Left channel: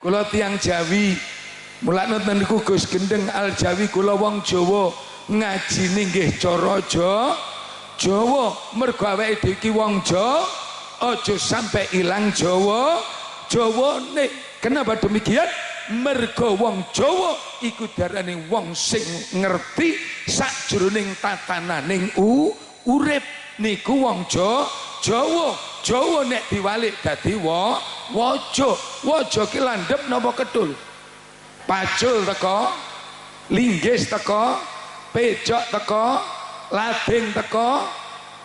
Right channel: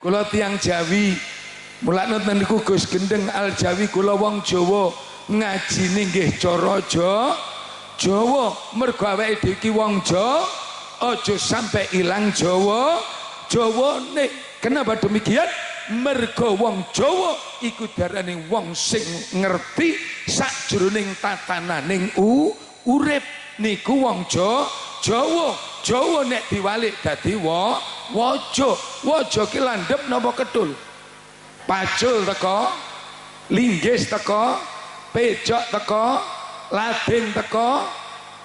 Kula tiyang Jawi, mulane niku Gus Gendeng Al Jawi, kula wong Jawa, ngajine nggih cara Jawa. Mergo awake dhewe iki wong Jawa, aja sampai ilang Jawane. Kenapa demikian? Mergo wong Jawa iku darane wong sing ngerti sakjroning tatananing urip. Niku wong Jawa. Jawa nek diwalik dadi waja. Waja ki landhep napa kedul? Pacul teko, linggis teko, pejok teko, lading teko,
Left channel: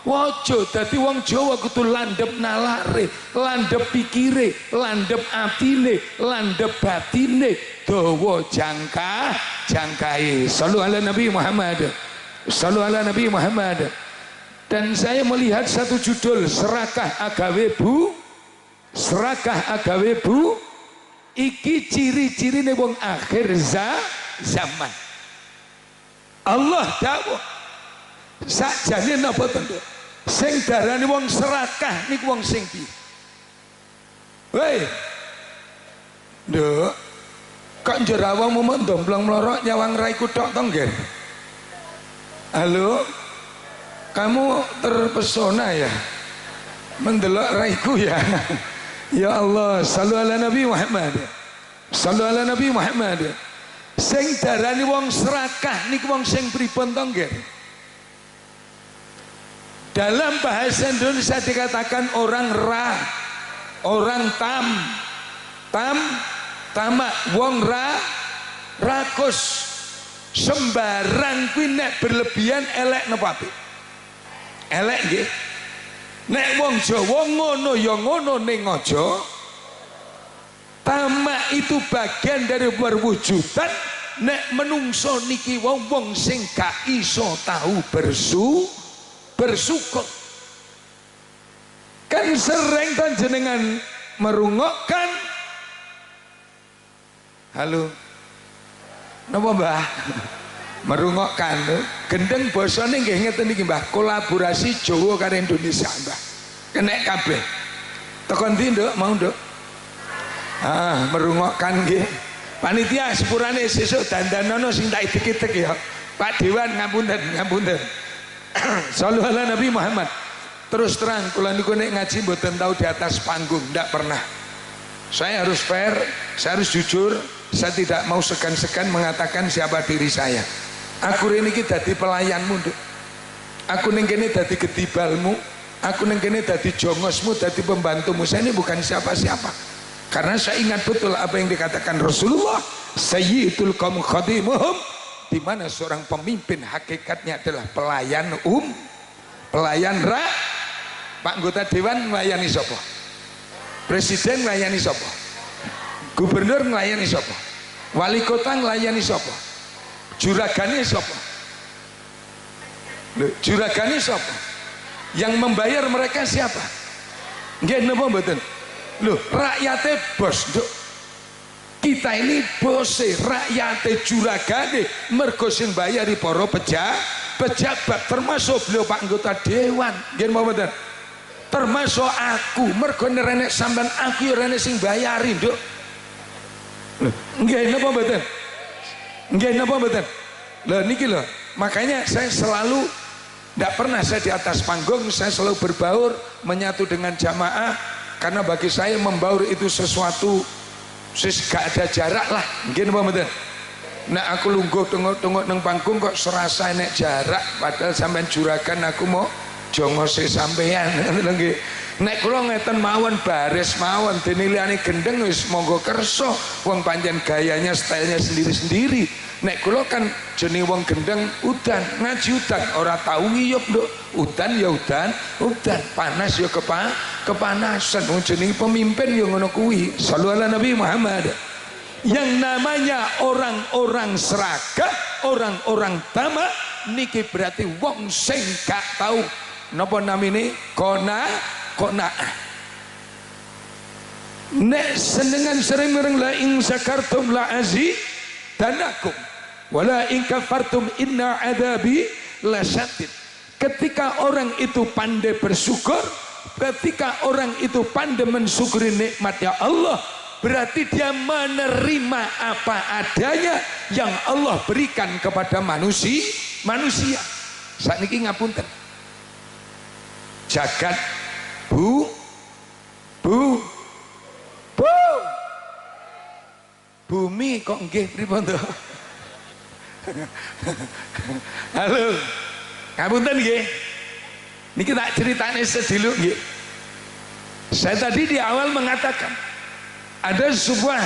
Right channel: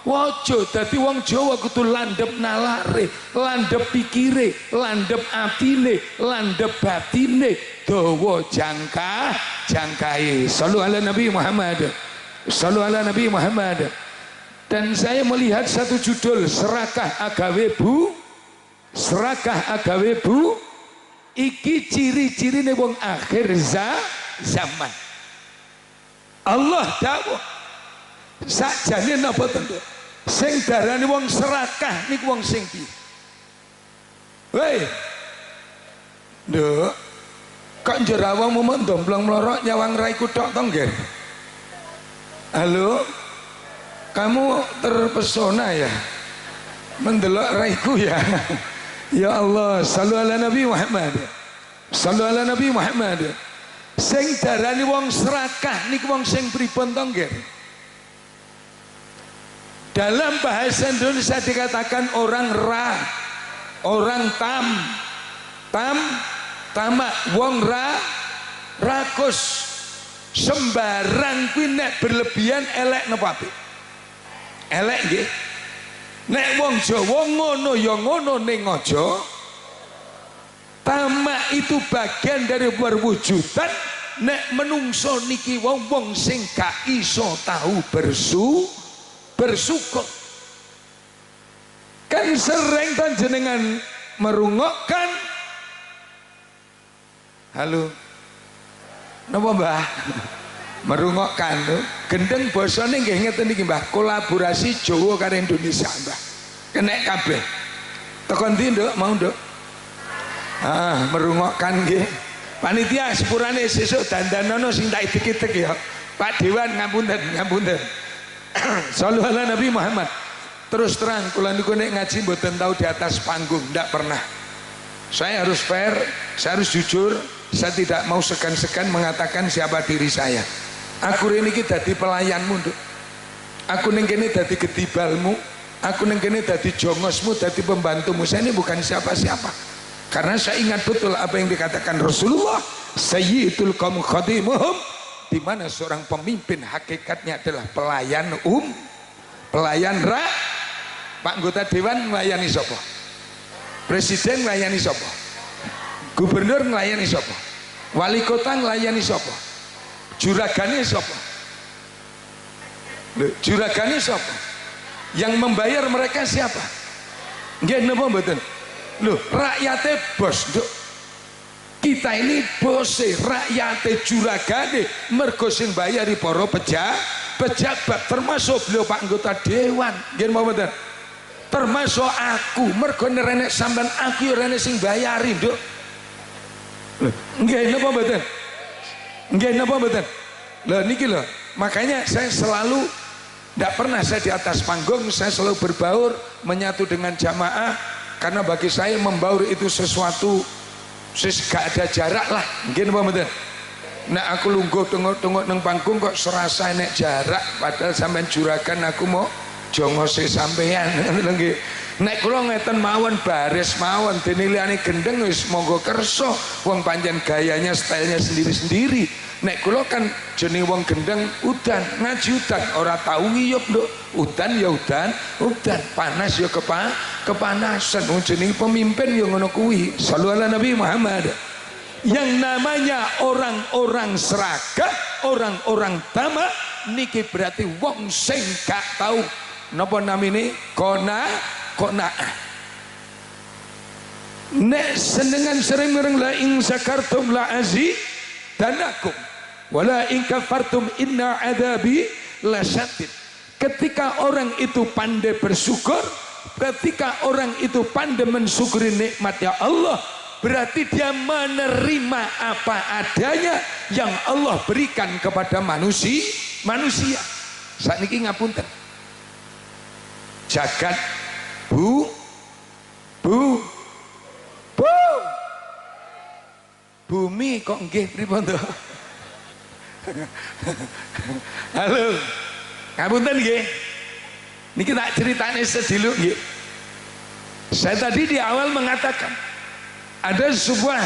waja. Dadi wong Jawa kudu landhep nalare, landhep pikire, landhep atine, landhep batine, dawa jangkae. Shallu ala Nabi Muhammad. Shallu ala Nabi Muhammad. Dan saya melihat satu judul, serakah agawe bu, serakah agawe bu, iki ciri-cirine wong akhir zaman. Allah dawuh sakjane napa tentu sing darani wong serakah niku wong sing piye? Woi, nduk, kok jerawangmu mendomblong melorok nyawang raiku tok to nggih? Halo? Kamu terpesona ya mendelok raiku ya. Ya Allah, shallu ala Nabi Muhammad. Shallu ala Nabi Muhammad. Sing darani wong serakah niku wong sing pripun to nggih? Dalam bahasa Indonesia dikatakan orang orang tamak, wong rakus. Sembarang kuwi nek berlebihan elek napa apik? Elek nggih. Nek wong Jawa ngono ya ngono ning aja. Tamak itu bagian dari perwujudan. Nek menungso niki wong sing gak iso tahu bersyukur. Kan sering kan jenengan merungokkan. Halo. Napa Mbah? Merungokkan Gendeng bosone nggih ngeten iki Mbah, kolaborasi Jawa karo Indonesia Mbah, kenek kabeh. Tekan ndi Nduk? Mau Nduk? Merungokkan nggih. Panitia sepurane sesuk dandanono sing tak idek-idek ya. Pak Dewan ngapunten. Shallu ala Nabi Muhammad. Terus terang kula niku nek ngaji mboten tahu di atas panggung, ndak pernah. Saya harus fair, saya harus jujur, saya tidak mau segan-segan mengatakan siapa diri saya. Aku ini dadi pelayanmu Nduk. Aku ning kene dadi gedibalmu, aku ning kene dadi jongosmu, dadi pembantumu. Saya ini bukan siapa-siapa. Karena saya ingat betul apa yang dikatakan Rasulullah, sayyidul qaum khadimuhum, di mana seorang pemimpin hakikatnya adalah pelayan pelayan Pak anggota dewan melayani sapa? Presiden melayani sapa? Gubernur melayani sapa? Wali kota melayani sapa? Juragane sapa? Juragane sapa? Yang membayar mereka siapa? Nggih napa mboten? Lho, rakyate bos, Nduk. Kita ini bose, rakyate juragane, mergo sing bayari para pejabat, termasuk beliau Pak anggota dewan. Nggih napa mboten? Termasuk aku, mergo nerenek sampean aku ya rene sing bayari, Nduk. Lho, nggih napa mboten? Nggih napa mboten? Lho niki lho, makanya saya selalu tidak pernah saya di atas panggung, saya selalu berbaur menyatu dengan jamaah, karena bagi saya membaur itu sesuatu gak ada jarak lah. Nggih napa mboten? Nek aku lungguh tengok-tengok nang panggung kok serasa nek jarak, padahal sampean juragan aku mau jongose sampean. Nggih. Nek kula ngeten mawon baris mawon dene liyane Gendeng wis monggo kersa, wong pancen gayanya stylenya sendiri-sendiri. Nek kula kan jeneng wong Gendeng udan, ngaji udan, ora tau ngiyup Nduk. Udan ya udan, panas ya kepanasan. Wong jeneng pemimpin ya ngono kuwi. Shallu ala Nabi Muhammad. Yang namanya orang-orang serakah, orang-orang tamak niki berarti wong sing gak tahu napa namine qanaah. Nek senengan sering mereng la ing zakartum la azidanakum wala in kafartum inna adabi lasyadid. Ketika orang itu pandai bersyukur, ketika orang itu pandai mensyukuri nikmatnya Allah, berarti dia menerima apa adanya yang Allah berikan kepada manusia. Sakniki ngapunten. Jagat bumi kok nggih pripun to? Halo. Ngapunten nggih. Niki tak ceritane sediluk nggih. Saya tadi di awal mengatakan ada sebuah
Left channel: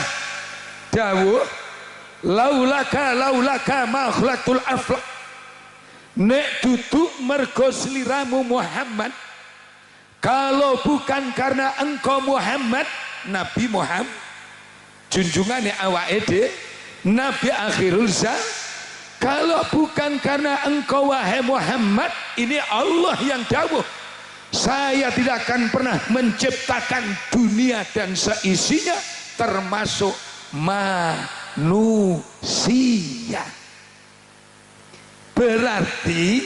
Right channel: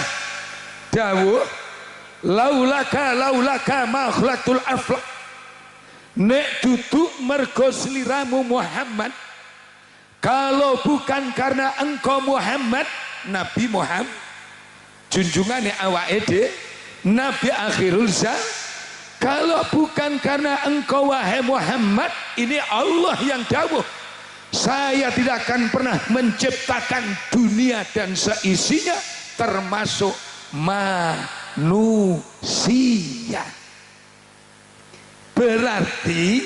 dawuh laulaka ma khalaqtul aflaq. Nek duduk mergo sliramu Muhammad, kalau bukan karena engkau Muhammad, Nabi Muhammad junjungane awake dhewe, Nabi akhirul zaman, kalau bukan karena engkau wahai Muhammad, ini Allah yang dawuh, saya tidak akan pernah menciptakan dunia dan seisinya termasuk manusia. Berarti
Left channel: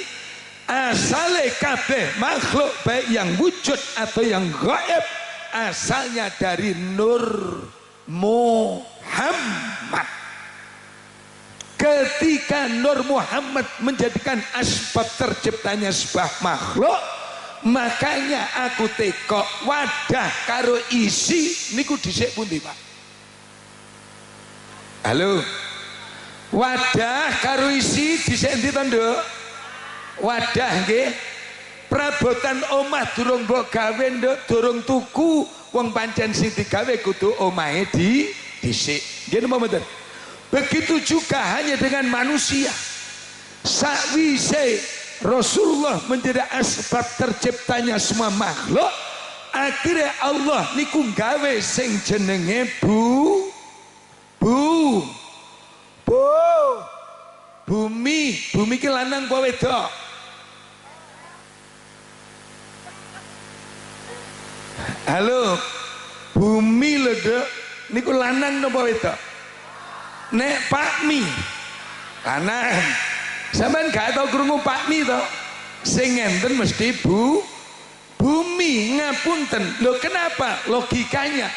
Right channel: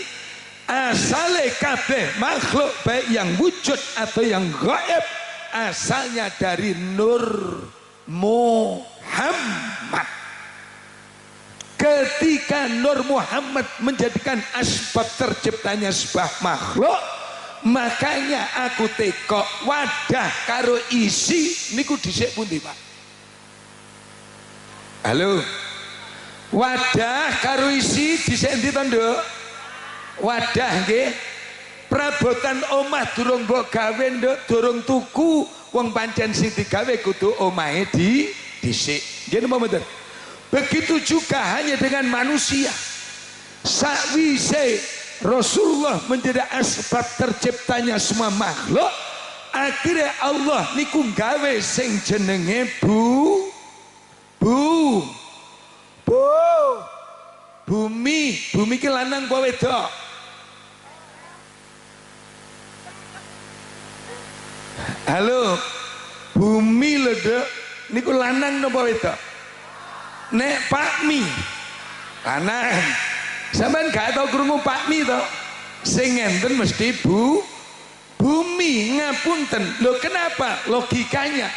asale kabeh makhluk baik yang wujud atau yang gaib asalnya dari Nur Muhammad. Ketika Nur Muhammad menjadikan asbab terciptanya sebuah makhluk, makanya aku tekok wadah karo isi niku dhisik pundi Pak? Halo. Wadah karo isi dhisik endi to Nduk? Wadah nggih. Perabotan omah durung mbok gawe Nduk, durung tuku, wong pancen sing digawe kudu omahe dhisik. Nggih napa mboten? Begitu juga hanya dengan manusia. Sakwise Rasulullah menjadi asbab terciptanya semua makhluk, akhirnya Allah niku gawe sing jenenge bumi ki lanang apa wedok? Halo, bumi lho Dok, niku lanang napa wedok? Nek Pakmi lanang. Sampeyan gak tau krungu Pakmi to? Sing ngenten mesti bumi. Ngapunten. Lho kenapa? Logikanya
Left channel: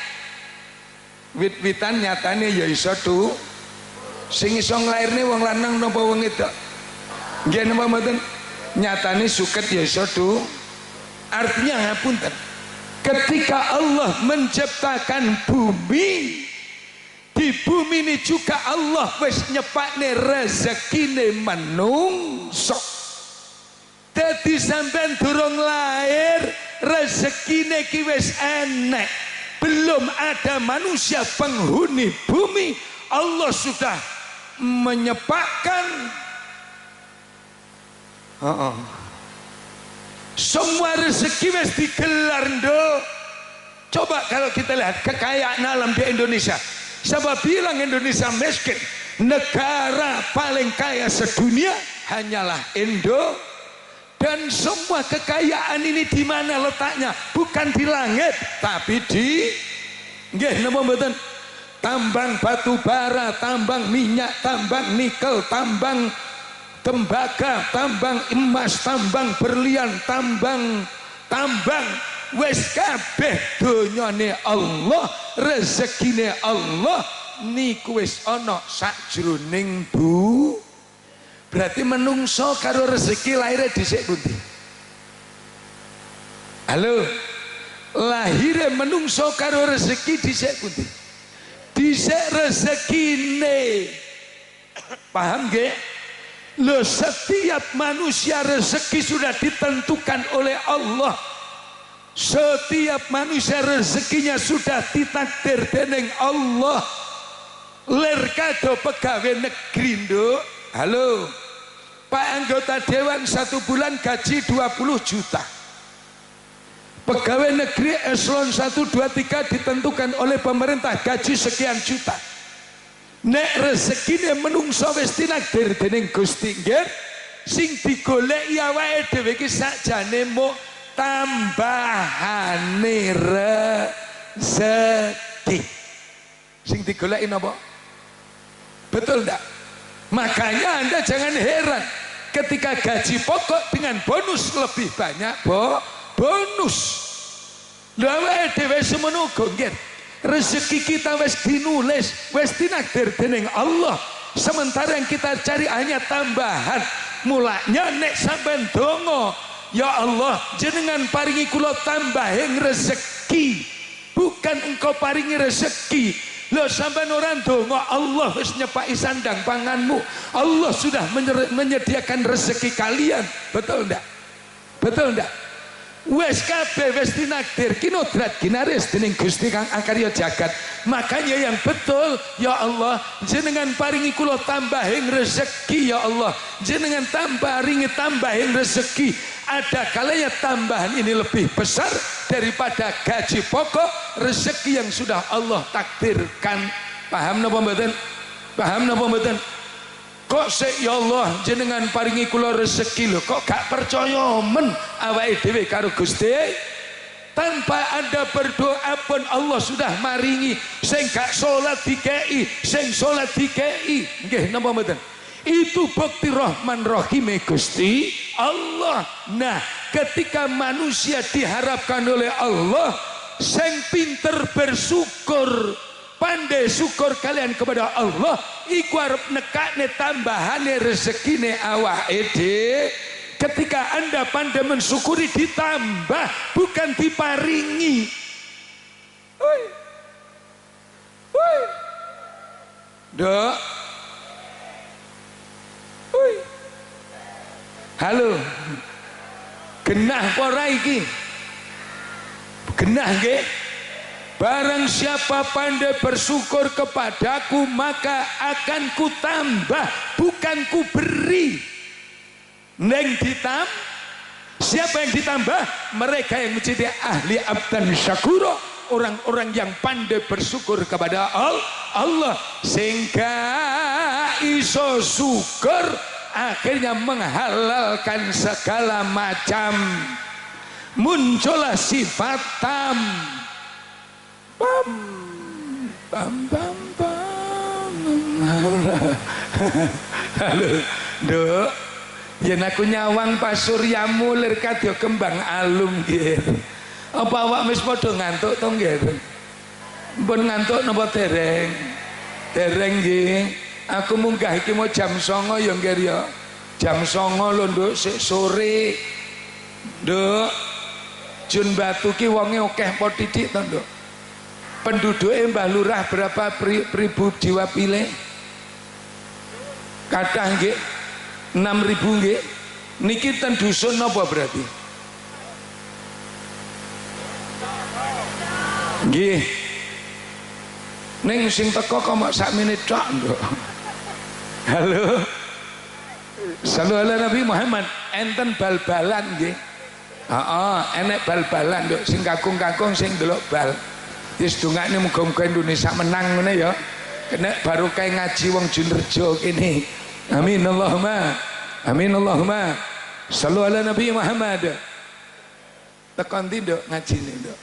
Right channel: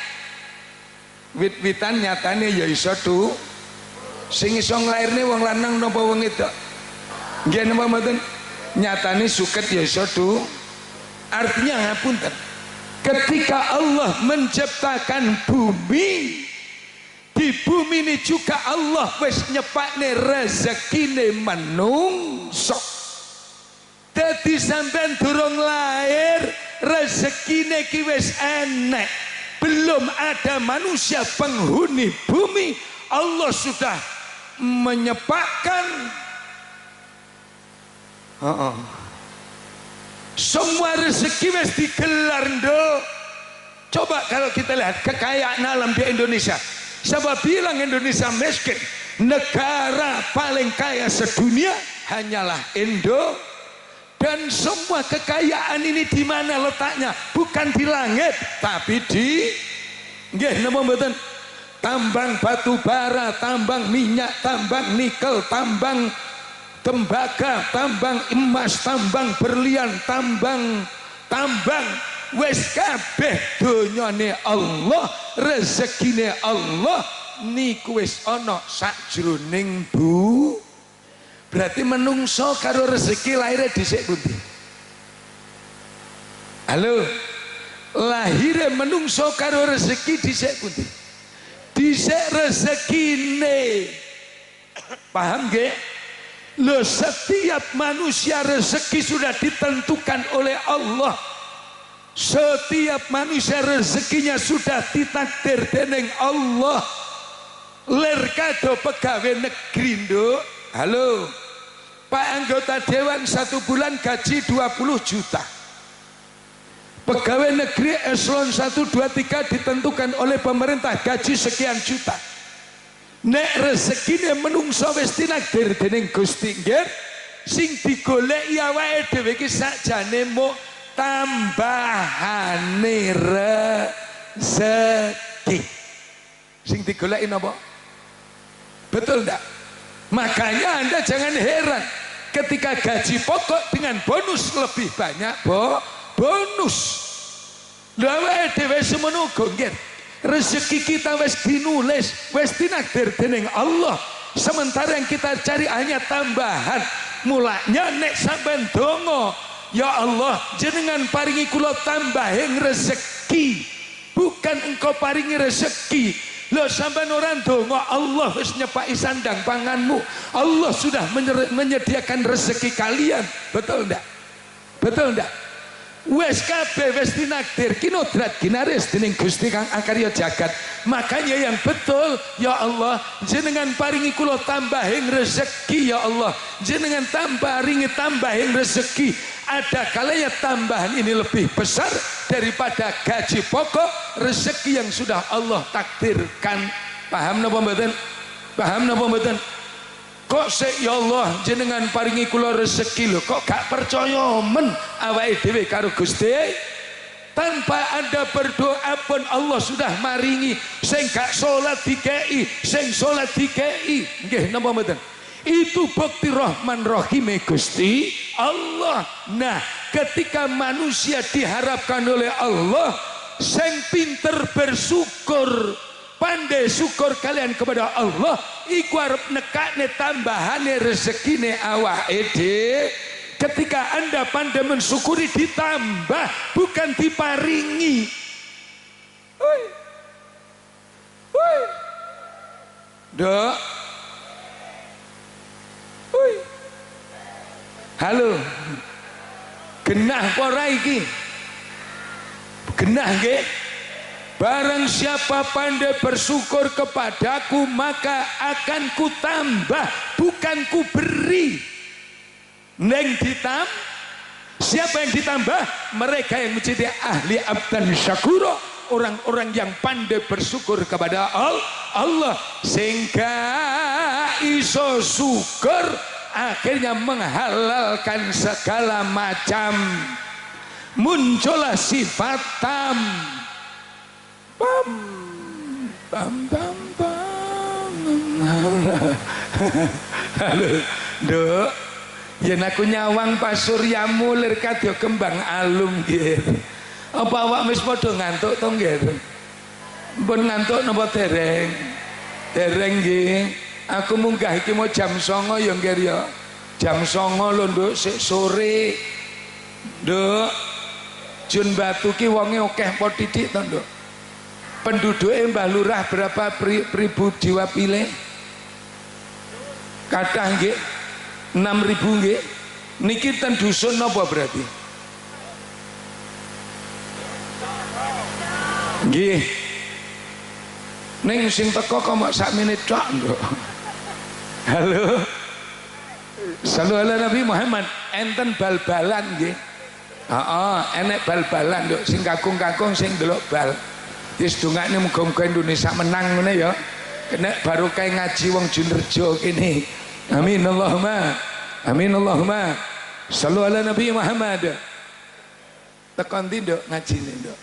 wit-witan nyatane ya iso tuh. Sing iso nglairne wong lanang napa wong wedok? Nggih napa mboten? Nyatane suket ya iso tuh. Artinya ngapunten. Ketika Allah menciptakan bumi, di bumi ini juga Allah wis nyepakne rezekine manungsa. Dadi sampean durung lahir rezekine ki wis enek. Belum ada manusia penghuni bumi, Allah sudah menyepakkan semua rezeki wis digelar Nduk. Coba kalau kita lihat kekayaan alam di Indonesia, siapa bilang Indonesia miskin? Negara paling kaya sedunia hanyalah Indo. Dan semua kekayaan ini di mana letaknya? Bukan di langit, tapi di nggih napa mboten? Tambang batu bara, tambang minyak, tambang nikel, tambang tembaga, tambang emas, tambang berlian, tambang wis kabeh donyane Allah, rezekine Allah niku wis ana sakjroning berarti menungso karo rezeki lahirnya dhisik pundi? Halo, lahirnya menungso karo rezeki dhisik pundi? Dhisik rezekine. Paham nggih? Loh, setiap manusia rezeki sudah ditentukan oleh Allah. Setiap manusia rezekinya sudah ditakdir dening Allah. Lir kado pegawai negeri Nduk. Halo, Pak anggota dewan 1 bulan gaji 20 juta. Pegawai negeri eselon 1, 2, 3 ditentukan oleh pemerintah gaji sekian juta. Nek rezekine menungso wis tinakdir dening Gusti nggih, sing digoleki awake dhewe iki sakjane muk tambahane rezeki. Sing digoleki napa? Betul ndak? Makanya Anda jangan heran ketika gaji pokok dengan bonus lebih banyak bonus. Lha awake dhewe semono uga nggih. rezeki kita wis dinulis, wis dinakdir dening Allah. Sementara yang kita cari hanya tambahan. Mulanya nek sampean donga, ya Allah jenengan paringi kula tambahin rezeki, bukan engkau paringi rezeki. Lho sampean ora donga, Allah wis nyepaki sandang panganmu, Allah sudah menyediakan rezeki kalian. Betul ndak? Betul ndak? Wes kabeh wis dinakdir kinodrat ginaris dening Gusti Kang Akarya Jagat. Makanya yang betul, ya Allah jenengan paringi kula tambahin rezeki, ya Allah jenengan tambahin rezeki. Ada kalanya tambahan ini lebih besar daripada gaji pokok rezeki yang sudah Allah takdirkan. Paham napa mboten? Paham napa mboten? Kok sik ya Allah jenengan paringi kula rezeki lho, kok gak percaya men awake dhewe karo Gusti? Tanpa Anda berdoa pun Allah sudah maringi. Sing gak salat dikei, sing salat dikei. Nggih napa mboten? Itu bukti Rahman Rahime Gusti Allah. Nah, ketika manusia diharapkan oleh Allah sing pinter bersyukur, pandai syukur kalian kepada Allah, iku arep nekakne tambahane rezekine awake dhewe. Ketika Anda pandai mensyukuri ditambah, bukan diparingi. Woi. Woi. Dok. Woi. Halo. Genah apa ora iki? Genah nggih? Barang siapa pandai bersyukur kepadaku, maka akan ku tambah, bukan ku beri. Neng siapa yang ditambah? Mereka yang menjadi ahli abdan syakuro, orang-orang yang pandai bersyukur kepada Allah, sehingga iso syukur akhirnya menghalalkan segala macam. Muncullah sifat tam. Bam bam bam bam. Halo, Dok. Yen aku nyawang Pak Suryamu lir kadya kembang alum nggih. Apa awak wis padha ngantuk to nggih? Mpun ngantuk napa dereng? Dereng nggih. Aku munggah iki mau jam 09.00 ya nggih ya. Jam 09.00 lho, Nduk, sik sore. Nduk. Jun Batu ki wonge akeh apa titik to, Nduk? Penduduke Mbah Lurah berapa ribu jiwa pilih? Kathah nggih. 6.000 nggih. Niki ten dusun napa berarti? Nggih. Ning sing teko kok mok sak menit tok, Nduk. Halo. Sallallahu alaihi Nabi Muhammad, enten bal-balan nggih. Heeh, enek bal-balan, Nduk, sing kakung-kakung sing ndelok bal. Wis dongane muga-muga Indonesia menang ngene ya. Kena barokah ngaji wong Junrejo kene. Amin Allahumma. Amin Allahumma. Sallu ala Nabi Muhammad. Tekan ndi, Nduk, ngajine, Nduk?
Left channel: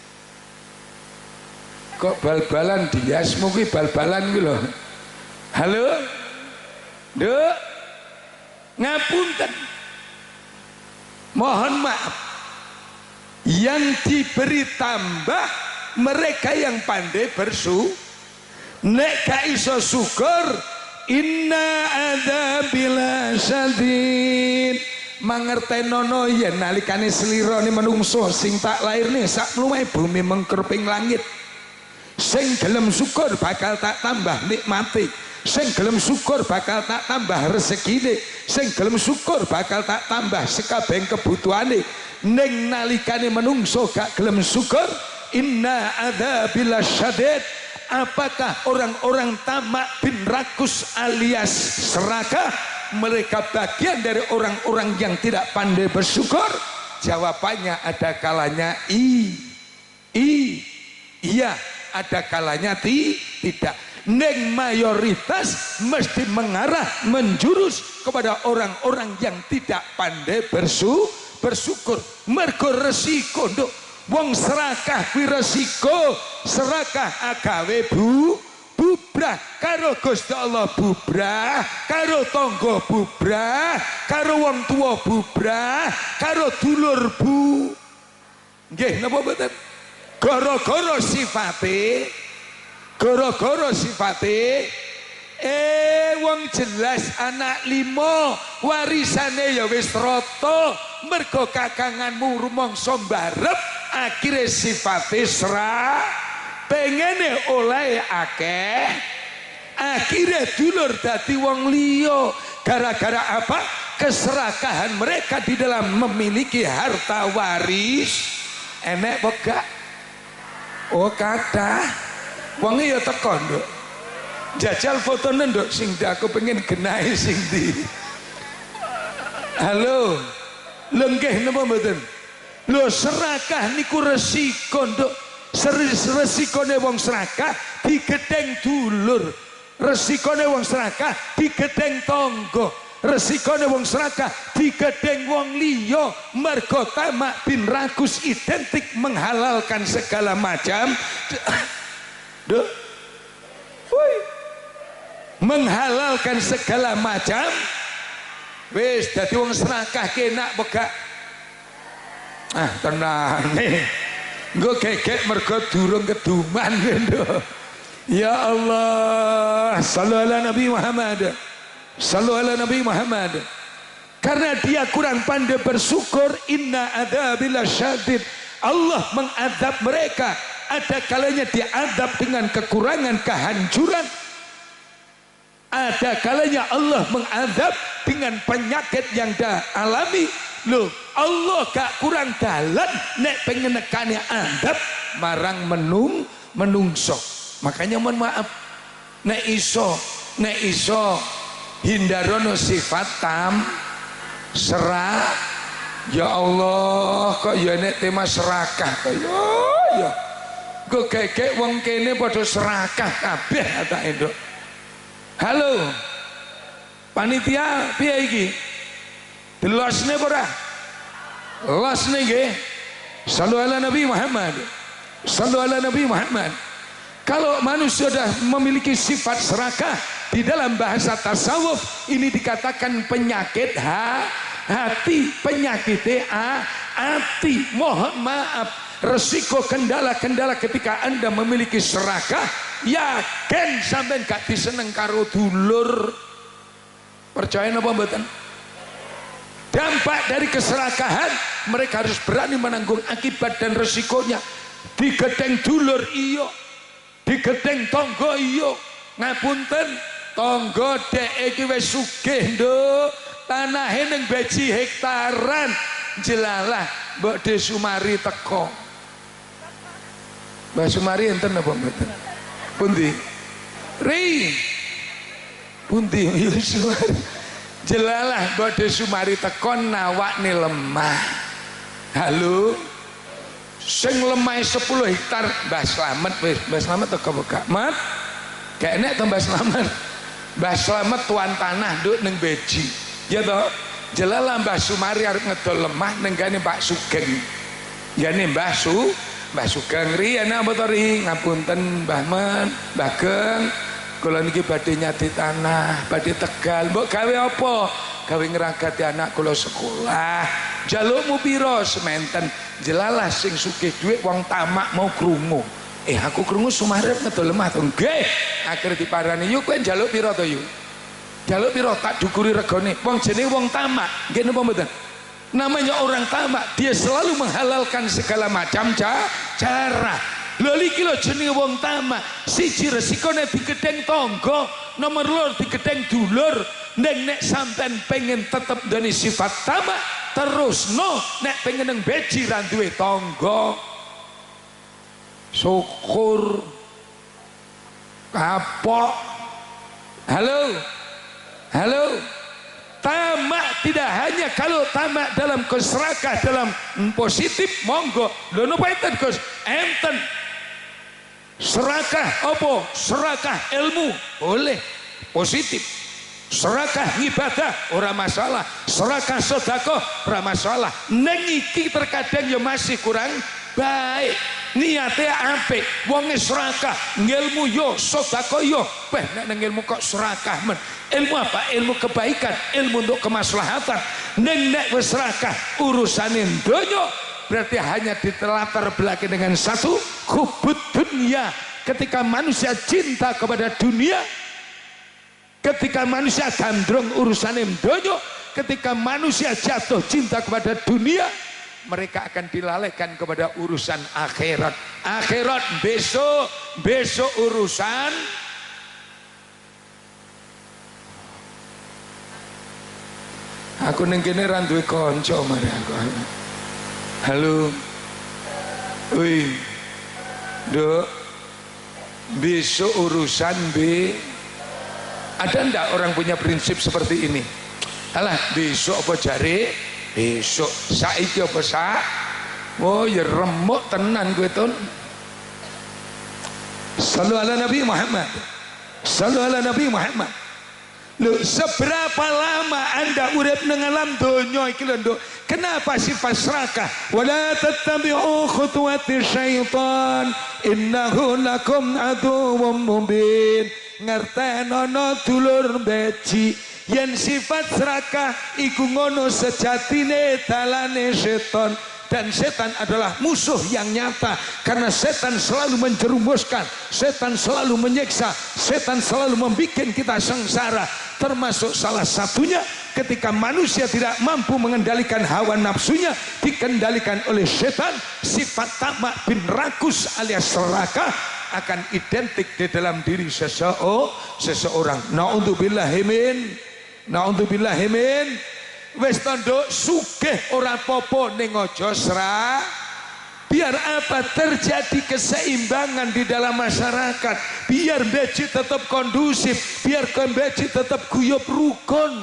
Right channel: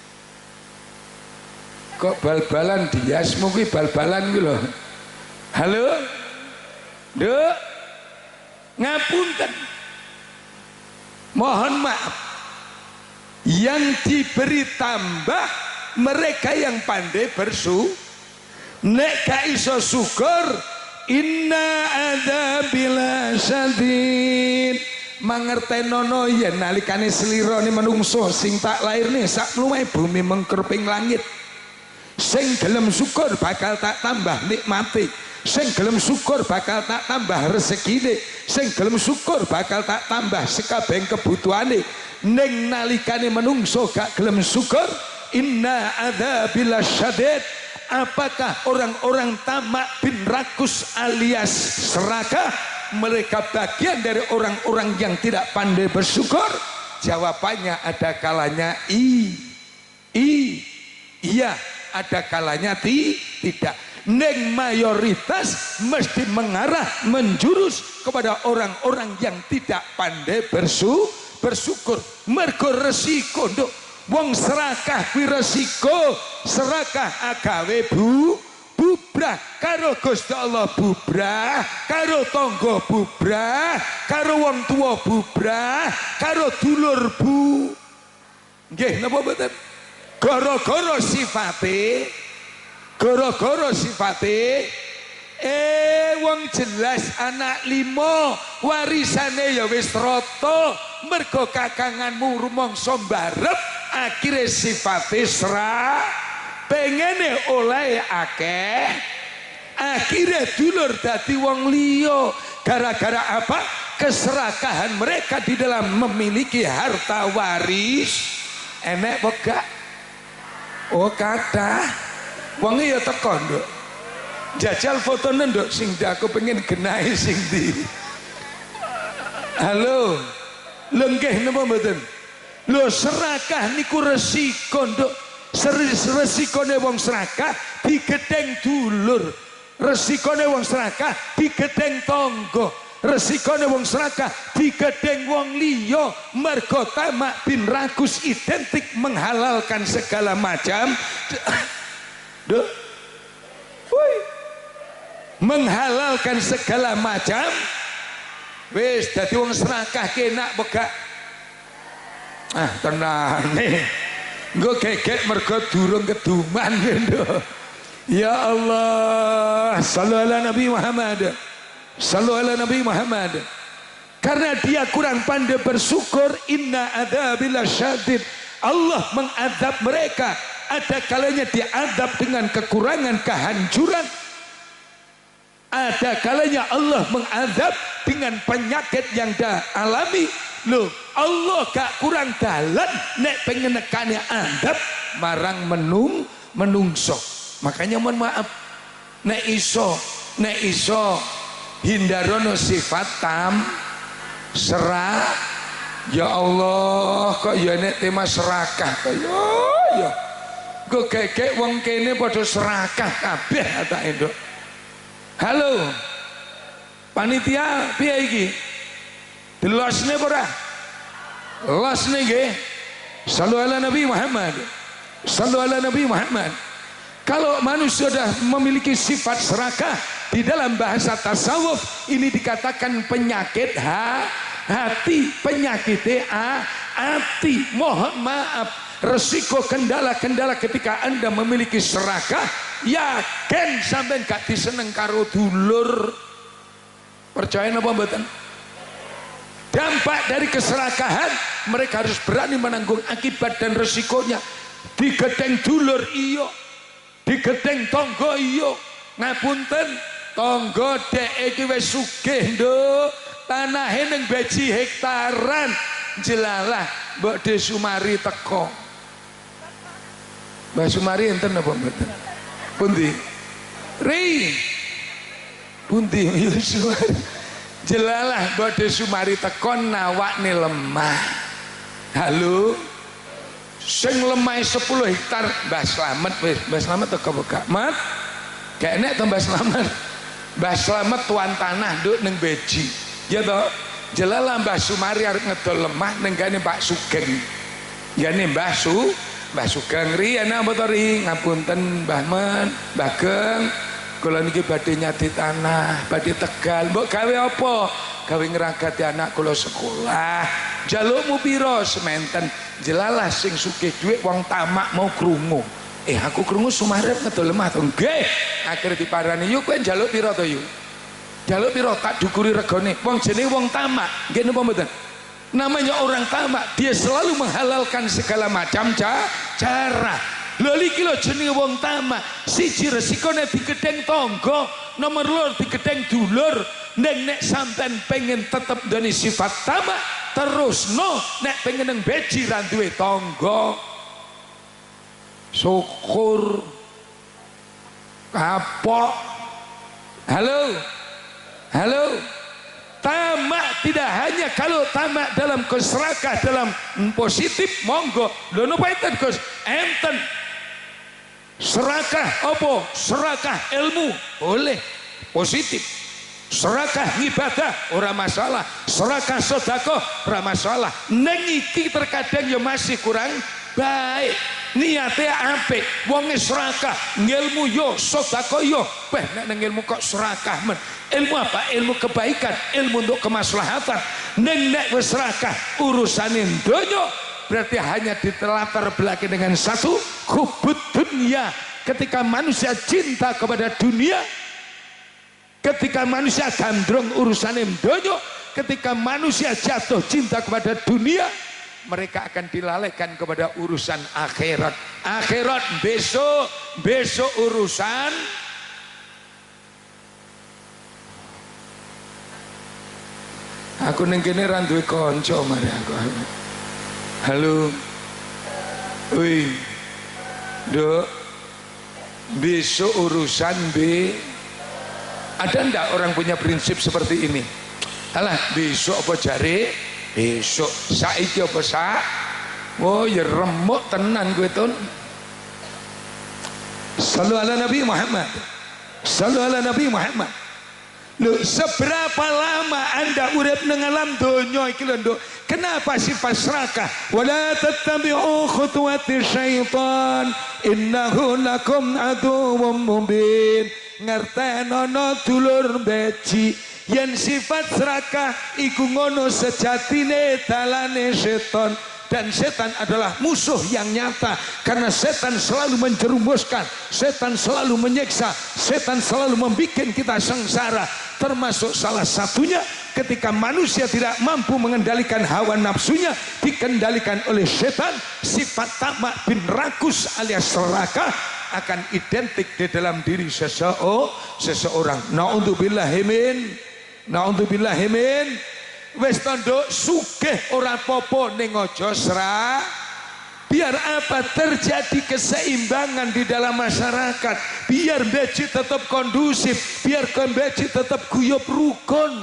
Kok bal-balan diasmu kuwi bal-balan kuwi lho. Halo? Nduk. Ngapunten. Mohon maaf. Yang diberi tambah mereka yang pandai bersyukur. Nek gak iso syukur, inna adzabila syadid. Mangertenono yen nalikane slirane menungso sing tak lairne sak luwih bumi mengkerping langit. Sing gelem syukur bakal tak tambah nikmati. Sing gelem syukur bakal tak tambah rezekine. Sing gelem syukur bakal tak tambah sekabehing kebutuhane. Ning nalikane menungso gak gelem syukur, inna adzabila syadid. Apakah orang-orang tamak bin rakus alias serakah mereka bagian dari orang-orang yang tidak pandai bersyukur? Jawabannya ada kalanya iya, ada kalanya tidak. Neng mayoritas mesti mengarah menjurus kepada orang-orang yang tidak pandai bersyukur. Mergo resiko, Nduk. Wong serakah kuwi resiko, serakah agawe bubrah karo Gusti Allah, bubrah karo tangga, bubrah karo wong tua, bubrah karo dulur nggih napa mboten? Gara-gara sifate Gara-gara sifate wong jelas anak 5 warisane ya wis rata mergo kakanganmu rumangsa mbarep akhire sifate pengene oleh akeh akhire dulur dadi wong liya gara-gara apa? Keserakahan mereka di dalam memiliki harta waris. Enek gak? Oh kathah wong ya teko nduk jajal fotone nduk sing aku pengen genahi sing ndi. Halo lho nggih napa mboten? Lho serakah niku resiko nduk. Resikone wong serakah digedeng dulur, resikone wong serakah digedeng tangga, resikone wong serakah digedeng wong liya. Mergo tamak bin rakus identik menghalalkan segala macam Duh. Woi. Menghalalkan segala macam. Wis dadi wong serakah kenak begak. Ah tenang nih. Nggo gegek mergo durung keduman lho. Ya Allah, sallu ala Nabi Muhammad. Sallu ala Nabi Muhammad. Karena dia kurang pandai bersyukur, inna adzabillahi syadid. Allah mengadab mereka. Ada kalanya diadab dengan kekurangan, kehancuran. Ada kalanya Allah mengadab dengan penyakit yang dah alami. Loh, Allah gak kurang dalan nek pengen nekane adab marang menungso. Makanya mohon maaf, nek iso hindarono sifat serak. Ya Allah, kok ya nek tema serakah ya. Kok gegek wong kene padha serakah kabeh atake nduk. Halo. Panitia piye iki? Delosne apa ora? Losne nggih. Sallu ala Nabi Muhammad. Sallu ala Nabi Muhammad. Kalau manusia sudah memiliki sifat serakah di dalam bahasa tasawuf ini dikatakan penyakit hati, penyakit hati. Mohon maaf, resiko kendala-kendala ketika Anda memiliki serakah, yakin sampai gak diseneng karo dulur. Percaya napa mboten? Dampak dari keserakahan, mereka harus berani menanggung akibat dan resikonya. Digedeng dulur iyo, digedeng tonggo iyo. Ngapunten, tonggo dek iki wis sugih nduk, tanahe ning beji hektaran. Jelalah Mbok De Sumari teko. Mbak Sumari enten apa mboten? Pundi? Ri. Pundi Sumari? Jelalah Mbok De Sumari teko nawakne lemah. Halo. Sing lemah 10 hektar Mbah Slamet wis. Mbah Slamet teko gak? Mat. Gak enek to Mbah Slamet. Mbah Slamet tuan tanah nduk ning beji. Ya toh? Jelalah Mbah Sumari arep ngedol lemah ning gane Pak Sugeng. Jane Mbah Sugeng riyen apa to ri? Ngapunten Mbah Men, Mbah Geng. Kula niki badhe nyati tanah, badhe Tegal. Mbok gawe apa? Gawe ngragati anak kula sekolah. Jalukmu piro? Sementen. Jelalah sing sugih dhuwit wong tamak mau krungu. Aku krungu Sumarep ngedol lemah to. Nggih. Akhire diparani, "Yu kowe njaluk piro to, Yu?" Jaluk piro tak dukuri regane. Wong jenenge wong tamak. Nggih napa mboten? Namanya orang tamak, dia selalu menghalalkan segala macam cara. Lho iki lho jenenge wong tamak. Siji resikone digedeng tangga, nomor loro digedeng dulur. Nek sampean pengen tetep ndone sifat tamak, terus nek pengen nang beji ra duwe tangga. Syukur kapok. Halo. Tamak tidak hanya kalau tamak dalam keserakah dalam positif monggo. Lho napa enten Gus? Enten. Serakah apa? Serakah ilmu boleh positif. Serakah ibadah ora masalah. Serakah sedekah ora masalah. Ning iki terkadang ya masih kurang baik. Niate apik, wonge serakah, ngilmu yo, sedekah yo. Nek nang ilmu kok serakah men. Ilmu apa? Ilmu kebaikan, ilmu untuk kemaslahatan. Nek wis serakah urusane donya berarti hanya ditelatar belakang dengan satu hubud dunia, ketika manusia cinta kepada dunia, ketika manusia gandrung urusan donya, ketika manusia jatuh cinta kepada dunia, mereka akan dilalaikan kepada urusan akhirat. Akhirat besok urusan. Aku ning kene ra duwe kanca mari aku. Halo. Wih. Dok. Besok urusan Ada ndak orang punya prinsip seperti ini? Alah, besok apa jare? Besok. Saiki apa sak? Oh, ya remuk tenan kowe ton. Sallu ala Nabi Muhammad. Sallu ala Nabi Muhammad. Loh, seberapa lama Anda urip nang alam donya iki lho, Nduk? Kenapa sifat serakah? Wala tattabi'u khutuwati syaitan innahu lakum aduwwum mubin. Ngertenono dulur beci yen sifat serakah iku ngono sejatine dalane setan. Dan setan adalah musuh yang nyata, karena setan selalu menjerumuskan, setan selalu menyiksa, setan selalu membuat kita sengsara. Termasuk salah satunya ketika manusia tidak mampu mengendalikan hawa nafsunya, dikendalikan oleh setan, sifat tamak bin rakus alias serakah akan identik di dalam diri seseorang. Na'udzubillahi min. Wis tanduk sugih ora popo ning aja serak. Biar apa? Terjadi keseimbangan di dalam masyarakat, biar beci tetap kondusif, biar beci tetap guyub rukun.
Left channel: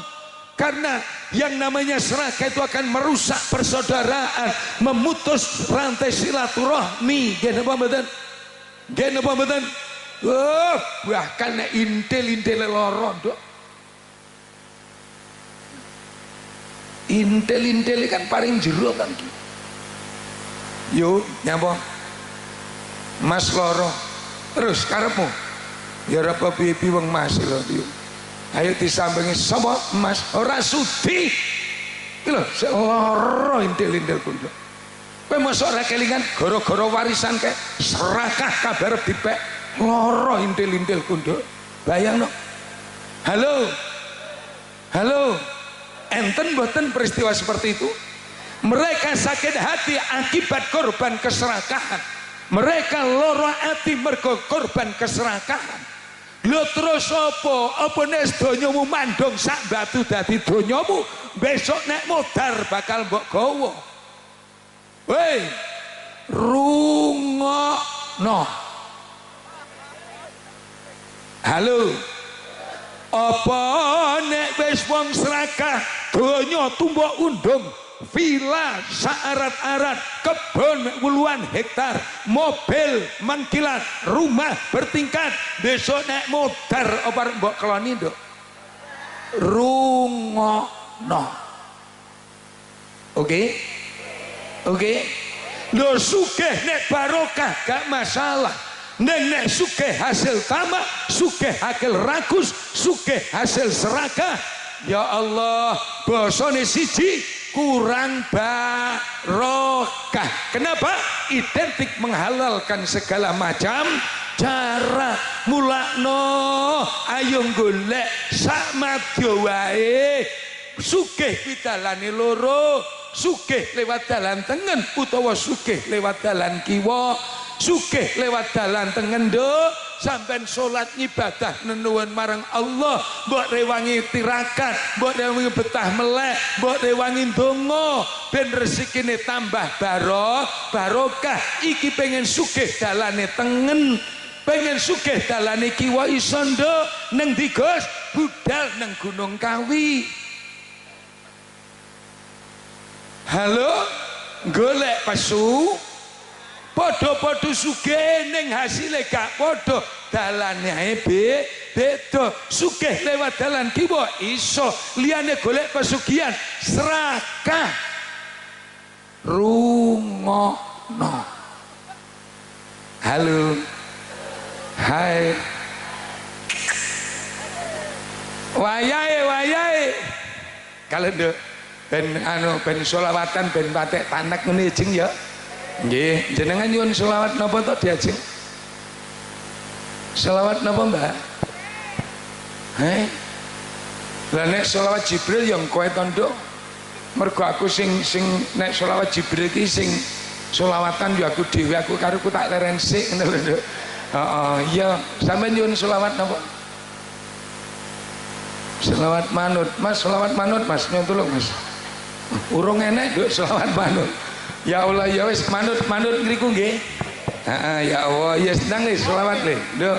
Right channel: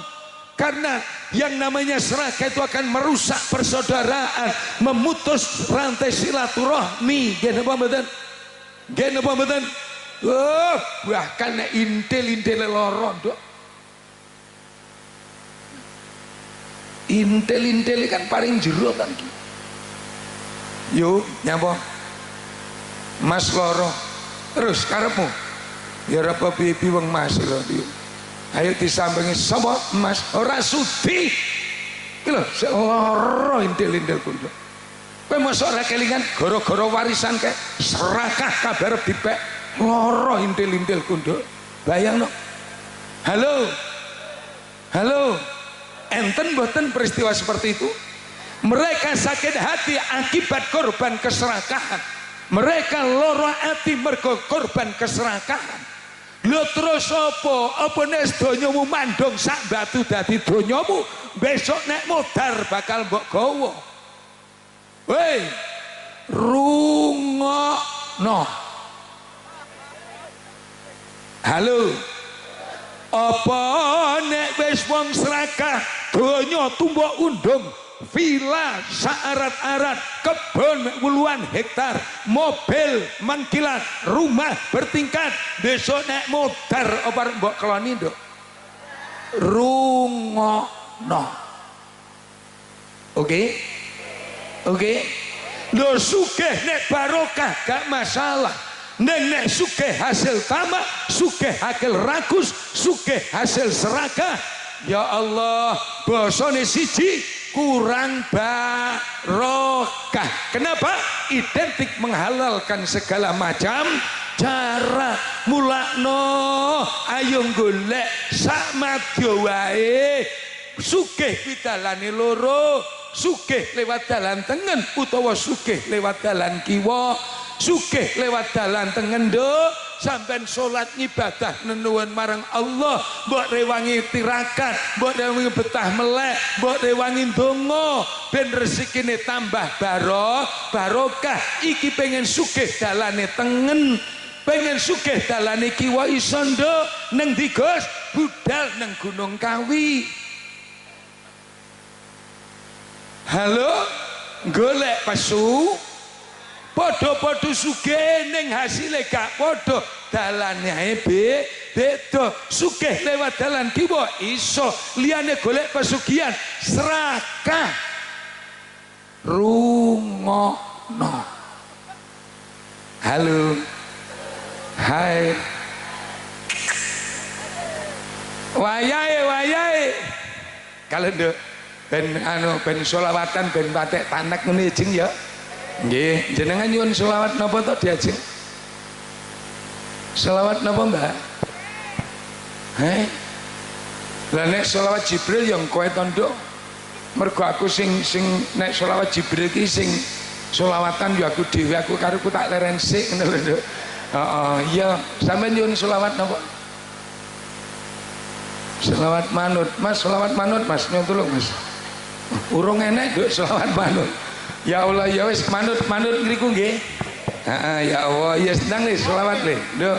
Karena yang namanya serakah itu akan merusak persaudaraan, memutus rantai silaturahmi. Nggih napa mboten? Nggih napa mboten? Oh, bahkan nek intil-intil lara, Nduk. Intel kan paling jero kan. Yuk nyapa Mas loro terus karepmu ya apa piye wong Mas lho. Ayo disambengi sapa Mas ora sudi iki lho sik loro intel kuwi. Kowe mosok ora kelingan gara-gara warisan kae serakah kabar dipek loro intel kuwi. Bayangno. Halo. Enten boten peristiwa seperti itu? Mereka sakit hati akibat korban keserakahan. Mereka loro hati mergo korban keserakahan. Lho terus apa? Apa nek donyamu mandong sak batu dadi donyamu, besok nek modar bakal mbok gawa. Woi, rungokno. Halo. Apa nek wis wong serakah donya tumbok undung, villa saarat-arat, kebun puluhan hektar, mobil mangkilat, rumah bertingkat, besok nek modar apa mbok keloni, Nduk? Rungokno. Oke? Lho sugih nek barokah gak masalah. Nek sugih hasil tamak, sugih hasil rakus, sugih hasil serakah, ya Allah, bosone siji kurang barokah. Kenapa? Identik menghalalkan segala macam cara. Mulakno ayo golek sak madya wae. Sugih kuwi dalane loro, sugih lewat dalan tengen utawa sugih lewat dalan kiwa. Sugih lewat dalan tengen, Nduk, sampean salat ngibadah nenuwun marang Allah, mbok rewangi tirakat, mbok rewangi betah melek, mbok rewangi ndonga ben rezekine tambah barokah. Iki pengen sugih dalane tengen, pengen sugih dalane kiwa iso, Nduk. Neng ndi, Gus? Budal nang Gunung Kawi. Halo, golek pesu. Podo-podo sugih ning hasile gak podo, dalane ae beda. Sugih lewat dalan kiwa iso, liyane golek pesugihan serakah. Rungokno. Halo. Hai. Wayahe. Kalau Nduk ben selawatan ben patek tanek ngene jeng ya. Nggih, jenengan nyuwun selawat napa to diajeng? Selawat napa Mbak? Lah nek selawat Jibril yang kowe tondo. Mergo aku sing nek selawat Jibril ki sing selawatan yo aku dhewe aku kareku tak leren sik ngono lho. Heeh, iya sampeyan nyuwun selawat napa? Selawat manut. Mas selawat manut Mas, nyuwun tulung Mas. Urung enek nduk selawat manut. Ya Allah ya wis manut ngriku nggih. Heeh ya Allah ya senang nih selawat le. Nduk.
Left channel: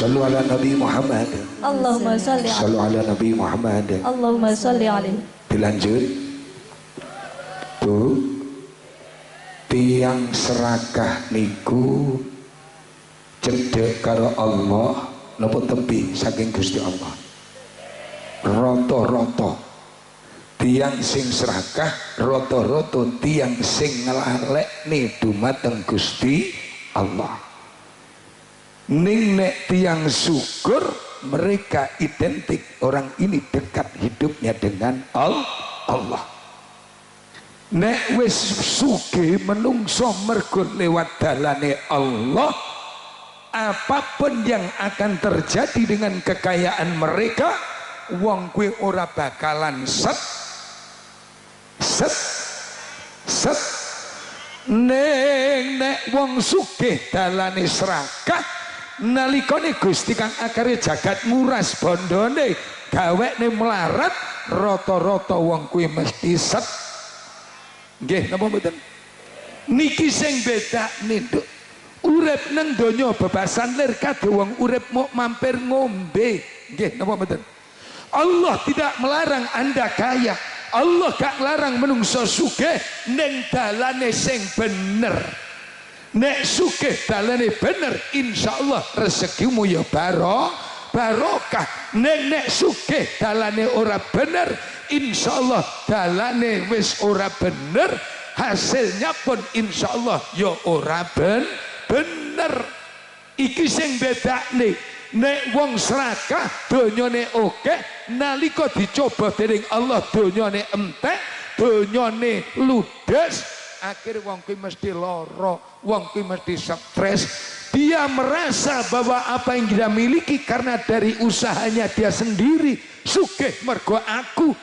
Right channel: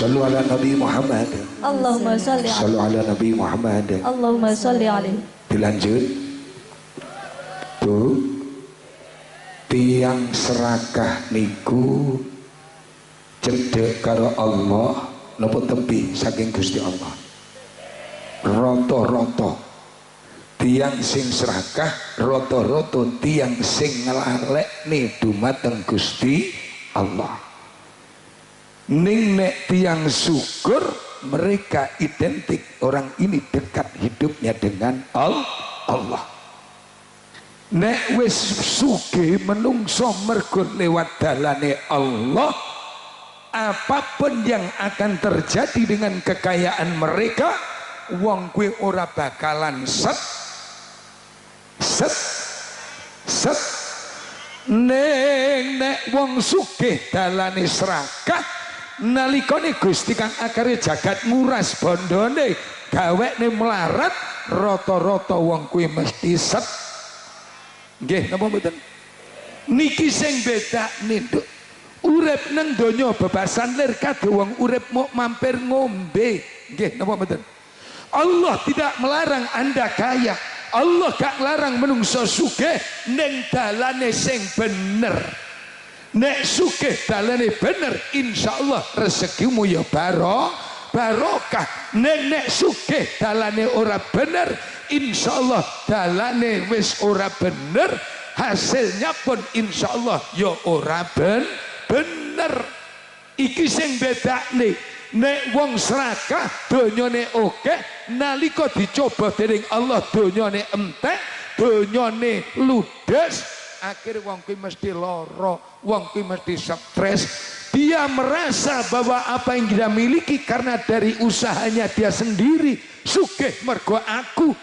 Sallu ala Nabi Muhammad. Allahumma salli alaihi. Sallu ala Nabi Muhammad. Allahumma salli alaihi. Dilanjut. Bu, tiang serakah niku cedek karo Allah napa tepi saking Gusti Allah. Rata-rata tiang sing serakah, rata-rata tiang sing nglalekne dumateng Gusti Allah. Ning nek tiang syukur, mereka identik, orang ini dekat hidupnya dengan Allah. Nek wis sugih menungso mergo lewat dalane Allah, apapun yang akan terjadi dengan kekayaan mereka, wong kuwi ora bakalan set. Nek wong sugih dalane serakah, nalikane Gusti kang akare jagat nguras bondone gawekne melarat, rata-rata wong kuwi mesti set. Nggih napa mboten? Niki sing bedakne nduk. Urip nang donya bebasan lir kabeh wong urip mau mampir ngombe. Nggih napa mboten? Allah tidak melarang Anda kaya. Allah gak larang menungso sugih ning dalane sing bener. Nek sugih dalane bener, insyaallah rezekimu ya barokah. Nek sugih dalane ora bener, insyaallah dalane wis ora bener, hasilnya pun insyaallah ya ora bener. Iki sing bedakne. Nek wong serakah donyane akeh, nalika dicoba dening Allah donyane entek, donyane ludes, akhir wong kuwi mesti lara, wong kuwi mesti stres. Dia merasa bahwa apa yang dia miliki karena dari usahanya dia sendiri. Sugih mergo aku,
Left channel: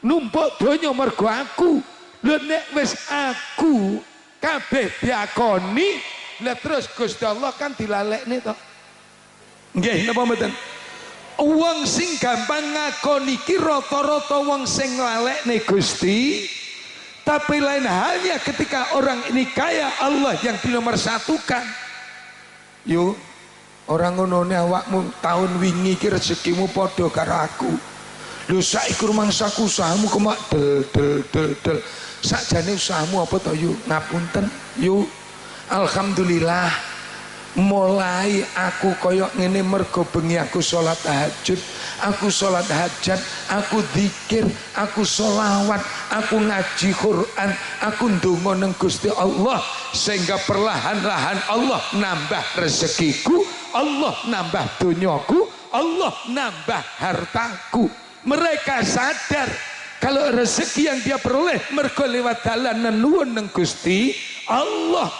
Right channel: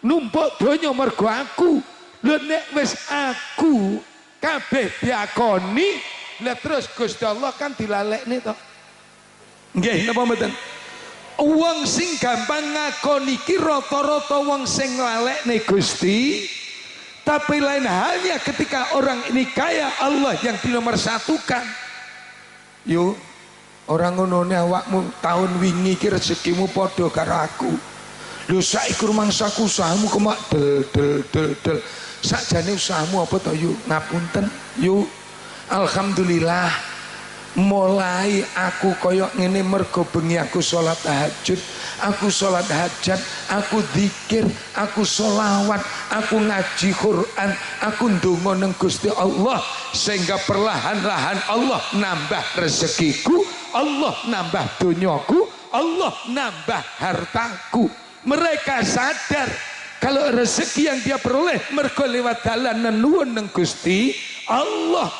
numpuk donya mergo aku. Lho nek wis aku kabeh diakoni, lah terus Gusti Allah kan dilalekne to. Nggih napa mboten? Wong sing gampang ngakoni iki rata-rata wong sing nglalekne Gusti. Tapi lain halnya ketika orang ini kaya, Allah yang dinomorsatukan. Yo orang ngonone awakmu tahun wingi iki rezekimu padha karo aku. Lho saiki rumangsaku usahamu kok del. Sakjane usahamu apa to yo? Ngapunten. Yo alhamdulillah. Mulai aku koyok ngene mergo bengi aku sholat tahajud, aku sholat hajat, aku zikir, aku sholawat, aku ngaji Quran, aku ndonga nang Gusti Allah, sehingga perlahan-lahan Allah nambah rezekiku, Allah nambah donyaku, Allah nambah hartaku. Mereka sadar kalau rezeki yang dia peroleh mergo lewat dalan nuwun nang Gusti Allah.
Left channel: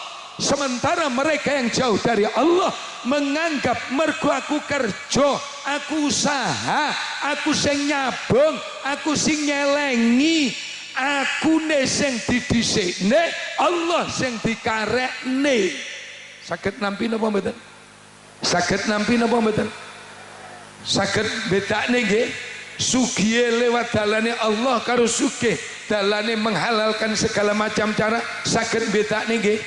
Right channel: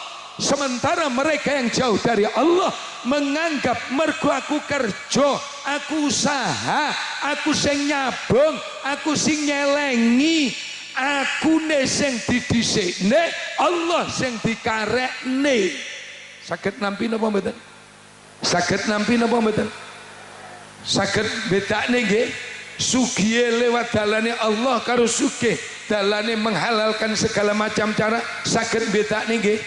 Sementara mereka yang jauh dari Allah menganggap mergo aku kerja, aku usaha, aku sing nyabung, aku sing nyelengi, aku ne sing didhisikne, Allah sing dikarekne. Saged nampi napa mboten? Saged nampi napa mboten? Saged bedakne nggih. Sugih lewat dalane Allah karo sugih dalane menghalalkan segala macam cara, saged bedakne nggih.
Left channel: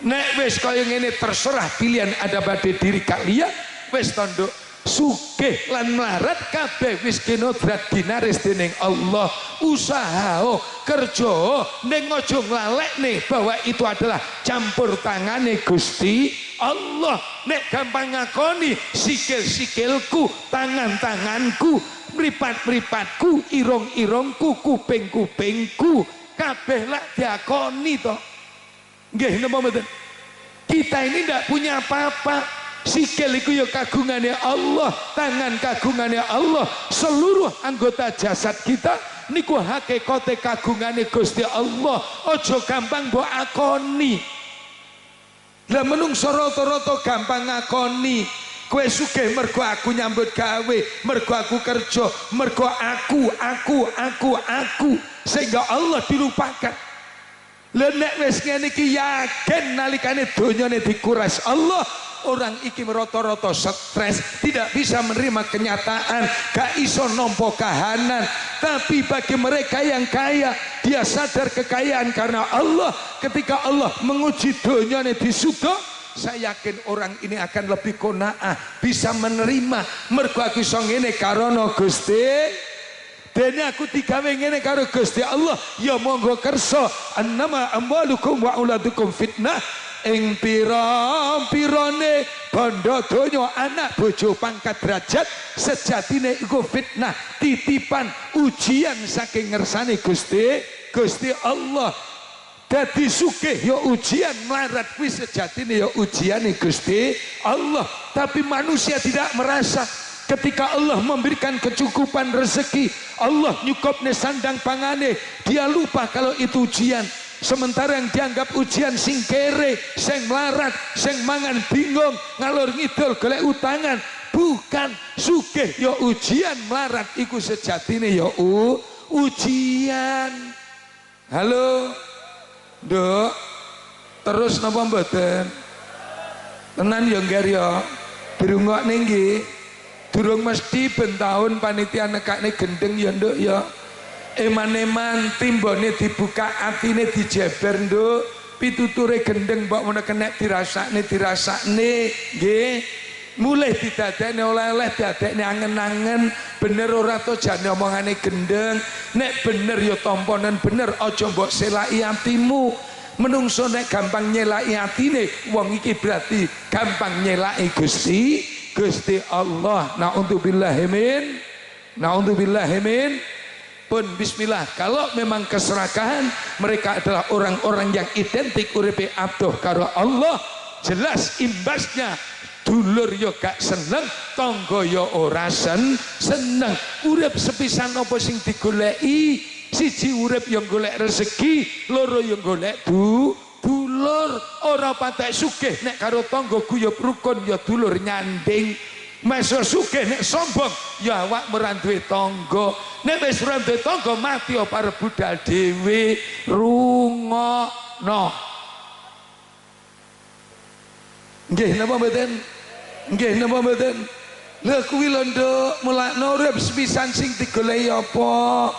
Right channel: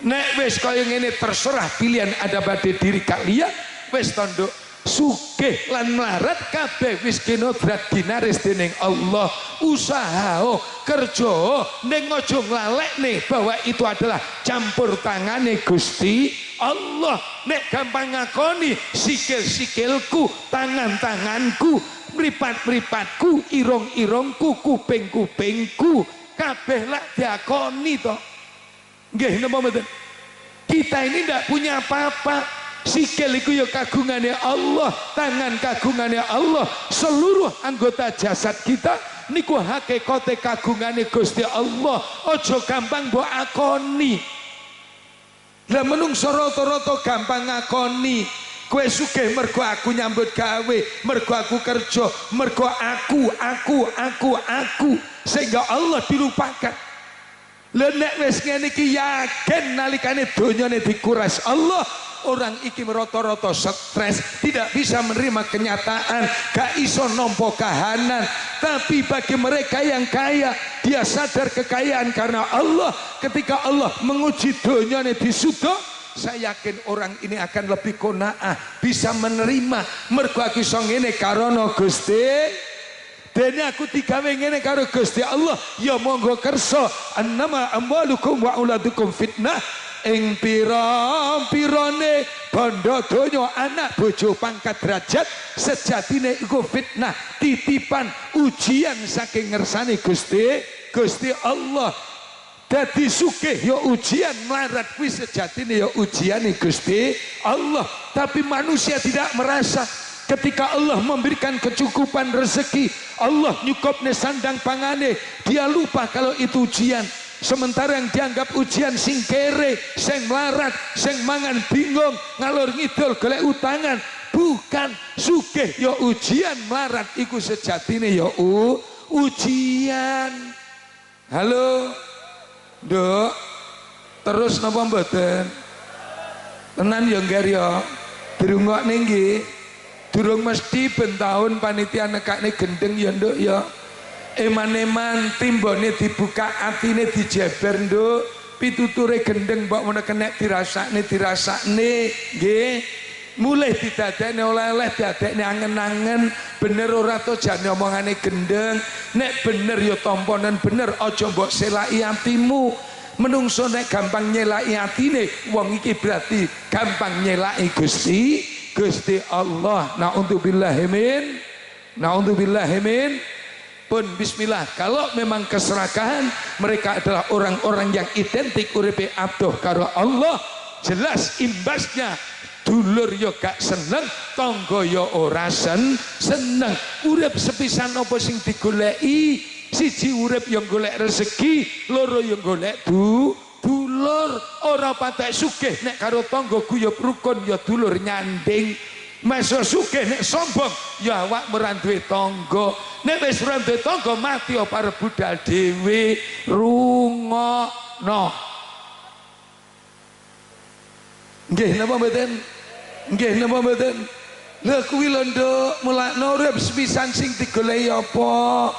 Nek wis kaya ngene terserah pilihan ada pada diri kalian, wis tanduk sugih lan melarat kabeh wis kinodrat dinaris dening Allah. Usaha kerja ning aja nglalekne bahwa itu adalah campur tangane Gusti Allah. Nek gampang ngakoni sikil-sikilku, tangan-tanganku, mripat-mripatku, irung-irungku, kuping-kupingku kabeh lak diakoni to. Nggih napa mboten? Kita ini tidak punya apa-apa. Sikil iku ya kagungane Allah, tangan kagungane Allah, seluruh anggota jasad kita niku hakikate kagungane Gusti Allah. Ojo gampang mbok akoni. Lah menungso rata-rata gampang ngakoni. Kowe sugih mergo aku nyambut gawe, mergo aku kerja, mergo aku, sehingga Allah dilupakan. Nek wis ngene iki yakin nalikane donyane dikuras Allah, orang iki rata-rata stres, tidak bisa menerima kenyataan, gak iso nampa kahanan. Tapi bagi mereka yang kaya, dia sadar kekayaan karena Allah. Ketika Allah menguji donyane di surga, saya yakin orang ini akan lebih qanaah, bisa menerima mergo aku iso ngene karono Gusti. dene aku digawe ngene karo Gusti Allah ya monggo kersa annama amwalukum wa auladukum fitnah ing pira-pirane bondo donya anak bojo pangkat derajat sejatine iku fitnah titipan ujian saking ngersane Gusti Allah. Dadi sugih ya ujian, melarat kuwi sejatine ya ujiane Gusti Allah. Tapi manusia tidak merasa ketika Allah memberikan kecukupan rezeki, Allah nyukupne sandang pangane, dia lupa kalau itu ujian. Sementara yang dianggap ujian sing kere, sing melarat, sing mangan bingung, ngalor ngidul golek utangan, bukan sugih ya ujian, melarat iku sejatine ya ujian. Halo Nduk, terus napa mboten? Tenan ya ngger ya. Dirungokne nggih. Durung mesti ben taun panitia nekakne gendeng ya Nduk ya. Eman-eman timbone dibuka atine dijeber Nduk. Pituture gendeng mbok menawa kenek dirasakne nggih. Mulai didadekne oleh-oleh didadekne angen-angen bener ora to jane omongane gendeng nek bener ya tamponen bener aja mbok selaki atimu menungso nek gampang nyelaki atine wong iki berarti gampang nyelaki Gusti Allah. Naudzubillahi min pun bismillah. Kalau memang keserakahan mereka adalah orang-orang yang identik uripe adoh karo Allah, jelas imbasnya dulur yo gak seneng, tangga yo ora seneng. Urip sepisan apa sing digoleki? Siji urip yo golek rezeki, loro yo golek dulur. Ora patek sugih nek karo tangga guyub rukun yo dulur nyanding. Masa sugih nek sombong ya awak ora duwe tangga. Nek wis ora duwe tangga mati apa arep budal dhewe. Rungokno. Nggih napa mboten? Nggih napa mboten? Lha kuwi lho Nduk, mulakno urip sepisan sing digoleki apa?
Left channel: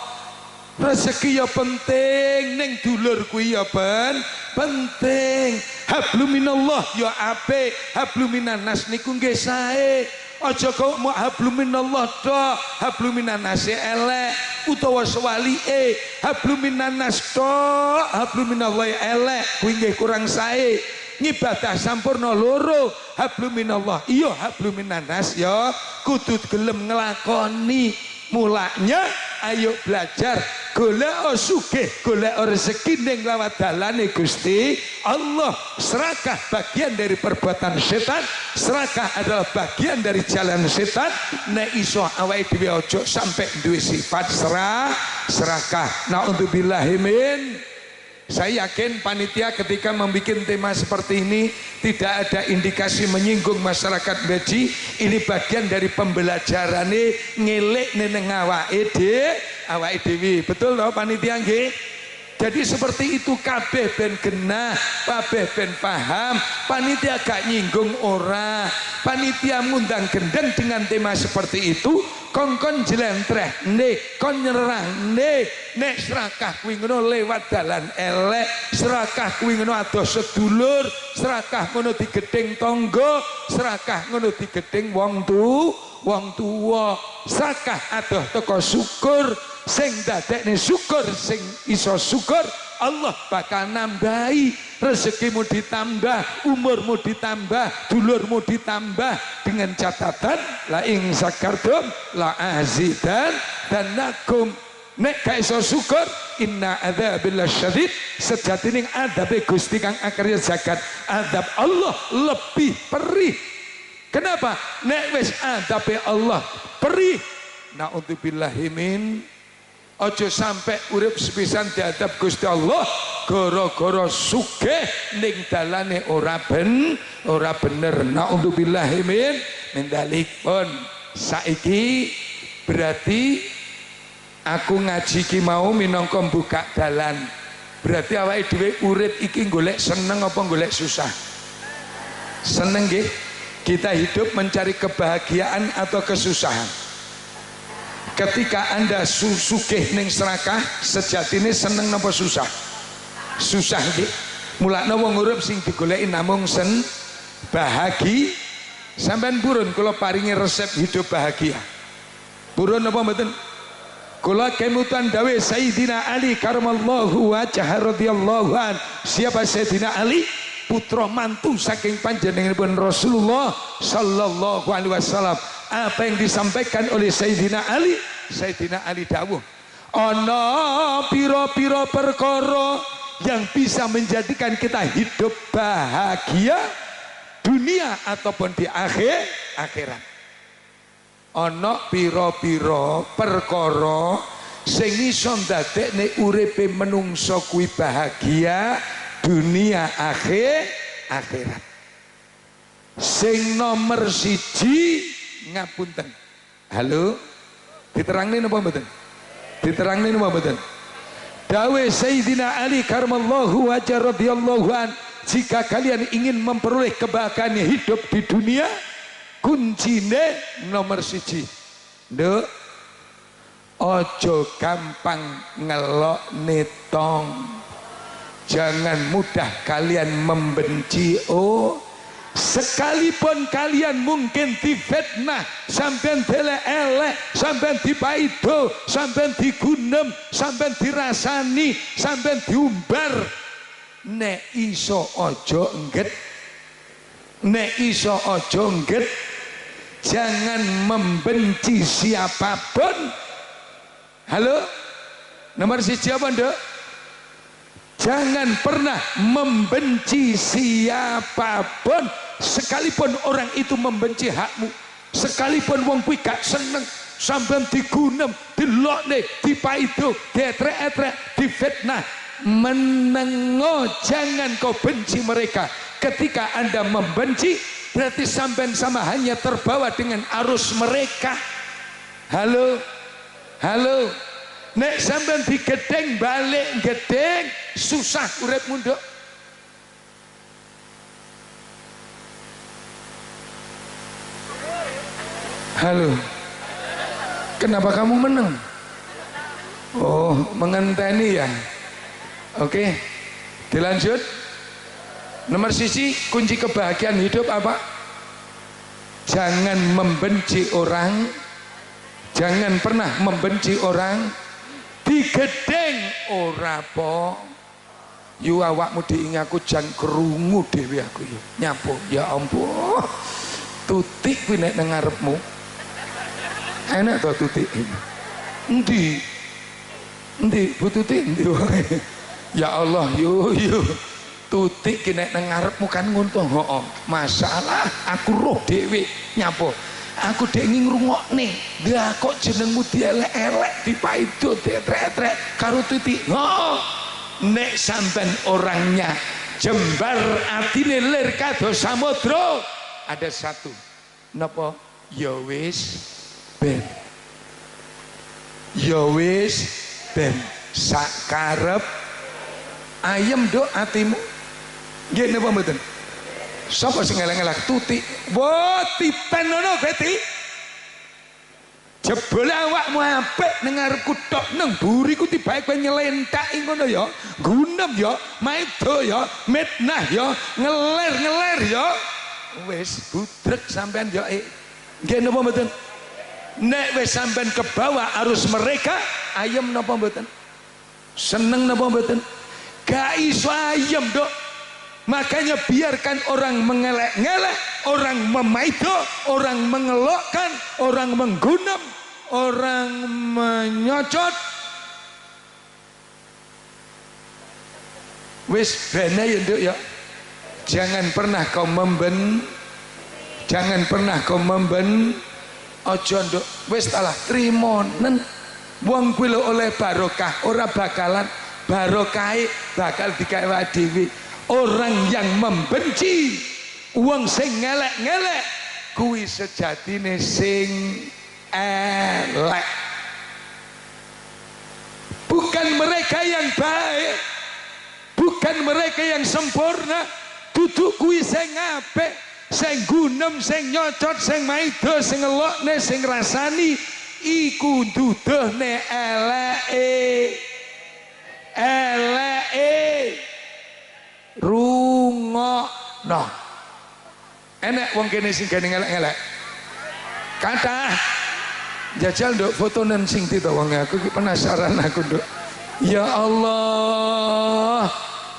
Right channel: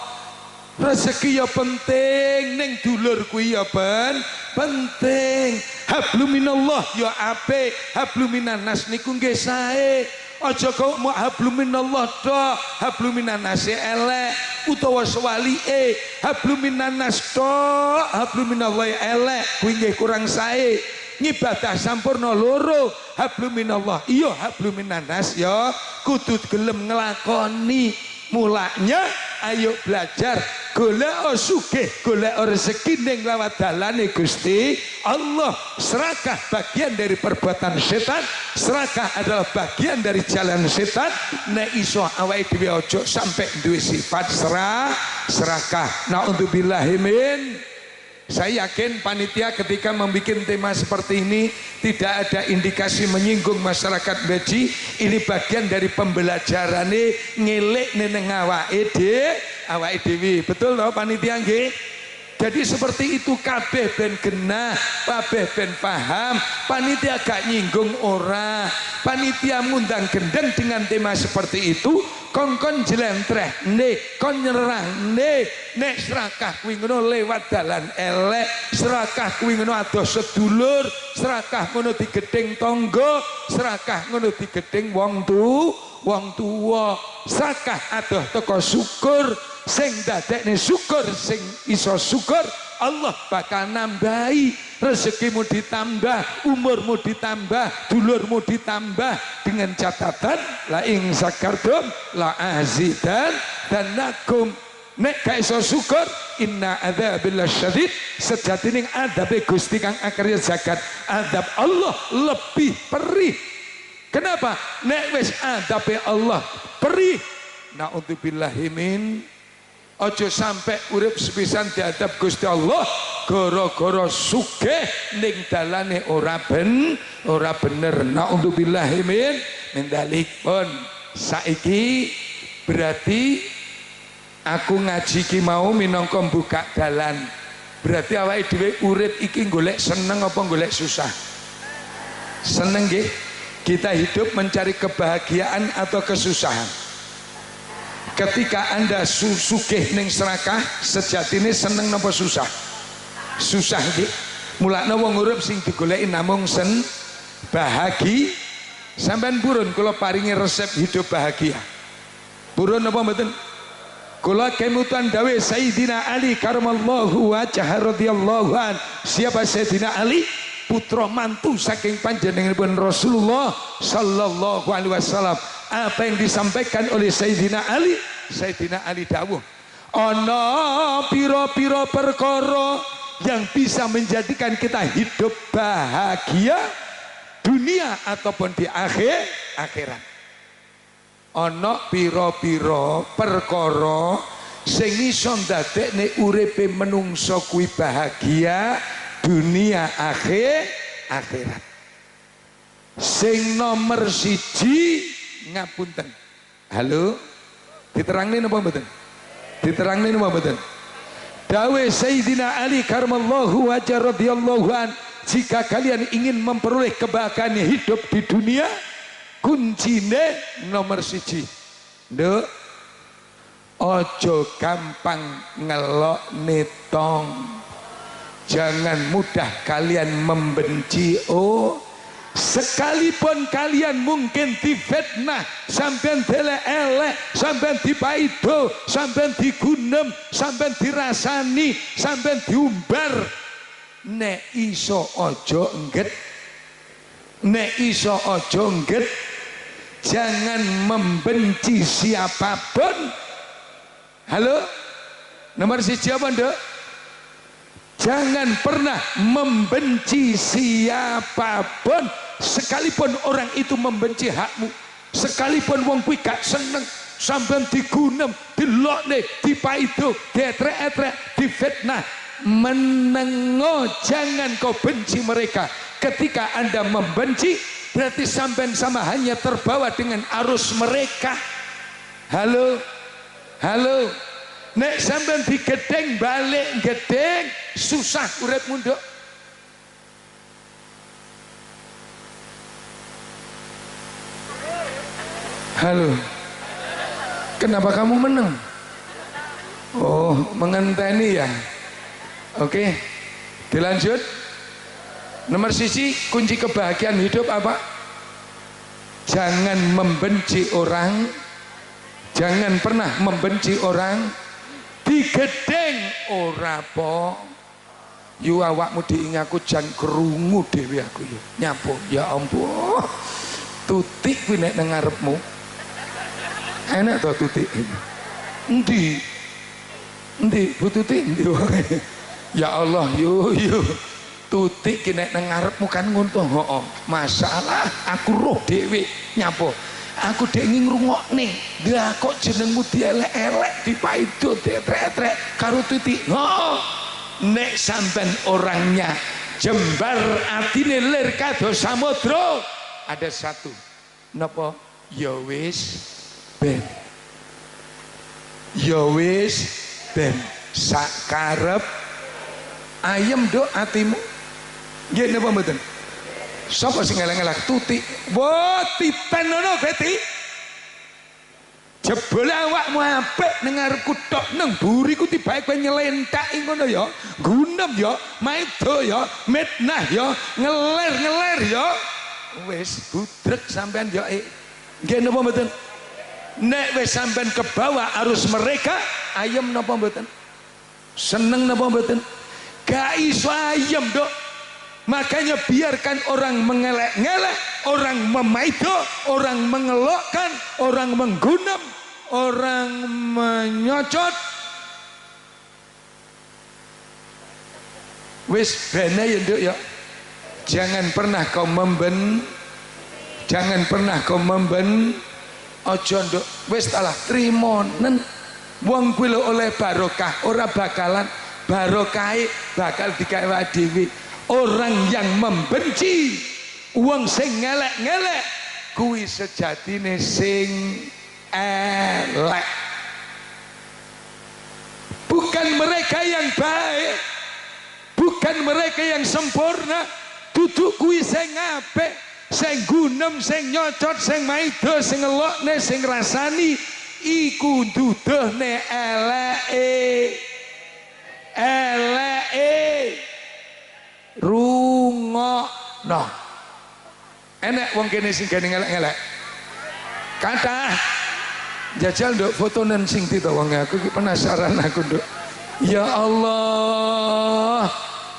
Rezeki ya penting, ning dulur kuwi ya penting. Hablum minallah ya apik, hablum minannas niku nggih sae. Aja kok mau hablum minallah tok, hablum minannas elek utawa sewalike. Hablum minannas tok, hablum minallah elek kuwi nggih kurang sae. Ngibadah sampurna loro, hablum minallah iya hablum minannas ya kudu gelem nglakoni. Mulanya ayo belajar golek sugih, golek rezeki ning lawat dalane Gusti Allah. Serakah bagian dari perbuatan setan, serakah adalah bagian dari jalan setan. Nek iso awake dhewe aja sampai duwe sifat serakah. Naudzubillahi min. Saya yakin panitia ketika membuat tema seperti ini tidak ada indikasi menyinggung masyarakat beji. Ini bagian dari pembelajaran ngelek neneng awake dhewe. Betul loh panitia nggih? Jadi seperti itu kabeh ben genah, kabeh ben paham. Panitia gak nyinggung ora. Panitia ngundang gendeng dengan tema seperti itu. Kongkon jelentreh nih, kon nyerang nih, nek serakah kuwi ngono lewat dalan elek, serakah kuwi ngono adoh sedulur, serakah ngono digedeng tangga, serakah ngono digedeng wong tuwa, serakah adoh teko syukur, sing dadekne syukur, sing iso syukur Allah bakal nambahi. Rezekimu ditambah, umurmu ditambah, dulurmu ditambah, dengan catatan la ing sakartum la azidan dan nakum. Nek gak iso syukur inna adzabil syadid, sejatine adabe Gusti kang akarya zakat, adab Allah lebih perih. Kenapa? Nek wis adabe Allah perih, naudzubillahi min. Ojo sampai urip sepisan diadab Gusti Allah gara-gara sugih ning dalane ora bener. Naudzubillahi min dalik. Pun saiki berarti aku ngaji ki mau minangka buka dalan. Berarti awake dhewe urip iki golek seneng apa golek susah? Seneng nggih. Kita hidup mencari kebahagiaan atau kesusahan? Ketika Anda sugih ning serakah, sejatine seneng napa susah? Susah nggih. Mulane wong urip sing digoleki namung bahagia. Sampeyan purun kula paringi resep hidup bahagia. Purun apa mboten? Kula kemutan dawe Sayyidina Ali karamallahu wajhah radhiyallahu an. Siapa Sayyidina Ali? Putra mantu saking panjenenganipun Rasulullah sallallahu alaihi wasallam. Apa yang disampaikan oleh Sayyidina Ali? Sayyidina Ali dawuh, ana pira-pira perkara yang bisa menjadikan kita hidup bahagia dunia ataupun di akhirat. Ana pira-pira perkara sing iso ndadekne uripe menungso kuwi bahagia dunia akhirat. Sing nomor siji ngapunten. Halo, diterangin apa mboten? Diterangin apa mboten? Dawe Sayyidina Ali karamallahu wajhah radhiyallahu an, jika kalian ingin memperoleh kebahagiaan hidup di dunia, kuncine nomor siji, nduk, ojo gampang ngelok netong. Jangan mudah kalian membenci. Sekalipun kalian mungkin difitnah, sampean delek-elek, sampean dipaido, sampean digunem, sampean dirasani, sampean diumbar, nek iso ojo engget, nek iso ojo engget. Jangan membenci siapapun. Halo, nomor siji apa nduk? Jangan pernah membenci siapapun, sekalipun orang itu membenci hakmu, sekalipun wong kuwi gak seneng, sampean digunem, dilokne, dipaido, dietrek-etrek, difitnah, menengo, jangan kau benci mereka. Ketika Anda membenci, berarti sampean sama hanya terbawa dengan arus mereka. Halo, halo. Nek sampean digedeng balik gedeng, susah uripmu nduk. Halo, kenapa kamu menang? Oh, mengenteni ya. Oke, dilanjut. Nomor sisi kunci kebahagiaan hidup apa? Jangan membenci orang, jangan pernah membenci orang. Digedeng ora po, yu awakmu diingaku jan krungu dhewe aku ya. Nyapo, ya ampun. Tutik kuwi nek nang ngarepmu. Enak to tutik. Endi? Endi Bu Tutik? Endi wae. Ya Allah, yo. Tutik ki nek nang ngarepmu kan ngono to. Heeh. Masalah aku roh dhewe. Nyapo? Aku dek ingin ngrungokne, lah kok jenengmu dielek-elek, dipaido, dietrek-etrek karo Tutik. Oh, nek sampean orangnya jembar atine lir kados samudra, ada satu. Napa? Ya wis ben. Ya wis ben, sakarep ayem nduk atimu. Nggih napa mboten? Sapa sing ngelak-ngelak? Tutik. Wah, tipen ngono Beti. Jebule awakmu apik ning ngarepku tok, nang buriku tibake kowe nyelenthaki ngono ya. Gunem ya, maido ya, mitnah ya, ngeler-ngeler ya. Wis budrek sampean ya. Nggih napa mboten? Nek wis sampean kebawa arus mereka, ayem napa mboten? Seneng napa mboten? Gak iso ayem, Dok. Makanya biarkan orang mengelek-ngelek, orang memaido, orang mengelokkan, orang menggunam, orang menyocot. Wis bene ya Nduk ya. Jangan pernah kau jangan pernah kau ojo Nduk. Wis talah trimonen. Wong kuwi oleh barokah, ora bakalan barokahe bakal digawe dhewe. Orang yang membenci, wong sing ngelek-ngelek, kuwi sejatine sing elek. Bukan mereka yang baik, bukan mereka yang sempurna, duduk kuwi sing apik, sing gunem, sing nyocot, sing maido, sing ngelokne, sing rasani, iku duduhne eleke. Rungokno. Enek wong kene sing gene ngelek-ngelek. Kathah. Jajal nduk fotonen sing ditawang aku penasaran aku nduk. Ya Allah.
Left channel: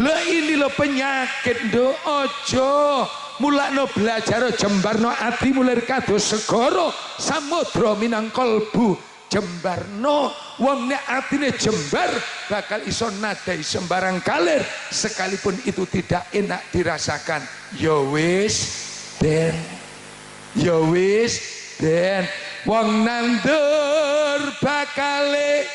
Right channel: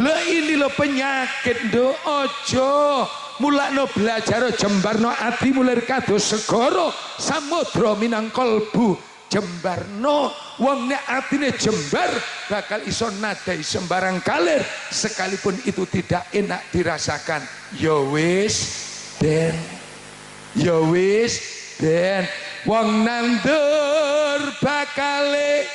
Lah ini lo penyakit nduk ojo. Mulakno belajar jembarno ati mulir kados segara samudra minang kalbu jembarno wong nek atine jembar bakal iso nadai sembarang kalir sekalipun itu tidak enak dirasakan. Ya wis ben ya wis ben wong nandur bakale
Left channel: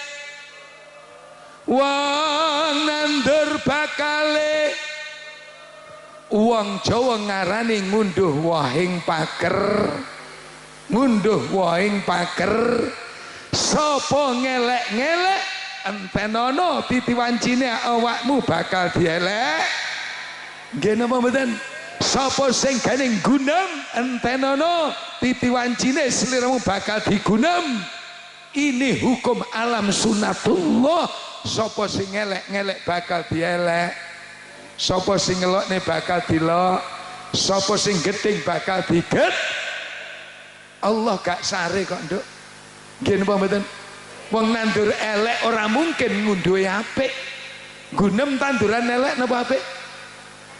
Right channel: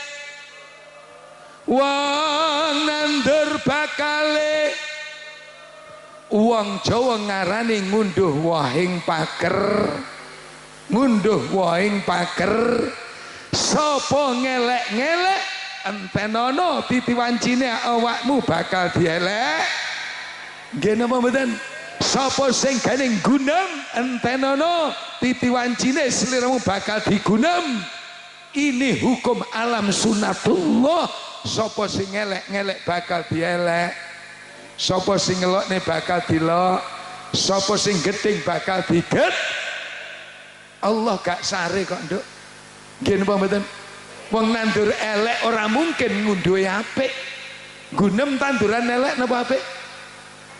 Wong Jawa ngarani ngunduh wahing paker. Ngunduh wahing paker. Sapa ngelek-ngelek entenono titiwancine awakmu bakal dielek. Nggih napa mboten? Sapa sing ganing gunem entenono titiwancine sliramu bakal digunem. Ini hukum alam sunatullah. Sapa sing ngelek-ngelek bakal dielek. Sapa sing ngelokne bakal dilok, sapa sing gedeng bakal diget. Allah gak sare kok nduk. Nggih napa mboten? Wong nandur elek ora mungkin ngunduhe apik. Gunem tanduran elek napa apik?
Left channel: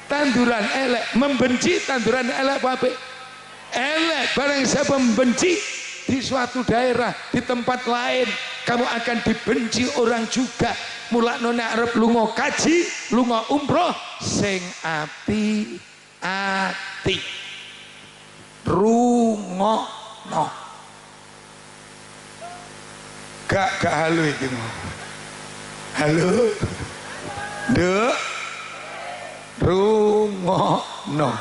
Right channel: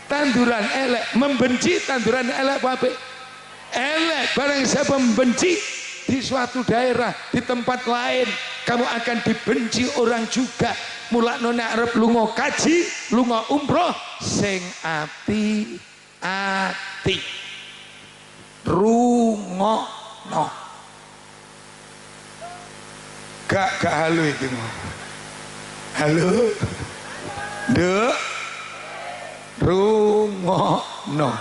Tanduran elek, membenci tanduran elek apa apik? Elek. Barang siapa membenci di suatu daerah, di tempat lain, kamu akan dibenci orang juga. Mulakno nek arep lunga kaji, lunga umroh sing ati-ati. Rungokno. Gak halo iki. Halo. Nduk. Rungokno.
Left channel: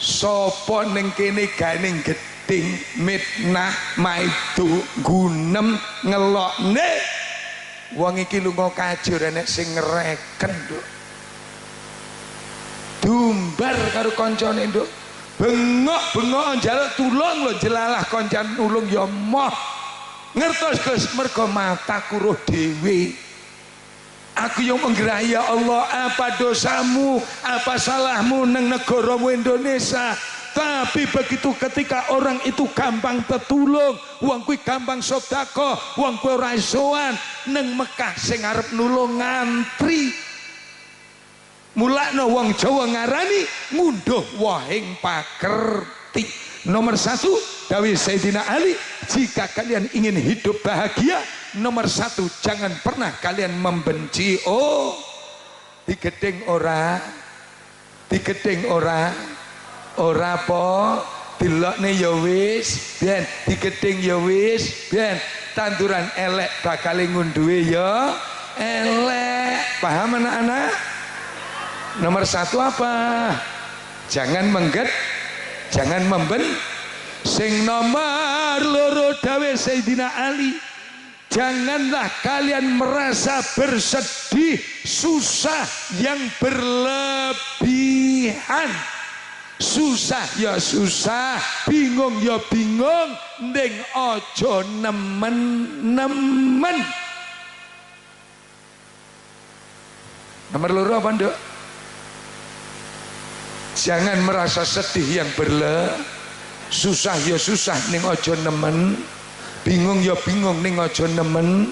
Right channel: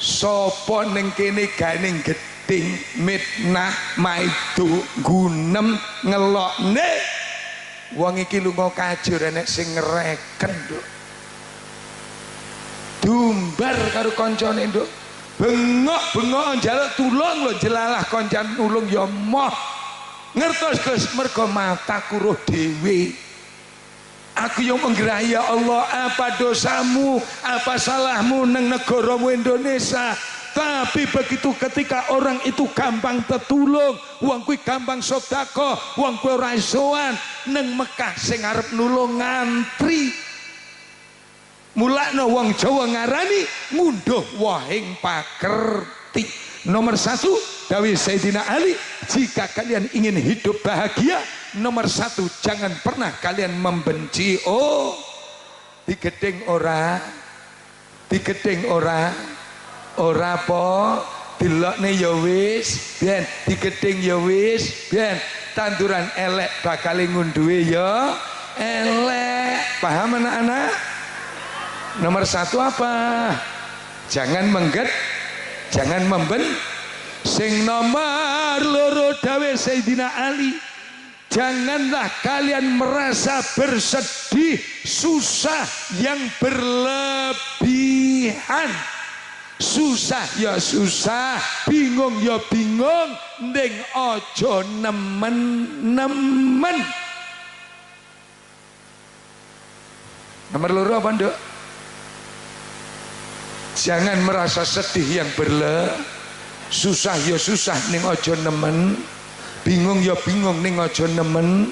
Sapa ning kene ganing geding mitnah maidu gunem ngelokne. Wong iki lunga kaji ora nek sing ngreken, Nduk. Dumbar karo kancane, Nduk. Bengok-bengok njaluk tulung lho, jelalah kancan nulung ya moh. Ngertos Gus, mergo mataku roh dhewe. Aku yang menggerai, ya Allah, apa dosamu, apa salahmu nang negaramu Indonesia. Tapi begitu ketika orang itu gampang tetulung, wong kuwi gampang sedekah, wong kuwi ora isoan nang Mekah sing arep nulung ngantri. Mulakno wong Jawa ngarani ngunduh wahing pakerti. Nomor satu, dawuh Sayyidina Ali, jika kalian ingin hidup bahagia, nomor satu, jangan pernah kalian membenci. Oh, digedeng ora, digedeng ora, ora po, dilokne ya wis, ben digedeng ya wis, ben tanduran elek bakal ngunduhe ya elek. Paham anak-anak? Nomor satu apa? Jangan mengget, jangan memben. Sing nomor loro dawuh Sayyidina Ali, janganlah kalian merasa bersedih, susah yang berlebihan. Susah ya susah, bingung ya bingung, ning aja nemen-nemen. Nomor loro apa, Nduk? Jangan merasa sedih yang susah ya susah ning aja nemen, bingung ya bingung ning aja nemen.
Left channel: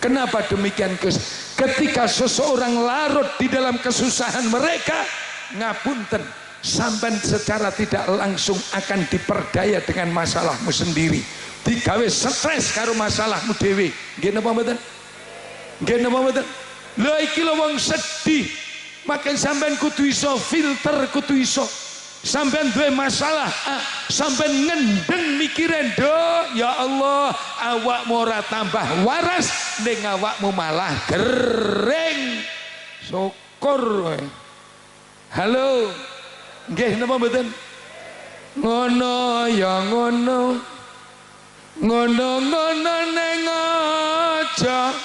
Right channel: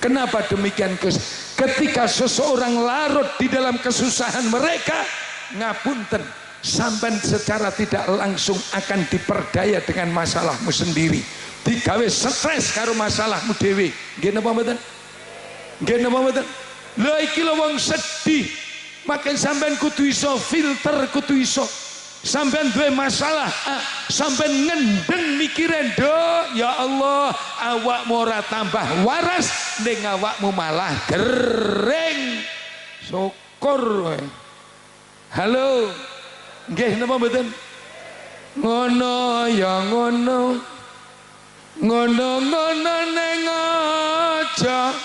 Kenapa demikian, Gus? Ketika seseorang larut di dalam kesusahan mereka, ngapunten, sampean secara tidak langsung akan diperdaya dengan masalahmu sendiri, digawe stres karo masalahmu dhewe. Nggih napa mboten? Nggih napa mboten? Lha iki lho wong sedih, makin sampean kudu iso filter, kudu iso. Sampean duwe masalah, sampean ngendeng mikirin, Nduk, ya Allah, awakmu ora tambah waras, ning awakmu malah gering. Syukur wae. Halo. Nggih napa mboten? Ngono ya ngono. Ngono-ngono ning aja.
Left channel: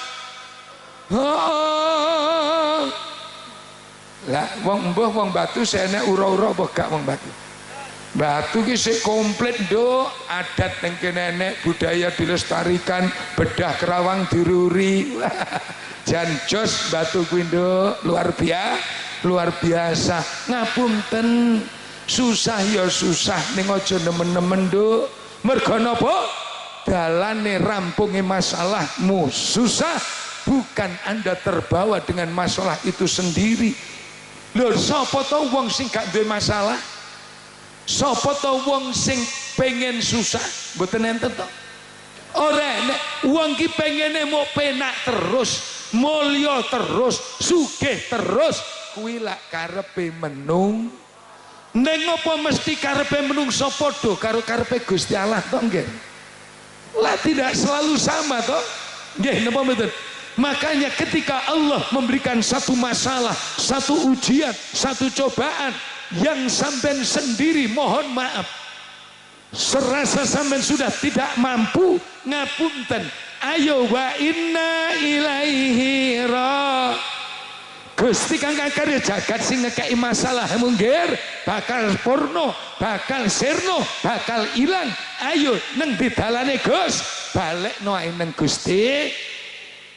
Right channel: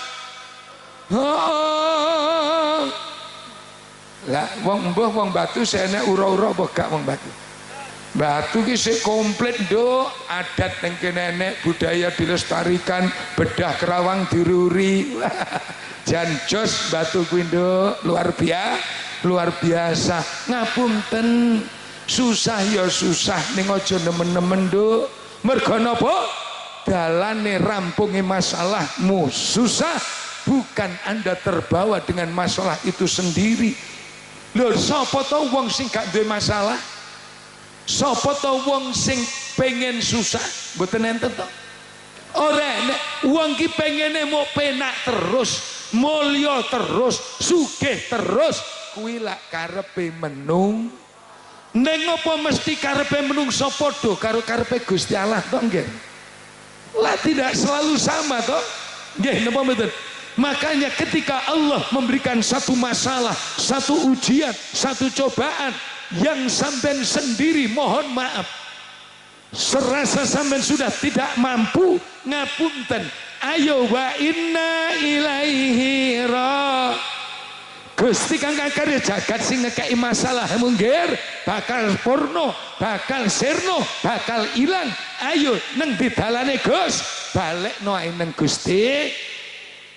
Oh. Lah wong mbah wong Batu senek ura-ura apa gak wong Batu? Batu ki sik komplit, Nduk. Adat ning kene enek, budaya dilestarikan, bedah kerawang diruri. Jan jos Batu kuwi, Nduk, luar biasa. Ngapunten, susah ya susah ning aja nemen-nemen, Nduk. Mergo napa? dalane rampunge masalahmu susah, bukan Anda terbawa dengan masalah itu sendiri. Lho, sapa to wong sing gak duwe masalah? Sapa to wong sing pengen susah? Mboten enten to. Ora nek wong ki pengene mau penak terus, mulya terus, sugih terus, kuwi lak karepe menung. Ning apa mesti karepe menungso padha karo karepe Gusti Allah to nggih? Lah tidak selalu sama to. Nggih napa mboten? Makanya ketika Allah memberikan satu masalah, satu ujian, satu cobaan yang sampean sendiri mohon maaf serasa sampean sudah tidak mampu, ngapunten, ayo wa inna ilaihi ra. Gusti kang karya jagat sing ngekei masalah munggir bakal purno, bakal sirno, bakal ilang. Ayo neng didalane Gus, balekno ae neng Gusti.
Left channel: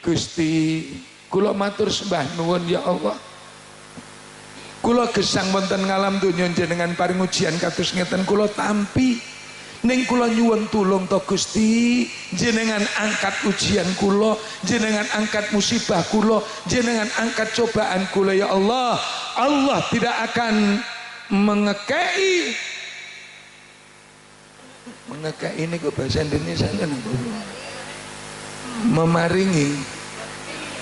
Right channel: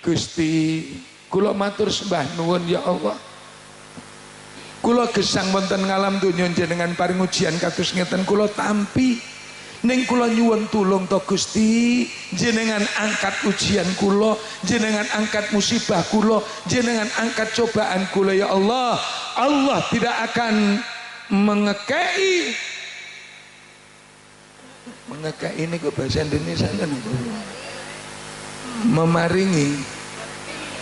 Gusti kula matur sembah nuwun ya Allah, kula gesang wonten ngalam donya jenengan paring ujian kados ngeten kula tampi ning kula nyuwun tulung to Gusti, jenengan angkat ujian kula, jenengan angkat musibah kula, jenengan angkat cobaan kula ya Allah. Allah tidak akan mengekei ini kok bahasa Indonesia kan memaringi,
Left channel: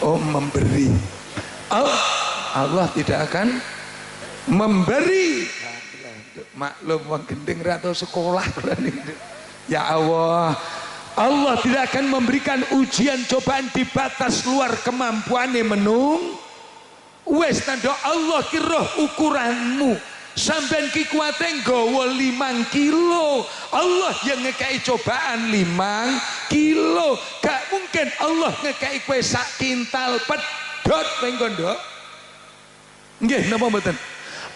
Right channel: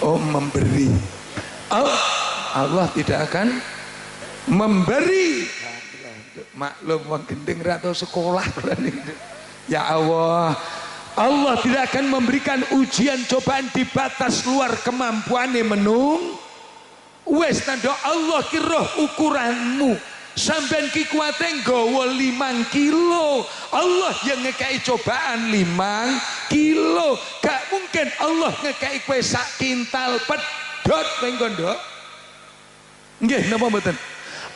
oh memberi. Allah tidak akan memberi. Maklum wong gendeng ra tau sekolah. Ya Allah, Allah tidak akan memberikan ujian cobaan di batas luar kemampuane menung. Wes tandha Allah ki roh ukuranmu. Sampeyan ki kuwate nggawa 5 kilo, Allah yang ngekei cobaan 5 kilo. Gak mungkin Allah ngekei kowe sak kintal pedhot ning kono. Nggih napa mboten?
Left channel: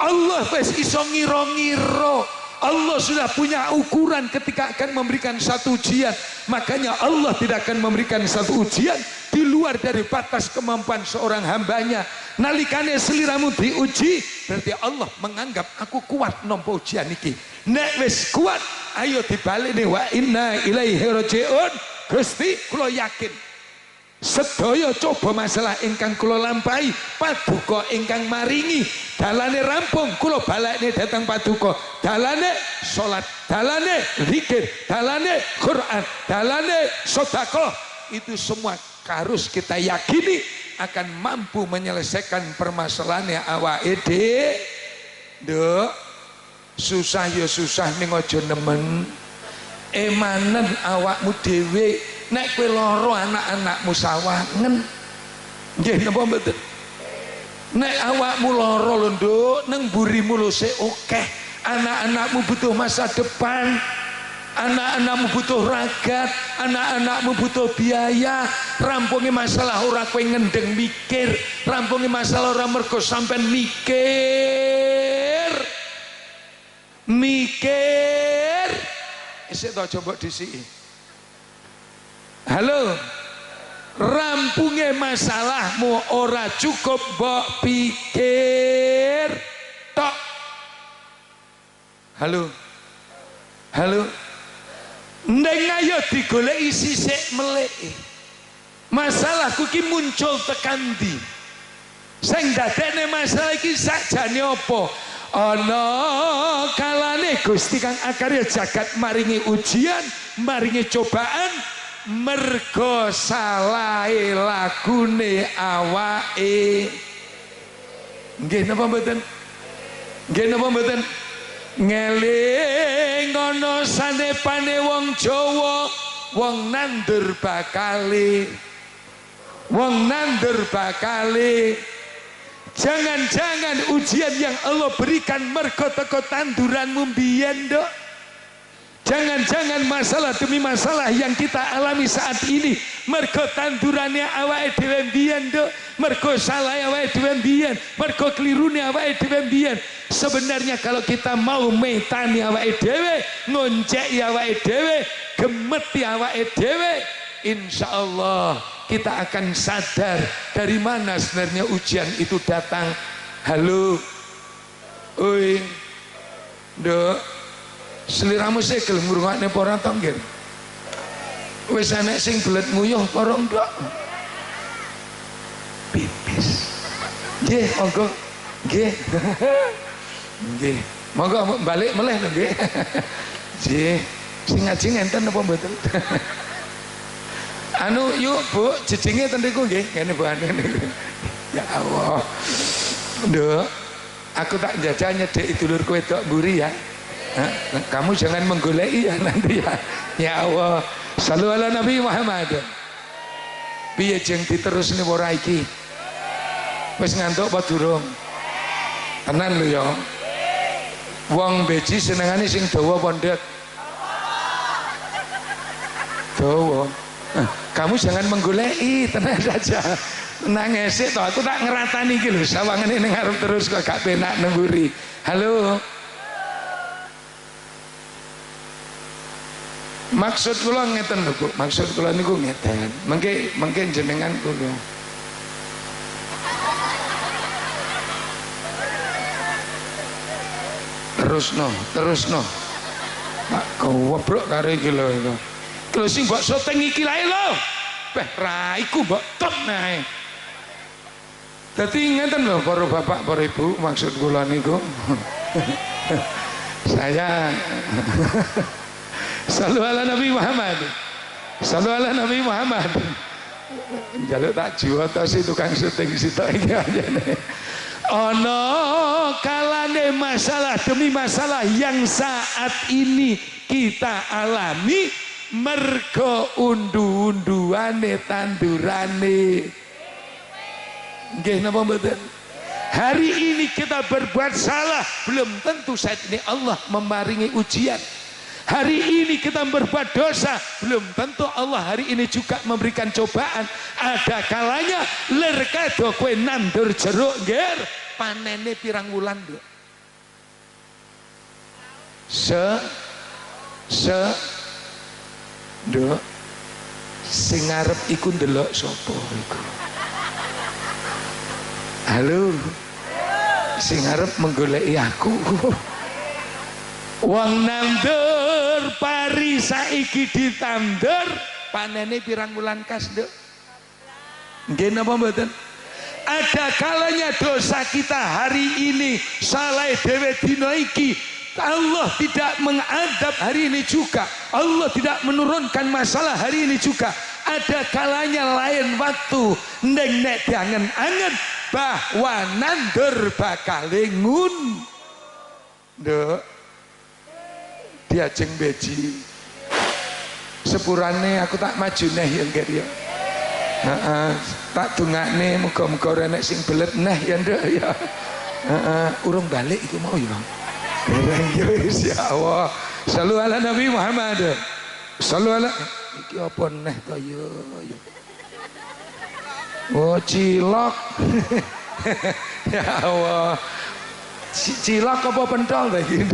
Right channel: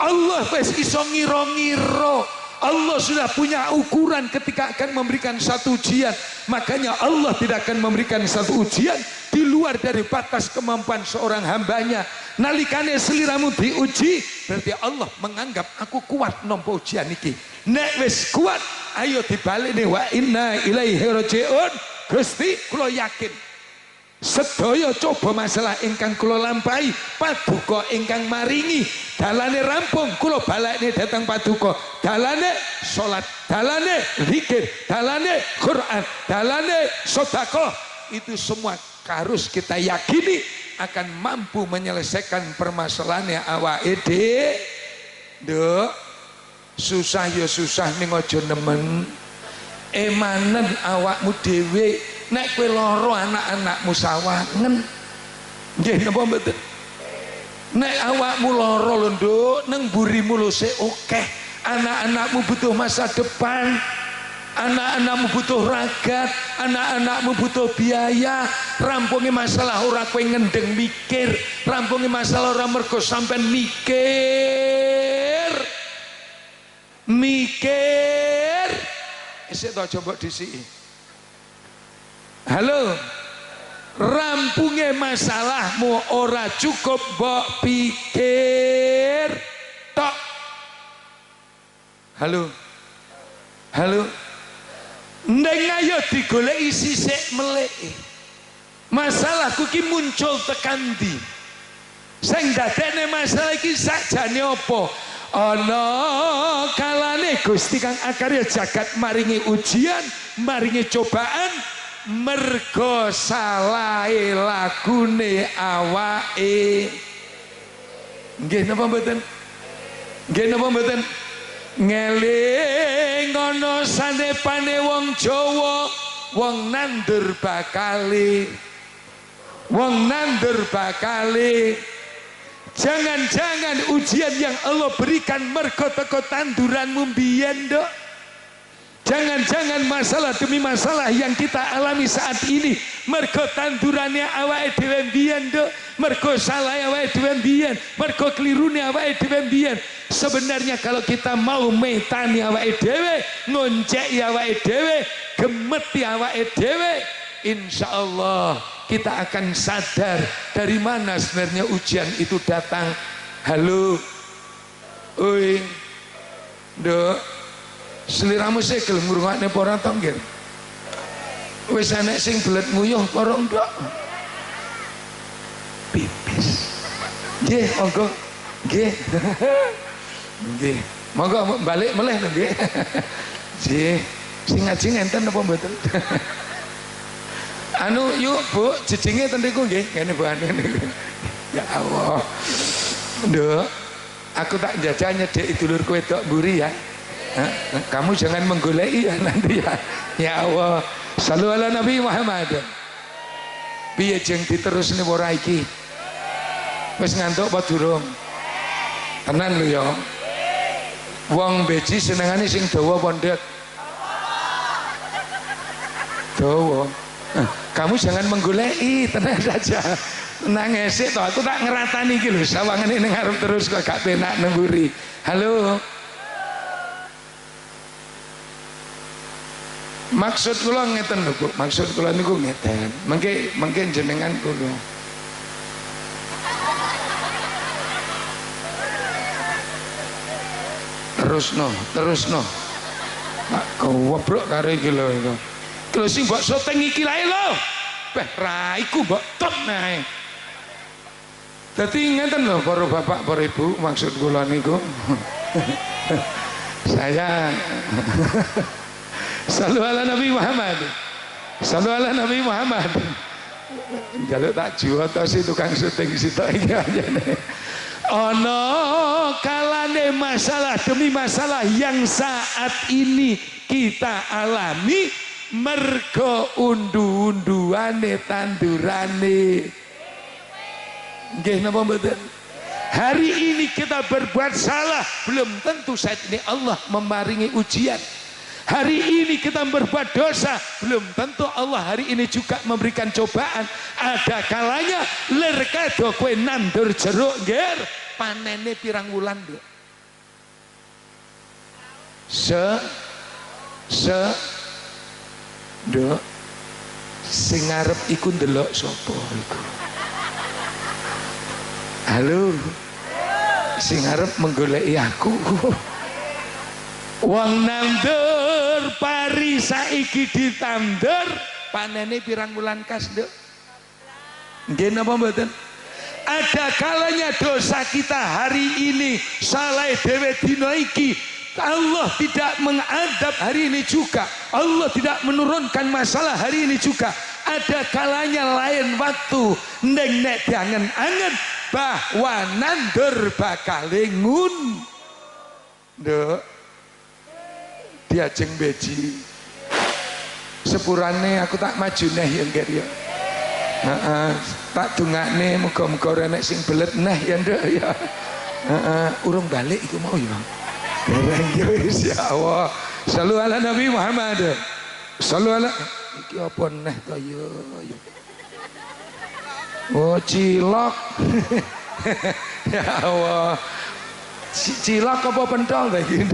Allah wis iso ngira-ngira. Allah sudah punya ukuran ketika akan memberikan satu ujian. Makanya Allah tidak akan memberikan satu ujian di luar dari batas kemampuan seorang hambanya. Nalikane seliramu diuji, berarti Allah menganggap aku kuat nampa ujian iki. Nek wis kuat, ayo dibaleni wa inna ilaihi rajiun. Gusti kula yakin sedaya coba masalah ingkang kula lampahi, paduka ingkang maringi, dalane rampung kula balekne datang paduka, dalane salat, dalane zikir, dalane Quran, dalane sedekah, itu semua harus kita yakini akan mampu menyelesaikan permasalahannya awake dhewe. Susah ya susah ning aja nemen. Emanen awakmu dhewe. Nek kowe lara anak-anakmu sawangen. Nggih napa mboten? Nek awakmu lara lho Nduk, nang mburimu lho sik akeh. Anak-anakmu butuh masa depan. Anak-anakmu butuh ragat, anak-anakmu butuh biaya. Rampungi masalah ora kowe ngendeng mikir, rampungi masalah ora mergo sampean mikir. Isih to coba disiki. Halo. Rampungi masalahmu ora cukup mbok pikir tok. Halo. Ndeng ayo digoleki sisik meleki. Masalahku ki muncul tekan ndi? Sing dadekne masalah iki sakjane apa? Ana kalane Gusti kang akarya jagat maringi ujian, maringi cobaan mergo salahe lagune awake. Nggih napa mboten? Nggih napa mboten? Ngeling ana sanepane wong Jawa, wong nandur bakale. Jangan-jangan ujian yang Allah berikan mergo teko tanduranmu mbiyen, Nduk. Jangan-jangan masalah demi masalah yang kita alami saat ini mergo tandurannya awake dhewe mbiyen, Nduk. Mergo salah awake dhewe mbiyen, mergo klirune awake dhewe mbiyen. Sebenarnya kalau kita mau metani awake dhewe, ngonceki awake dhewe, gemeti awake dhewe, insyaallah kita akan sadar dari mana sebenarnya ujian itu datang. Halo, oi, Nduk, seliramu sih gelem ngrungokne apa ora to nggih? Wis enek sing belet nguyuh para ndok. Pipis. Nggih, monggo. Nggih. Nggih. Monggo balik meleh lho nggih. Nggih. Sing ngaji ngenten apa mboten? Anu yuk Bu, jedinge ten niku nggih, ngene Bu anu niku. Ya Allah. Nduk, aku tak jajah nyedeki dulurku wedok mburi ya. Kamu jangan menggoleki ya nanti ya. Ya Allah. Shallu ala Nabi Muhammad. Piye jeng diterusne ora iki? Wis ngantuk apa durung? Tenan lho ya. Wong beji senengane sing dawa apa ndek? Dawa. Kamu jangan menggoleki, tenang saja. Tenang esik toh, aku tak ngeratani iki lho, sawangane ning arep terus kok gak penak nengguri. Halo. Maksud kula ngeten lho Bu, maksud kula niku ngeten. Mengke jenengan kula. Terusno. Pak goblok karo iki lho iku. Lho sing mbok syuting iki lae lho. Beh ra iku mbok top nae. Dadi ngeten lho para bapak, para ibu, maksud kula niku. Saya Shallu ala Nabi Muhammad. Shallu ala Nabi Muhammad. Jaluk tak juwata si tukang syuting sitok iki ajane. Ono kalane masalah demi masalah yang saat ini kita alami mergo undu-unduane tandurane. Nggih napa mboten? Hari ini kita berbuat salah, belum tentu saat ini Allah memaringi ujian. Hari ini kita berbuat dosa, belum tentu Allah hari ini juga memberikan cobaan. Ada kalanya ler kado kowe nandur jeruk nger panene pirang wulan nduk. Nduk sing ngarep iku ndelok sapa iku? Halo. Sing ngarep menggoleki aku. Wong nandur pari saiki ditandur panene pirang wulan kas nduk? Nggih napa mboten? Ada kalanya dosa kita hari ini salah dhewe dina iki Allah tidak mengadab hari ini juga. Allah tidak menurunkan masalah hari ini juga. Ada kalanya lain waktu neng nek diangen-angen bahwa nandur bakal ngun. Nduk diajeng beji sepurane aku tak maju neh ya nggih ya. Tak dungakne muga-muga renek sing belet neh ya nduk ya. Urung balik iku mau ya. Dereng ya wis ya Allah. Shallu ala Nabi Muhammad. Shallu ala iki apa neh to ya. Oh cilok. Ya Allah. Cilok apa pentol ta iki?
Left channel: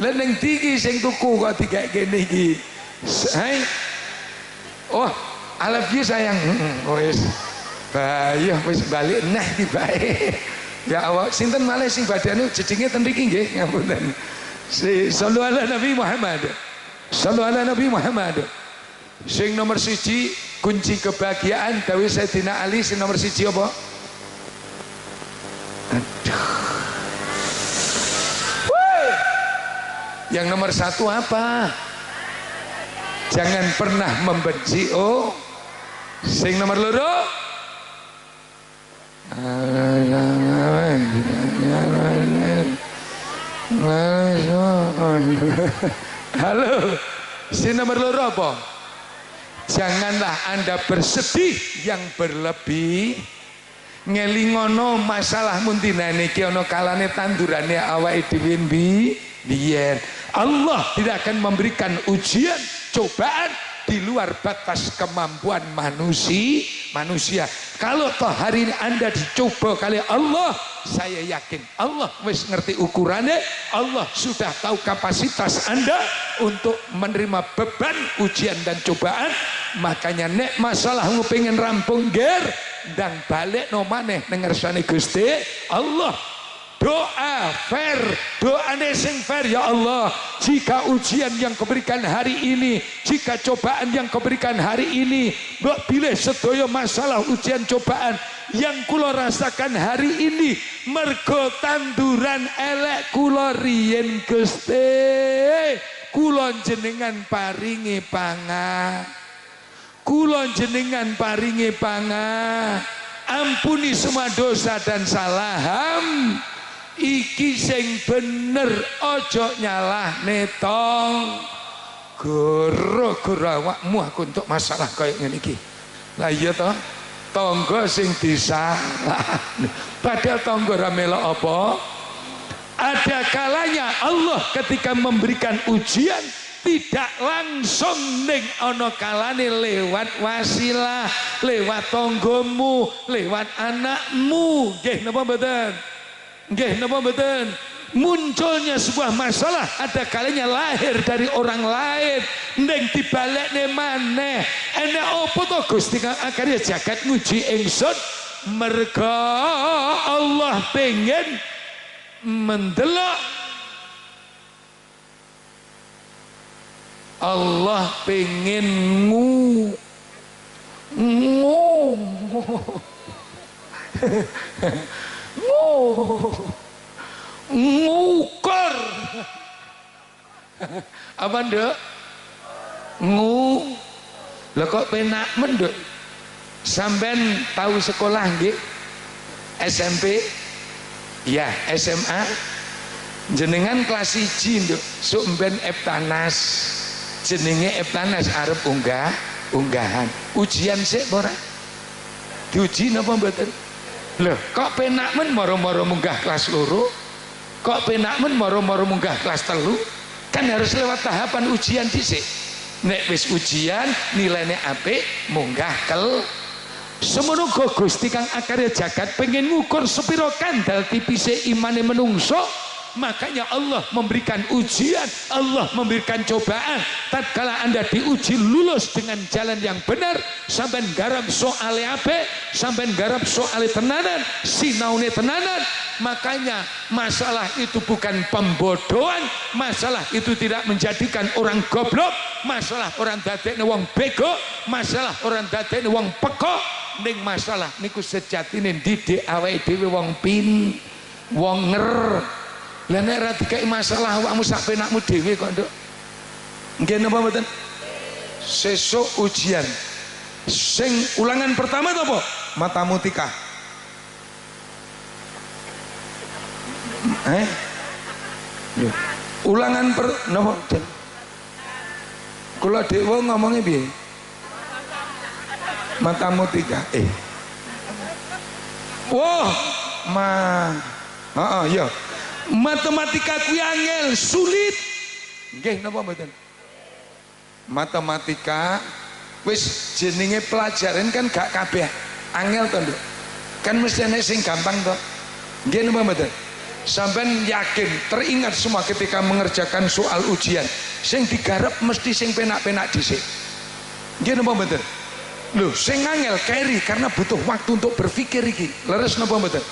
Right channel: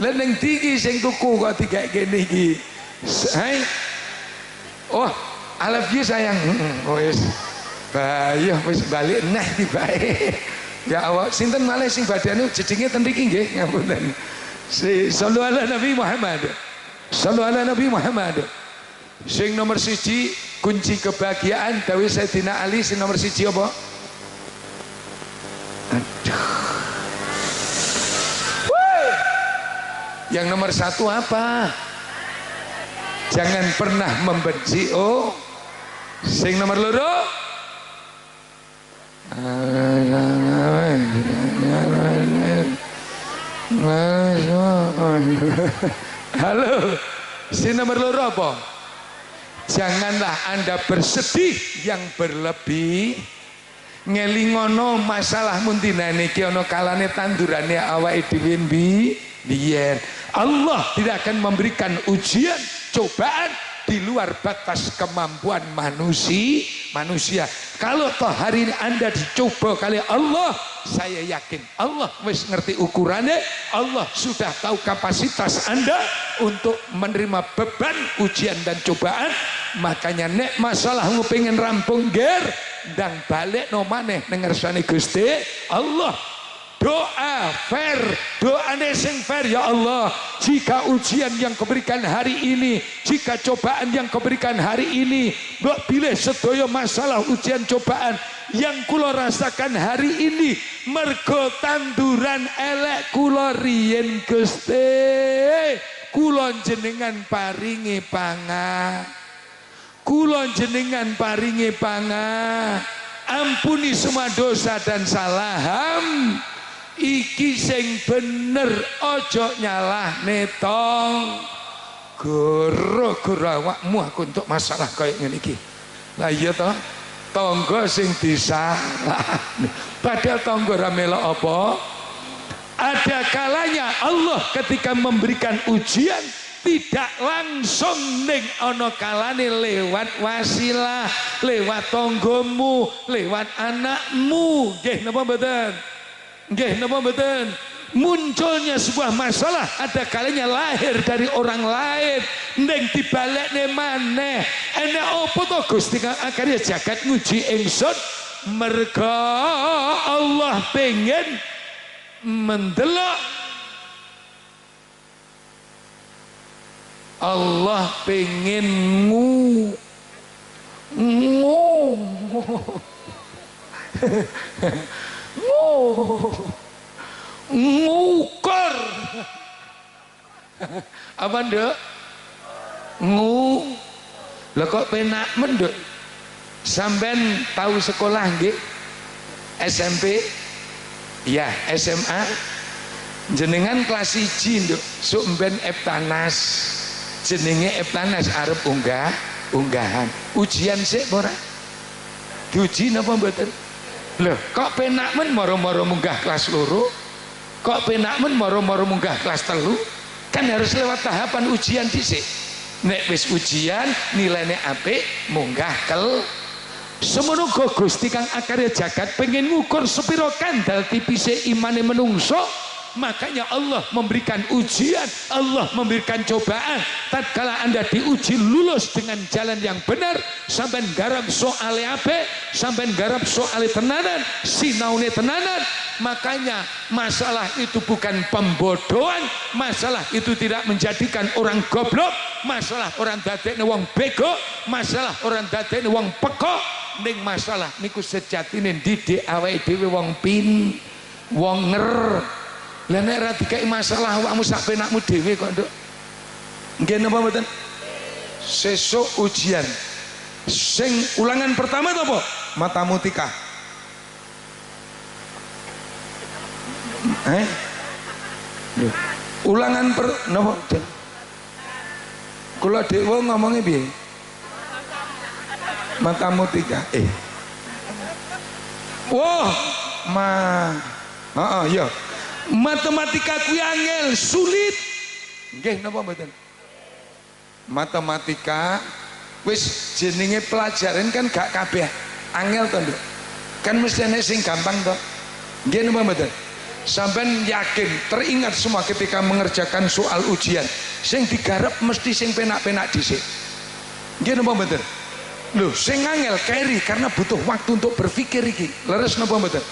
Lah ning iki sing tuku kok dikek kene iki. Hai. Oh, I love you sayang. Oh wis. Bayo wis balik neh tibae. Ya Allah, sinten malih sing badane jedinge ten mriki nggih, ngapunten. Shallu ala Nabi Muhammad. Shallu ala Nabi Muhammad. Sing nomor 1 kunci kebahagiaan dawuh Sayyidina Ali, sing nomor 1 apa? Aduh. Yang nomor 1 apa? Jangan pernah membenci. Oh, sing nomor 2? Halo, sing nomor 2 apa? Janganlah Anda bersedih yang berlebih. Ngelingono masalah mundinane iki ana kalane tandurane awake dhewe biyen. Allah tidak akan memberikan ujian, cobaan di luar batas kemampuan manusia. Kalau toh hari ini Anda dicoba kali Allah, saya yakin Allah wis ngerti ukurannya. Allah sudah tahu kapasitas Anda untuk menerima beban ujian dan cobaan. Makanya nek masalahmu pengen rampung ger dan balik no maneh ning ngersane Gusti Allah. doa fair, doane sing fair. Ya Allah, jika ujian yang kau berikan hari ini, jika cobaan yang kau berikan hari ini, mbok pilih sedaya masalah ujian cobaan yang kula rasakan hari ini mergo tanduran elek kula riyen Gusti, kula jenengan paringi pangan, kula jenengan paringi pangan, ampuni semua dosa dan salaham. Iki sing bener, ojo nyalahne tong goro-goro awakmu aku untuk masalah kaya ngene iki. Lah iya toh, tangga sing disalahne. Padahal tangga ra melok apa? Ada kalanya Allah ketika memberikan ujian tidak langsung ning ana kalane lewat wasilah, lewat tanggamu, lewat anakmu. Nggih napa mboten? Nggih napa mboten? Munculnya sebuah masalah ada kalanya lahir dari orang lain ning dibalekne maneh. Enek apa to Gusti kang akarya jagat nguji ingsun? Merga Allah pengen mendelok, Allah pengen ngukur apa nduk? Lah kok penak menduk? Sampean tahu sekolah nggih? SMP? Ya, SMA. Jenengan kelas 1 nduk, sok mben Eptanas. Jenenge Eptanas arep unggahan. Ujian sik ora? Diuji napa mboten? Loh, kok penak men moro-moro munggah kelas 2? Kok penak men moro-moro munggah kelas 3? Kan harus lewat tahapan ujian dhisik. Nek wis ujian nilainya apik, munggah semono Gusti kang akarya jagat pengen ngukur sepiro kandel tipise imane menungso. Makanya Allah memberikan ujian, Allah memberikan cobaan. Tatkala Anda diuji lulus dengan jalan yang benar, sampai garap soale ape, sampai garap soale tenanan, sinaune tenanan. Makanya masalah itu bukan pembodohan, masalah itu tidak menjadikan orang goblok, masalah orang dadekne wong bego, masalah orang dadekne wong pekok. Ning masalah niku sejatine didik awake dhewe wong wong Lah nek ra dikai masalah awakmu sak penakmu dhewe kok, Nduk. Nggih napa mboten? Sesuk ujian. Sing ulangan pertama to apa? Matematika. Loh. Ulangan napa? Kula dhewe ngomongnya piye? Matematika. Wah, ya. Matematika kuwi angel, sulit. Nggih napa mboten? Matematika wis jenenge pelajaran kan gak kabeh angel to, Nduk. Kan mesti ana sing gampang to. Nggih napa mboten? Sampeyan yakin, teringat semua ketika mengerjakan soal ujian, sing digarap mesti sing penak-penak dhisik. Nggih napa mboten? Loh, sing angel keri karena butuh waktu untuk berpikir iki. Leres napa mboten?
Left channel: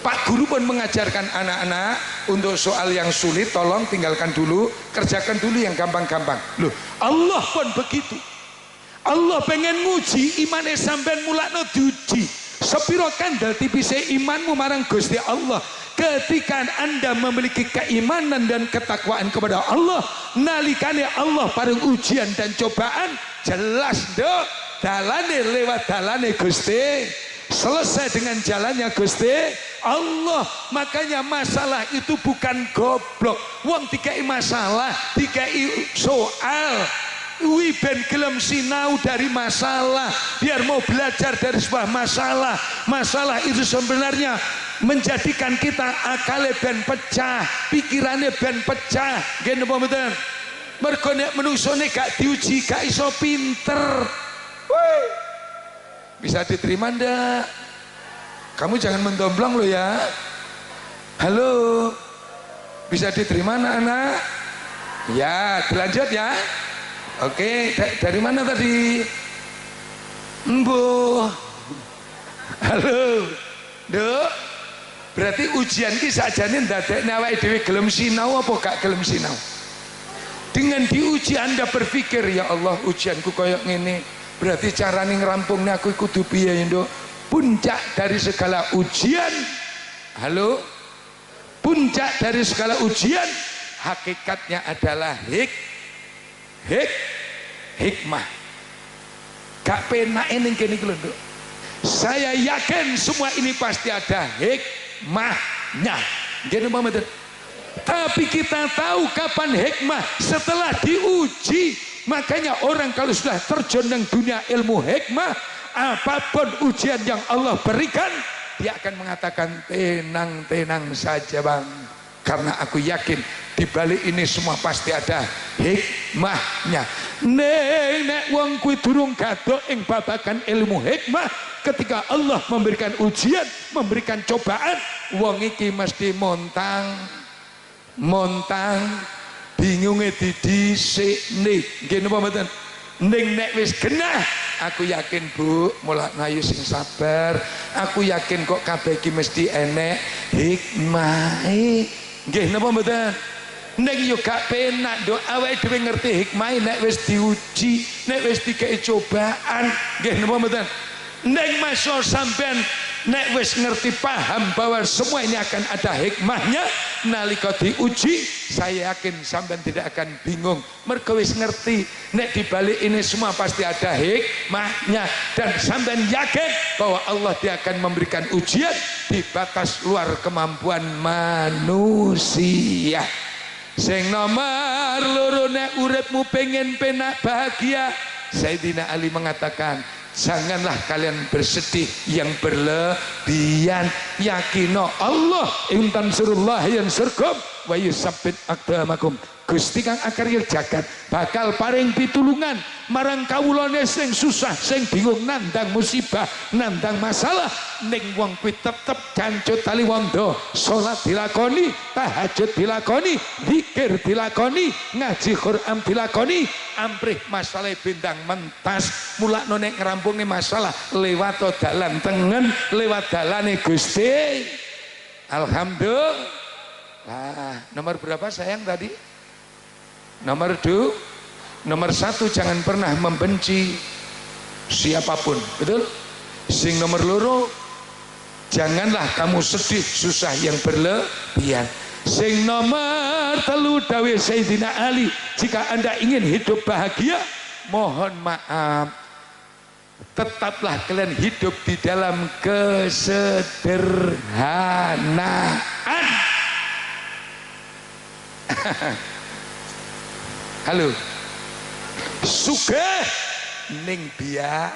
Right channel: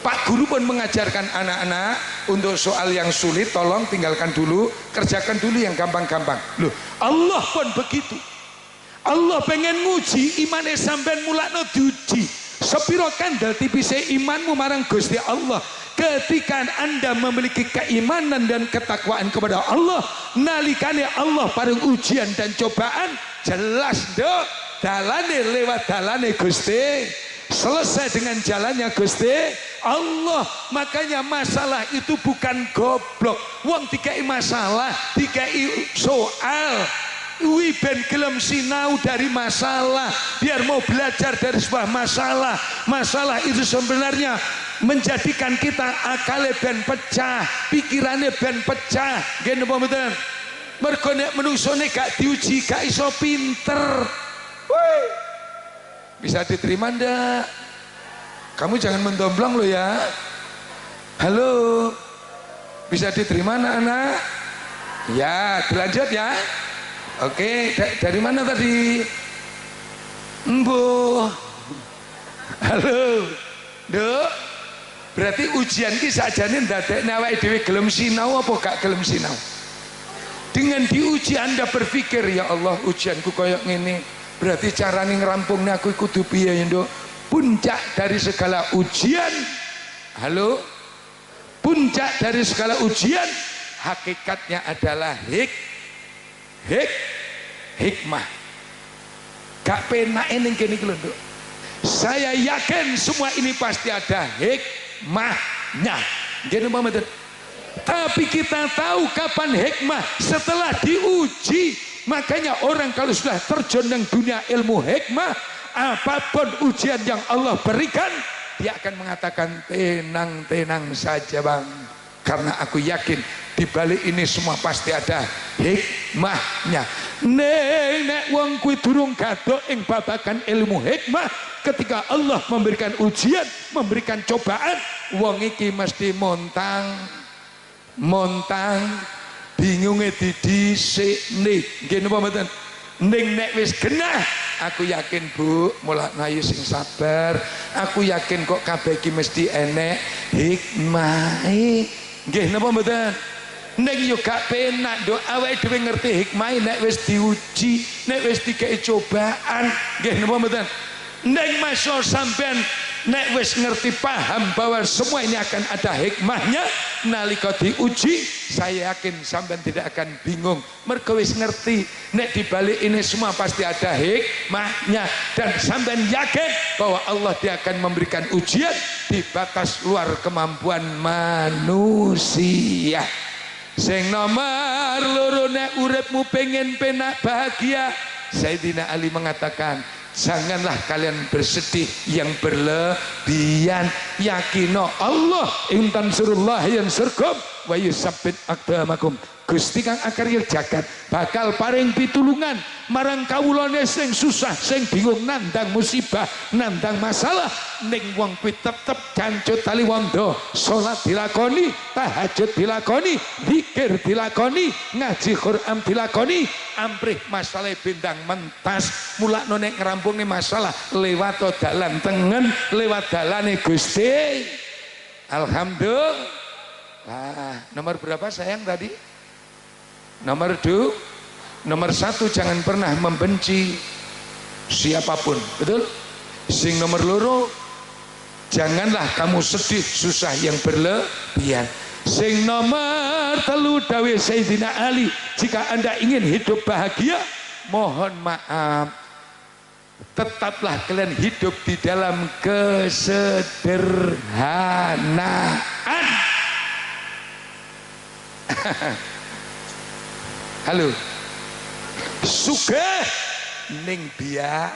Pak guru pun mengajarkan anak-anak untuk soal yang sulit tolong tinggalkan dulu, kerjakan dulu yang gampang-gampang. Loh, Allah pun begitu. Allah pengen nguji imane sampean mulakno diuji. Sepiro kandel tipise imanmu marang Gusti Allah. Ketika Anda memiliki keimanan dan ketakwaan kepada Allah, nalikane Allah paring ujian dan cobaan, jelas Nduk, dalane lewat dalane Gusti. Selesai dengan jalannya Gusti Allah. Makanya masalah itu bukan goblok. Wong dikai masalah, dikai soal, wi ben gelem sinau dari masalah, biar mau belajar dari sebuah masalah. Masalah itu sebenarnya menjadikan kita akale ben pecah, pikirannya ben pecah. Nggih napa mboten? Mergo nek menungsone gak diuji gak iso pinter. Woi. Bisa diterima ndak? Kamu jangan mendomplong lo ya. Halo. Bisa diterima anak-anak? Ya, dilanjut ya. Oke, dari mana tadi? Halo. Duk. Berarti ujian ki sakjane ndadekne awake dhewe gelem sinau apa gak gelem sinau. Dengan diuji Anda berpikir, ya Allah ujianku koyok ngene, berarti carane ngrampungne aku kudu piye nduk. Puncak dari segala ujian, halo, puncak dari segala ujian hakikatnya adalah hikmah. Gak penak ning kene iki lho nduk. Saya yakin semua ini pasti ada hikmahnya. Nggih napa mboten? Tapi kita tahu kapan hikmah setelah diuji. Makanya orang kalau sudah terjun dalam dunia ilmu hikmah, apapun ujian yang Allah berikan, dia akan mengatakan tenang-tenang saja bang, karena aku yakin di balik ini semua pasti ada hikmahnya. Nek wong kuwi durung gadok ing babagan ilmu hikmah, ketika Allah memberikan ujian, memberikan cobaan, wong iki mesti montang bingunge didhisikne. Nggih napa mboten? Ning nek wis genah, aku yakin Bu, mulakno ayo sing sabar. Aku yakin kok kabeh iki mesti enek hikmahe. Nggih napa mboten? Nek yo gak penak nduk, awake dhewe ngerti hikmahe nek wis diuji, nek wis dikei cobaan. Nggih napa mboten? Nek masuk sampean nek wis ngerti paham bahwa semua ini akan ada hikmahnya, nalika diuji saya yakin sampean tidak akan bingung, mergo wis ngerti nek dibalik ini semua pasti ada hikmahnya, dan sampean yakin bahwa Allah dia akan memberikan ujian di batas luar kemampuan manusia. Sing nomor loro, nek uripmu pengen penak bahagia, Sayyidina Ali mengatakan, janganlah kalian bersedih yang berlebihan. Yakino Allah intan surullah yang surgum wa yusabbit aqdamakum. Gusti kang akarya jagat bakal paring pitulungan marang kawulane sing susah, sing bingung nandang musibah, nandang masalah. Ning wong kuwi tetep jancut tali wondo, salat dilakoni, tahajud dilakoni, zikir dilakoni, ngaji Quran dilakoni, amprih masalah bendang mentas. Mulakno nek ngrampungne masalah lewat dalan tengen, lewat dalane Gusti. Alhamdulillah. Nomor berapa sayang tadi? Nomor 2, nomor 1 jangan pernah membenci siapapun, betul? Sing nomor loro, janganlah kamu sedih susah yang berlebihan. Sing nomor 3 dawuh Sayyidina Ali, jika Anda ingin hidup bahagia, mohon maaf, tetaplah kalian hidup di dalam kesederhanaan. Halo, sugih ning biya,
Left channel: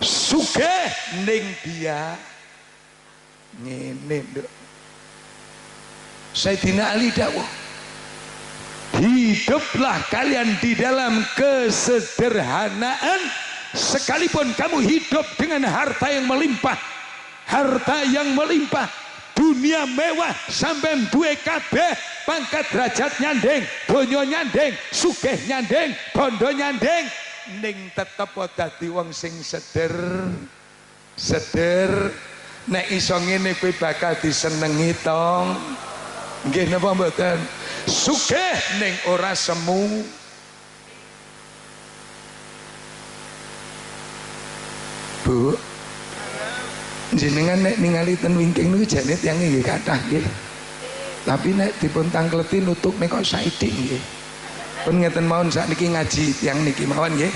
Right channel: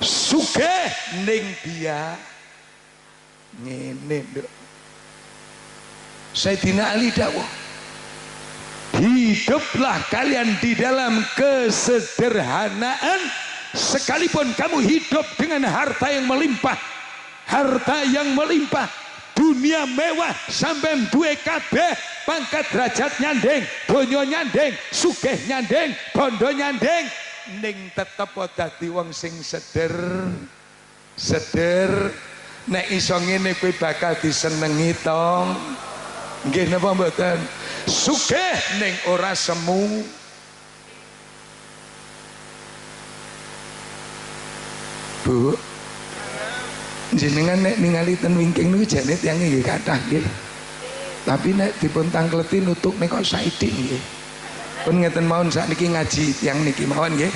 sugih ning biya ngene nduk. Sayyidina Ali dawuh, hiduplah kalian di dalam kesederhanaan, sekalipun kamu hidup dengan harta yang melimpah, dunia mewah, sampai duwe kabeh, pangkat derajat nyandeng, donya nyandeng, sugih nyandeng, bondo nyandeng, ning tetep dadi wong sing seder. Nek iso ngene kowe bakal disenengi tong. Nggih napa mboten? Sugih ning ora semu. Bu, jenengan nek ningali ten wingking niku jane tiyang nggih kathah nggih. Tapi nek dipun tangkleti nutuk nek kok saithik nggih. Pun ngeten mawon sakniki ngaji tiyang niki mawon nggih.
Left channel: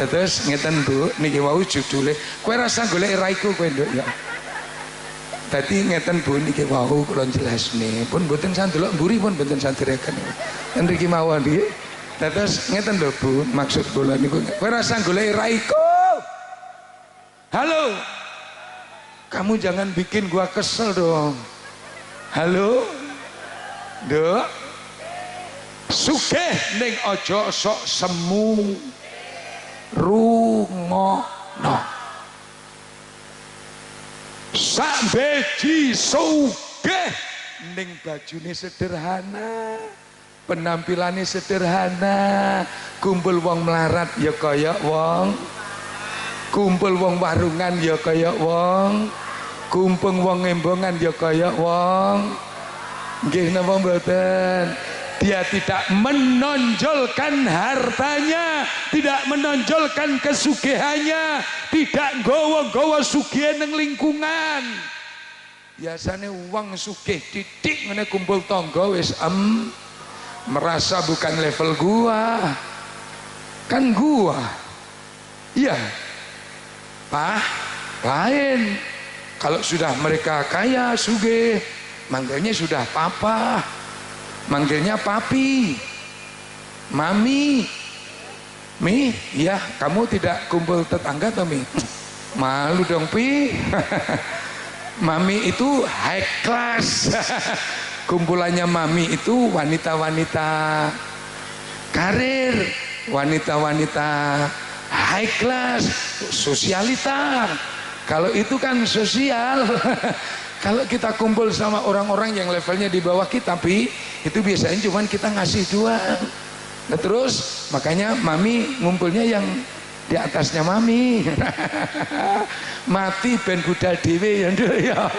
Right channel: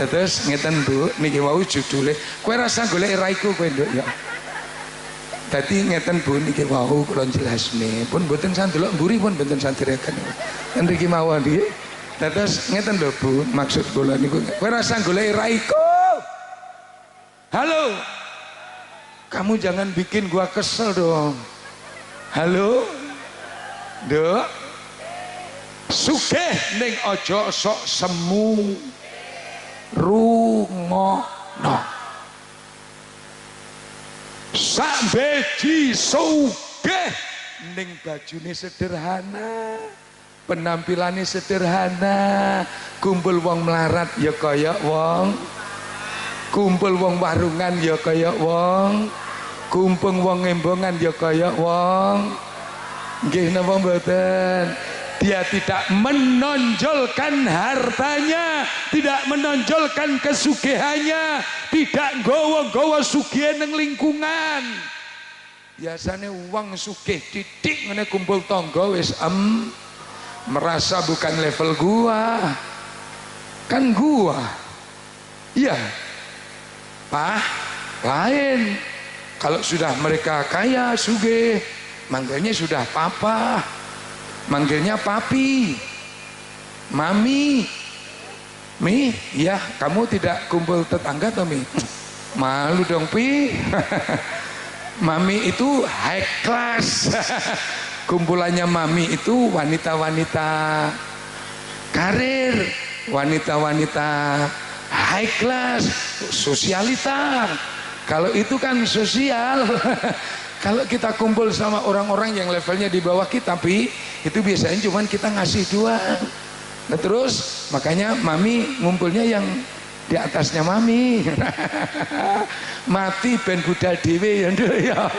Ya terus ngeten Bu, niki wau judule kowe rasa golek raiku kowe nduk ya. Dadi ngeten Bu, niki wau kula jelasne. Pun mboten sandelok mburi pun mboten sanderaken. Ten mriki mawon nggih. Terus ngeten lho Bu, maksud kula niku kowe rasa golek raiku. Halo. Kamu jangan bikin gua kesel dong. Halo, Dok. Sugih ning ojo sok semu. Rungono. Sak beji sugih ning bajune sederhana, penampilannya sederhana, kumpul wong melarat ya kaya wong, kumpul wong warungan ya kaya wong, Kumpung wong embongan ya kaya wong nggih napa mboten. Dia tidak menonjolkan hartanya, tidak menonjolkan kesugihannya, tidak nggawa-nggawa sugih ning lingkungan. Biasanya uang sugih titik ngene kumpul tangga wis merasa bukan level gua. Kan gua. Iya. Pak, lain. Kalau sudah mereka kaya sugih, manggilnya sudah papa. Manggilnya papi, mami, mi, ya kamu tidak kumpul tetangga toh mi? Malu dong pi. Mami itu high class. Kumpulannya mami itu wanita-wanita karir, wanita-wanita high class, sosialita. Kalau itu kan sosial. Kalau kita kumpul sama orang-orang yang levelnya di bawah kita, tapi itu biasanya cuman kita ngasih doang. Nah, terus makanya mami ngumpulnya yang di atasnya mami. Mati ben budal dhewe ya.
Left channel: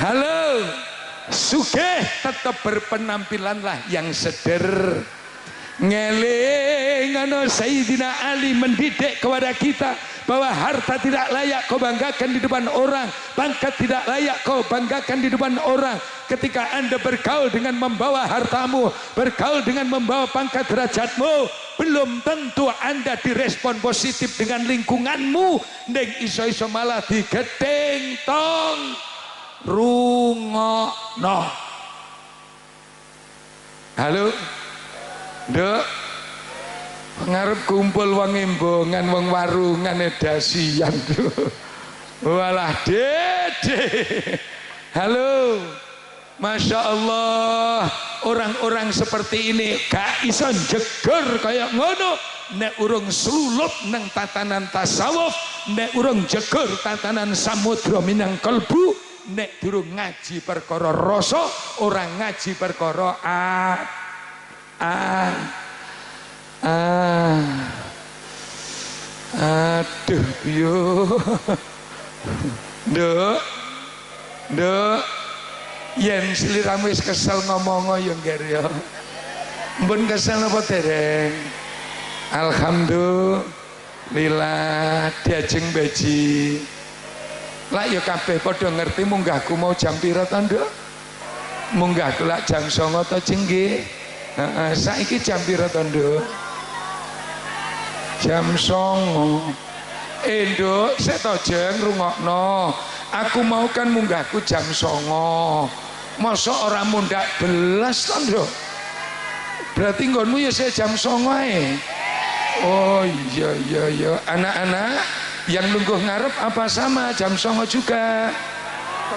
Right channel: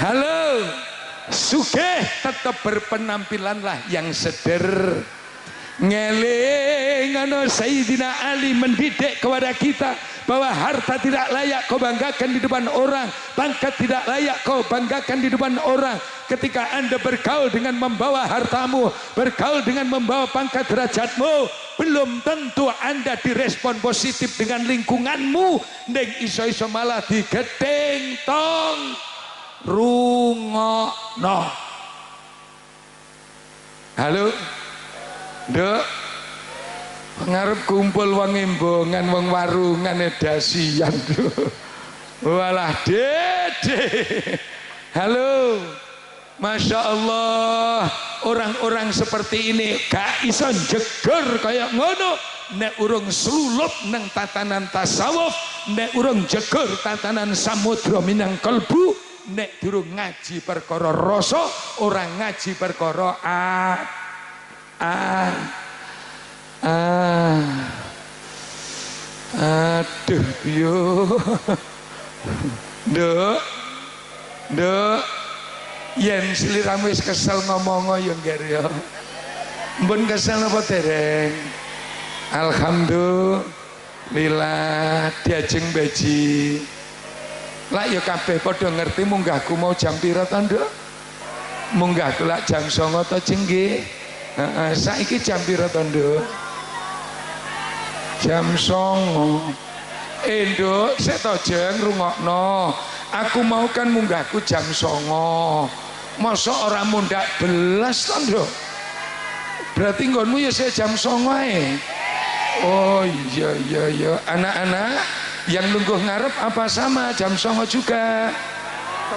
Halo. Sugih tetap berpenampilan lah yang seder. Ngeling ana Sayyidina Ali mendidik kepada kita bahwa harta tidak layak kau banggakan di depan orang, pangkat tidak layak kau banggakan di depan orang. Ketika Anda bergaul dengan membawa hartamu, bergaul dengan membawa pangkat derajatmu, belum tentu Anda direspon positif dengan lingkunganmu. Ning iso-iso malah digedeng tong rungokno. Halo Nduk, ngarep kumpul wong embongan, wong warungan edasian. Walah dede. Halo. Masya Allah, orang-orang seperti ini gak iso jeger kayak ngono. Nek urung slulup nang tatanan tasawuf, nek urung jeger tatanan samudra minang kalbu, nek durung ngaji perkara rasa, orang ngaji perkara aduh yo. Nduk yen sliramu wis kesel ngomong yo ngger yo. Mbun kesel apa dereng? Alhamdulillah diajeng beji. Lah yo kabeh padha ngerti munggahku mau jam pira ta, Nduk? Munggahku lak jam 09.00 ta nggih? Saiki jam pira to, Nduk? Jam 09.00. Nduk, sik to jeng rungokno. Aku mau kan munggahku jam 09.00. Mosok ora mundak belas to, Nduk? Berarti nggonmu ya sik jam 09.00 ae. Oh iya. Anak-anak yang lungguh ngarep apa sama jam 09.00 juga?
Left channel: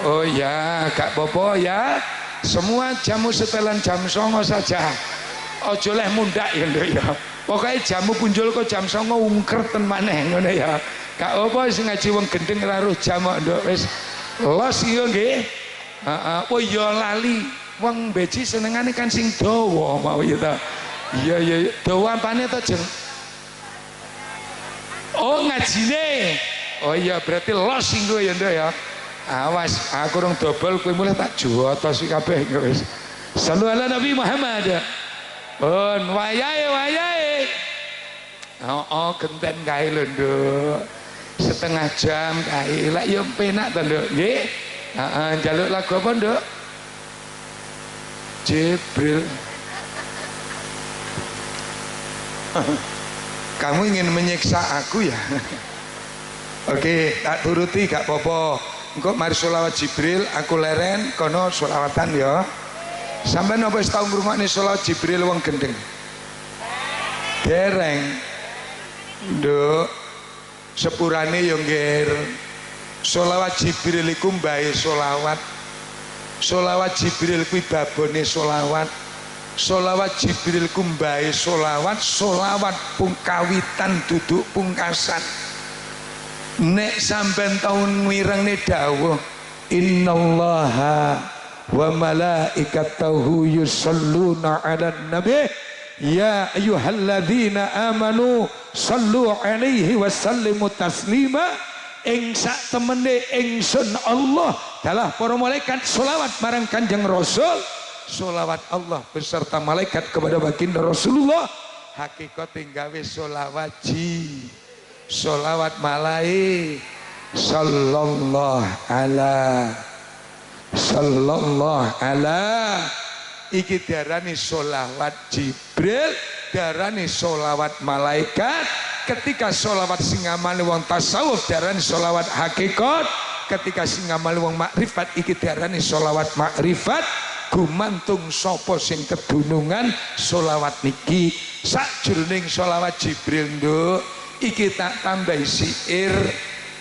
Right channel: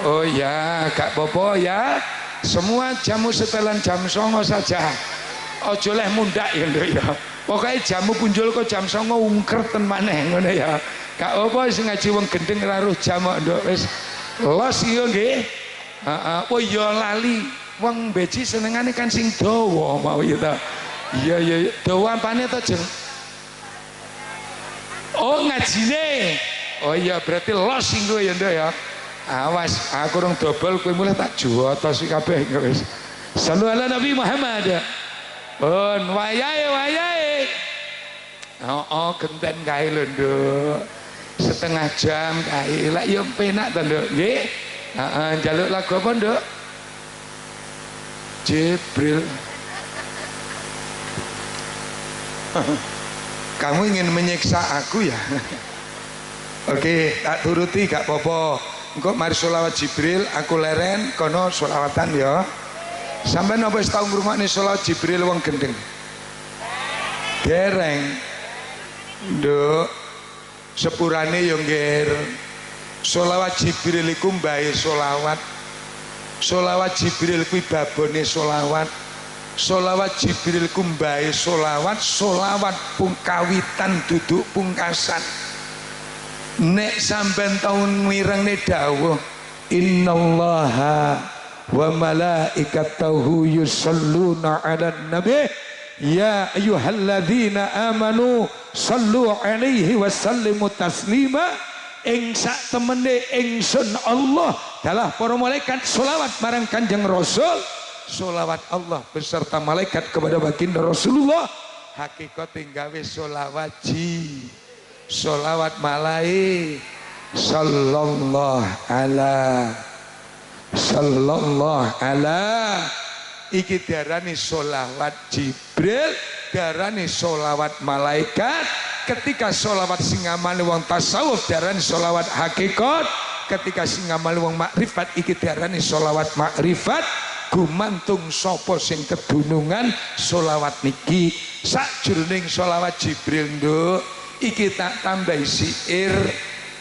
Oh ya, gak apa-apa ya. Semua jamu setelan jam 09.00 saja. Ojo leh mundak ya Nduk ya. Pokoknya jamu punjul kok jam 09.00 ungkerten maneh ngono ya. Gak apa sing ngaji wong gendeng ora roh jam Nduk wis los yo nggih. Oh ya lali. Wong beji senengane kan sing dawa mau ya ta. Iya. Dawa apane to, Jeng? Oh ngajine. Oh iya berarti los sing ya Nduk ya. Awas, aku rong dobel kowe mulai tak jotos kabeh wis. Sallu ala Nabi Muhammad. Pun wayahe. Oh, genten kae lho, Nduk. Setengah jam kae. Lah ya penak to, Nduk. Nggih. Heeh, njaluk lagu apa, Nduk? Jibril. Kamu ingin menyiksa aku ya? Oke, tak turuti gak apa-apa. Engko mari sholawat Jibril, aku leren kono sholawatan ya. Sampai napa wis tau ngrungokne sholawat Jibril wong gendeng? Dereng. Nduk, sepurane yo ngger. Sholawat Jibril iku mbae sholawat. Sholawat Jibril kuwi babone sholawat. Sholawat Jibril ku mbae sholawat, sholawat pungkawitan duduk pungkasan. Nek sampean taun mirengne dawuh innallaha wa malaikatahu yusholluna 'alan nabi ya ayyuhalladzina amanu sallu 'alaihi wa sallimu taslima. ing sak temene ingsun Allah dalah para malaikat sholawat marang Kanjeng Rasul. Sholawat Allah beserta malaikat kepada baginda Rasulullah hakikat gawe sholawat sholawat malai sallallahu ala iki diarani sholawat Jibril, diarani sholawat malaikat. Ketika sholawat sing ngamali wong tasawuf diarani sholawat hakikat, ketika sing ngamali wong makrifat iki diarani sholawat makrifat. Gumantung sapa sing kedunungan sholawat niki. Sakjroning sholawat Jibril nduk iki tak tambahi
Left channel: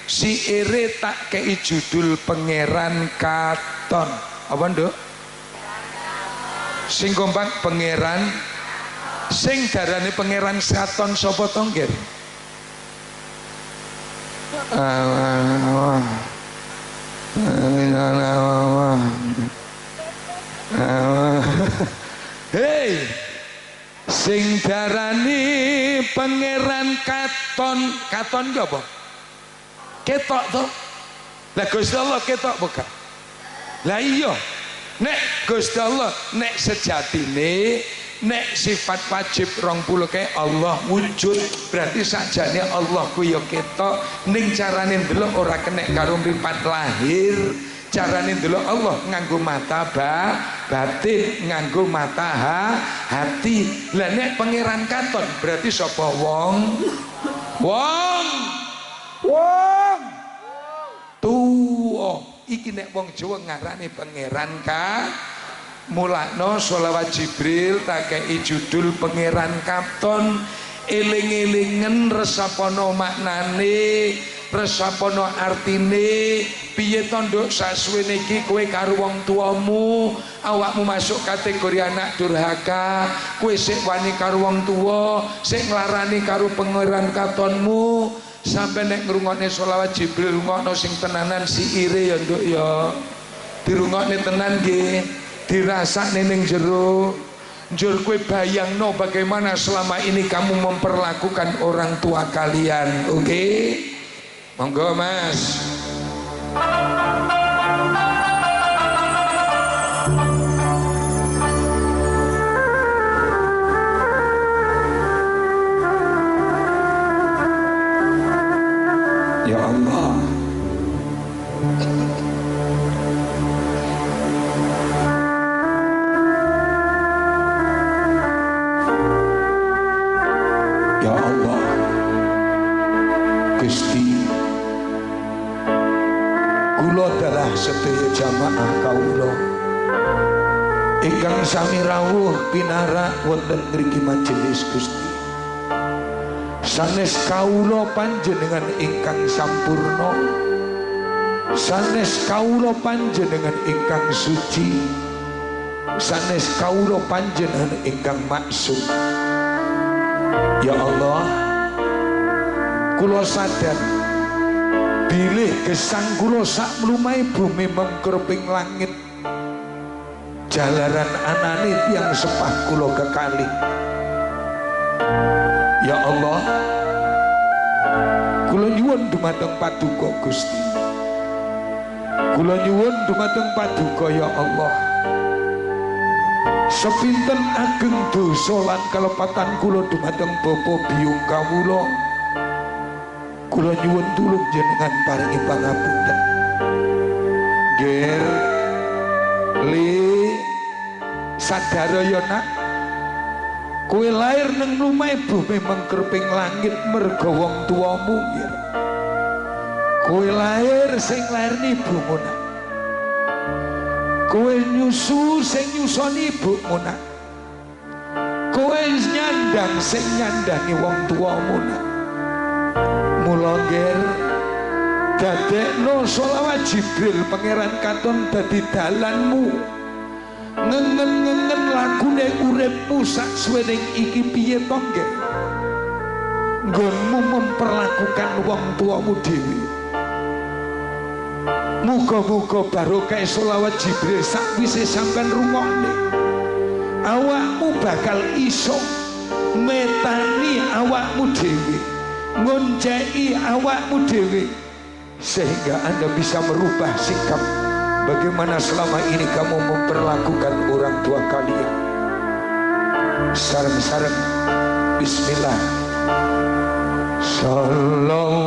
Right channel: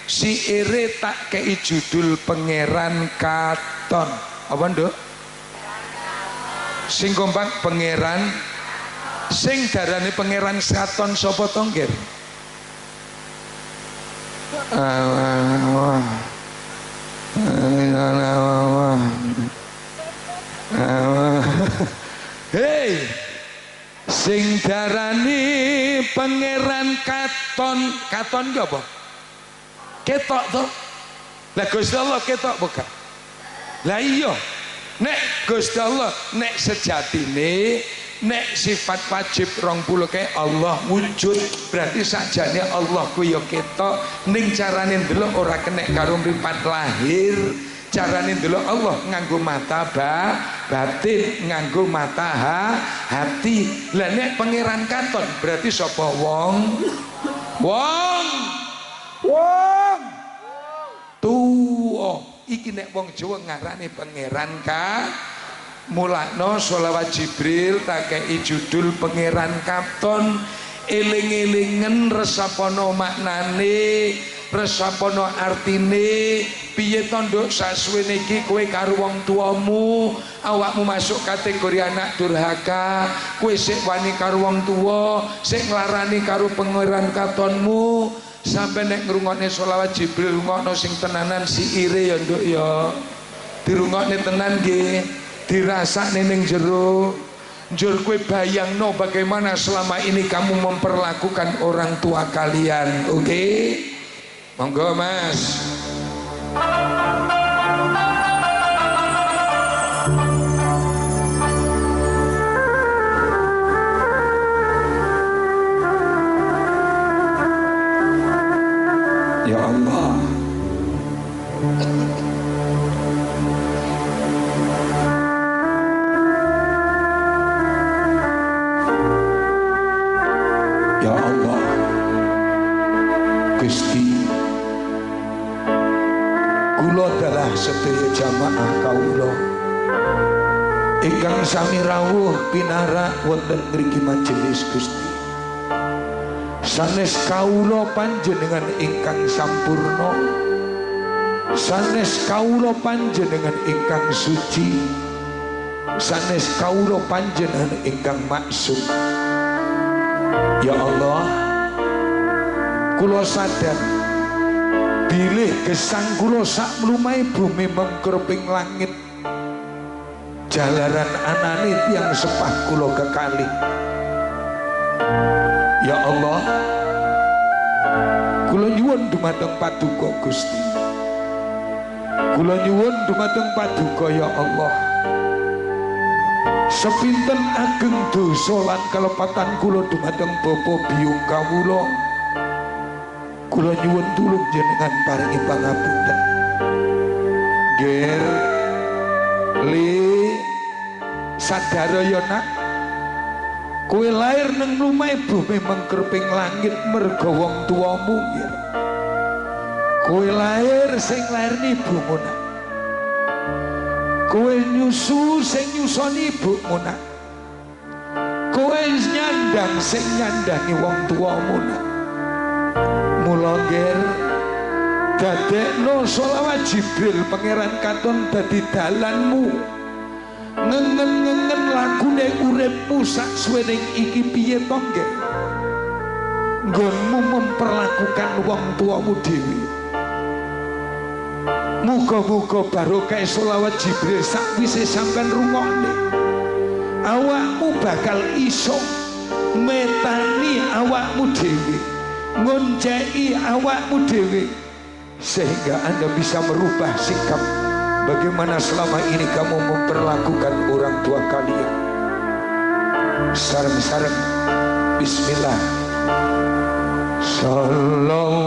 siire tak kei judul Pangeran Katon. Apa nduk? Sing kompak Pangeran, sing darane Pangeran Katon sapa to nggih? Hei, sing darani Pangeran Katon ki apa? Ketok to. Lah Gusti Allah ketok bukan? Lah iya. Nek Gusti Allah nek sejatine nek sifat wajib 20 kae Allah wujud, berarti sakjane Allah ku ya ketok ning carane ndelok ora kenek karo mripat lahir. Carane ndelok Allah nganggo mata batin, nganggo mata hati. Lah nek Pangeran Katon berarti sapa wong tuwa. Iki nek wong Jawa ngarani Pangeran mulakno sholawat Jibril tak kei judul Pangeran Katon. Eling-elingen resapana maknane, resapana artine. Piye to nduk sasuwene iki kowe karo wong tuamu, awakmu masuk kategori anak durhaka, kowe sik wani karo wong tuwa, sik nglarani karo Pangeran Katonmu. Sampai nek ngrungokne sholawat Jibril rungokno sing tenanan siire ya nduk ya. Dirungokne tenan nggih, dirasakne ning jero. Njur kowe bayangno bagaimana selama ini kamu memperlakukan orang tua kalian. Oke? Monggo Mas. Ya Allah, ya Allah, Gusti, kula adalah sedaya jamaah kaula ingkang sami rawuh pinarak wonten mriki majelis Gusti. Sanes kaula panjenengan ingkang sampurna, sanes kaula panjenengan ingkang suci, sanes kaula panjenengan ingkang maksum. Ya Allah, kula sadar bilih gesang kula sak mlumahe bumi mengkerping langit, jalaran anane tiyang sepah kula kekalih. Ya Allah, kula nyuwun dumateng paduka Gusti, kula nyuwun dumateng paduka ya Allah. Sepinten ageng dosa lan kalepatan kula dumateng bapa biyung kawula, kula nyuwun tulung jenengan paringi pangapunten. Ger li sadara ya nak, kowe lair nang lumahe bumi mengkerping langit merga wong tuamu ya. Kowe lair sing lairni ibumu nak. Kowe nyusu sing nyusoni ibumu nak. Kowe nyandang sing nyandangi wong tuamu nak. Mula ger dadekno sholawat Jibril Pangeran Katon dadi dalanmu. Ngengen-ngengen lagune uripmu saksuwening iki piye to nggih? Nggonmu memperlakukan wong tuamu dhewe. Muga-muga barokah sholawat Jibril sakwise sampean rungokne, awakmu bakal iso metani awakmu dhewe, ngonceki awakmu dhewe sehingga Anda bisa merubah sikap bagaimana selama ini kamu memperlakukan orang tua kalian. Sareng-sareng bismillah. Sallallahu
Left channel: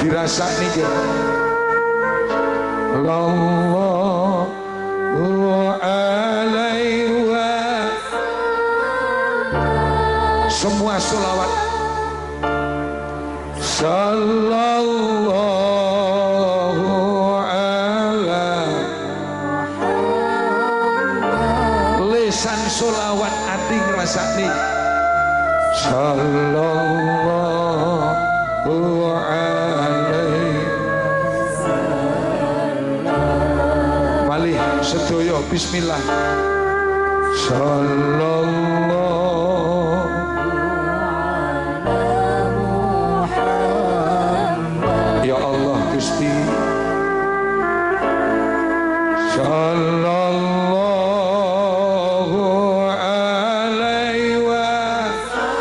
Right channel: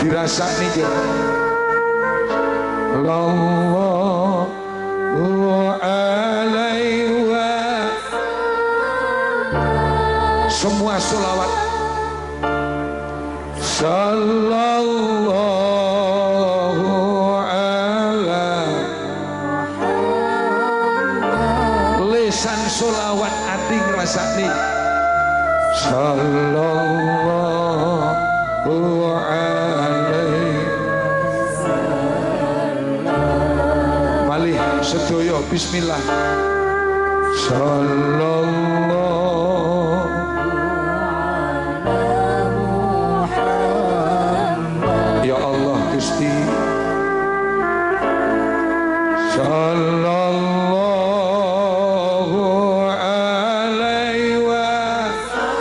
dirasa nih Sallallahu alaihi wa semua sholawat. Sallallahu alaihi lesan sholawat ati ngrasakne Sallallahu alaihi malih sedaya bismillah. Sallallahu ya Allah Gusti. Sallallahu alaihi wasallam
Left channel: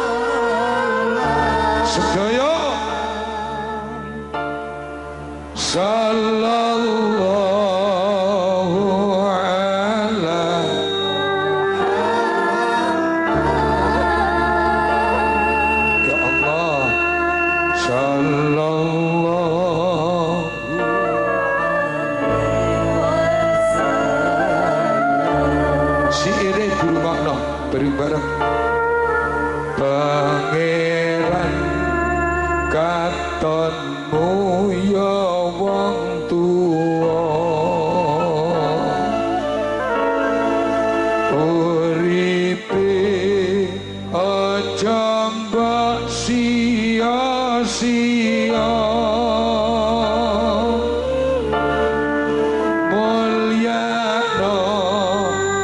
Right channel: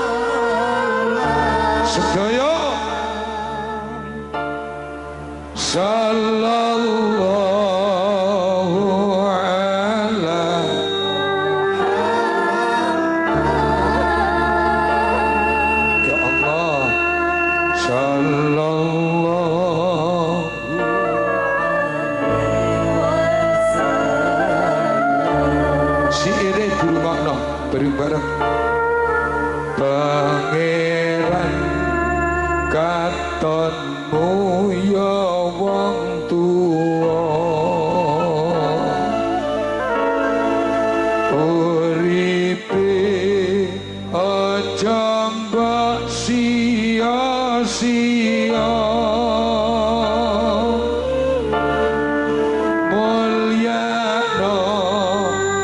sedaya. Sallallahu alaihi ya Allah. Sallallahu siire dirungokno bareng-bareng. Pangeran katonmu ya wong tuwa uripe aja mbok sia-sia mulyano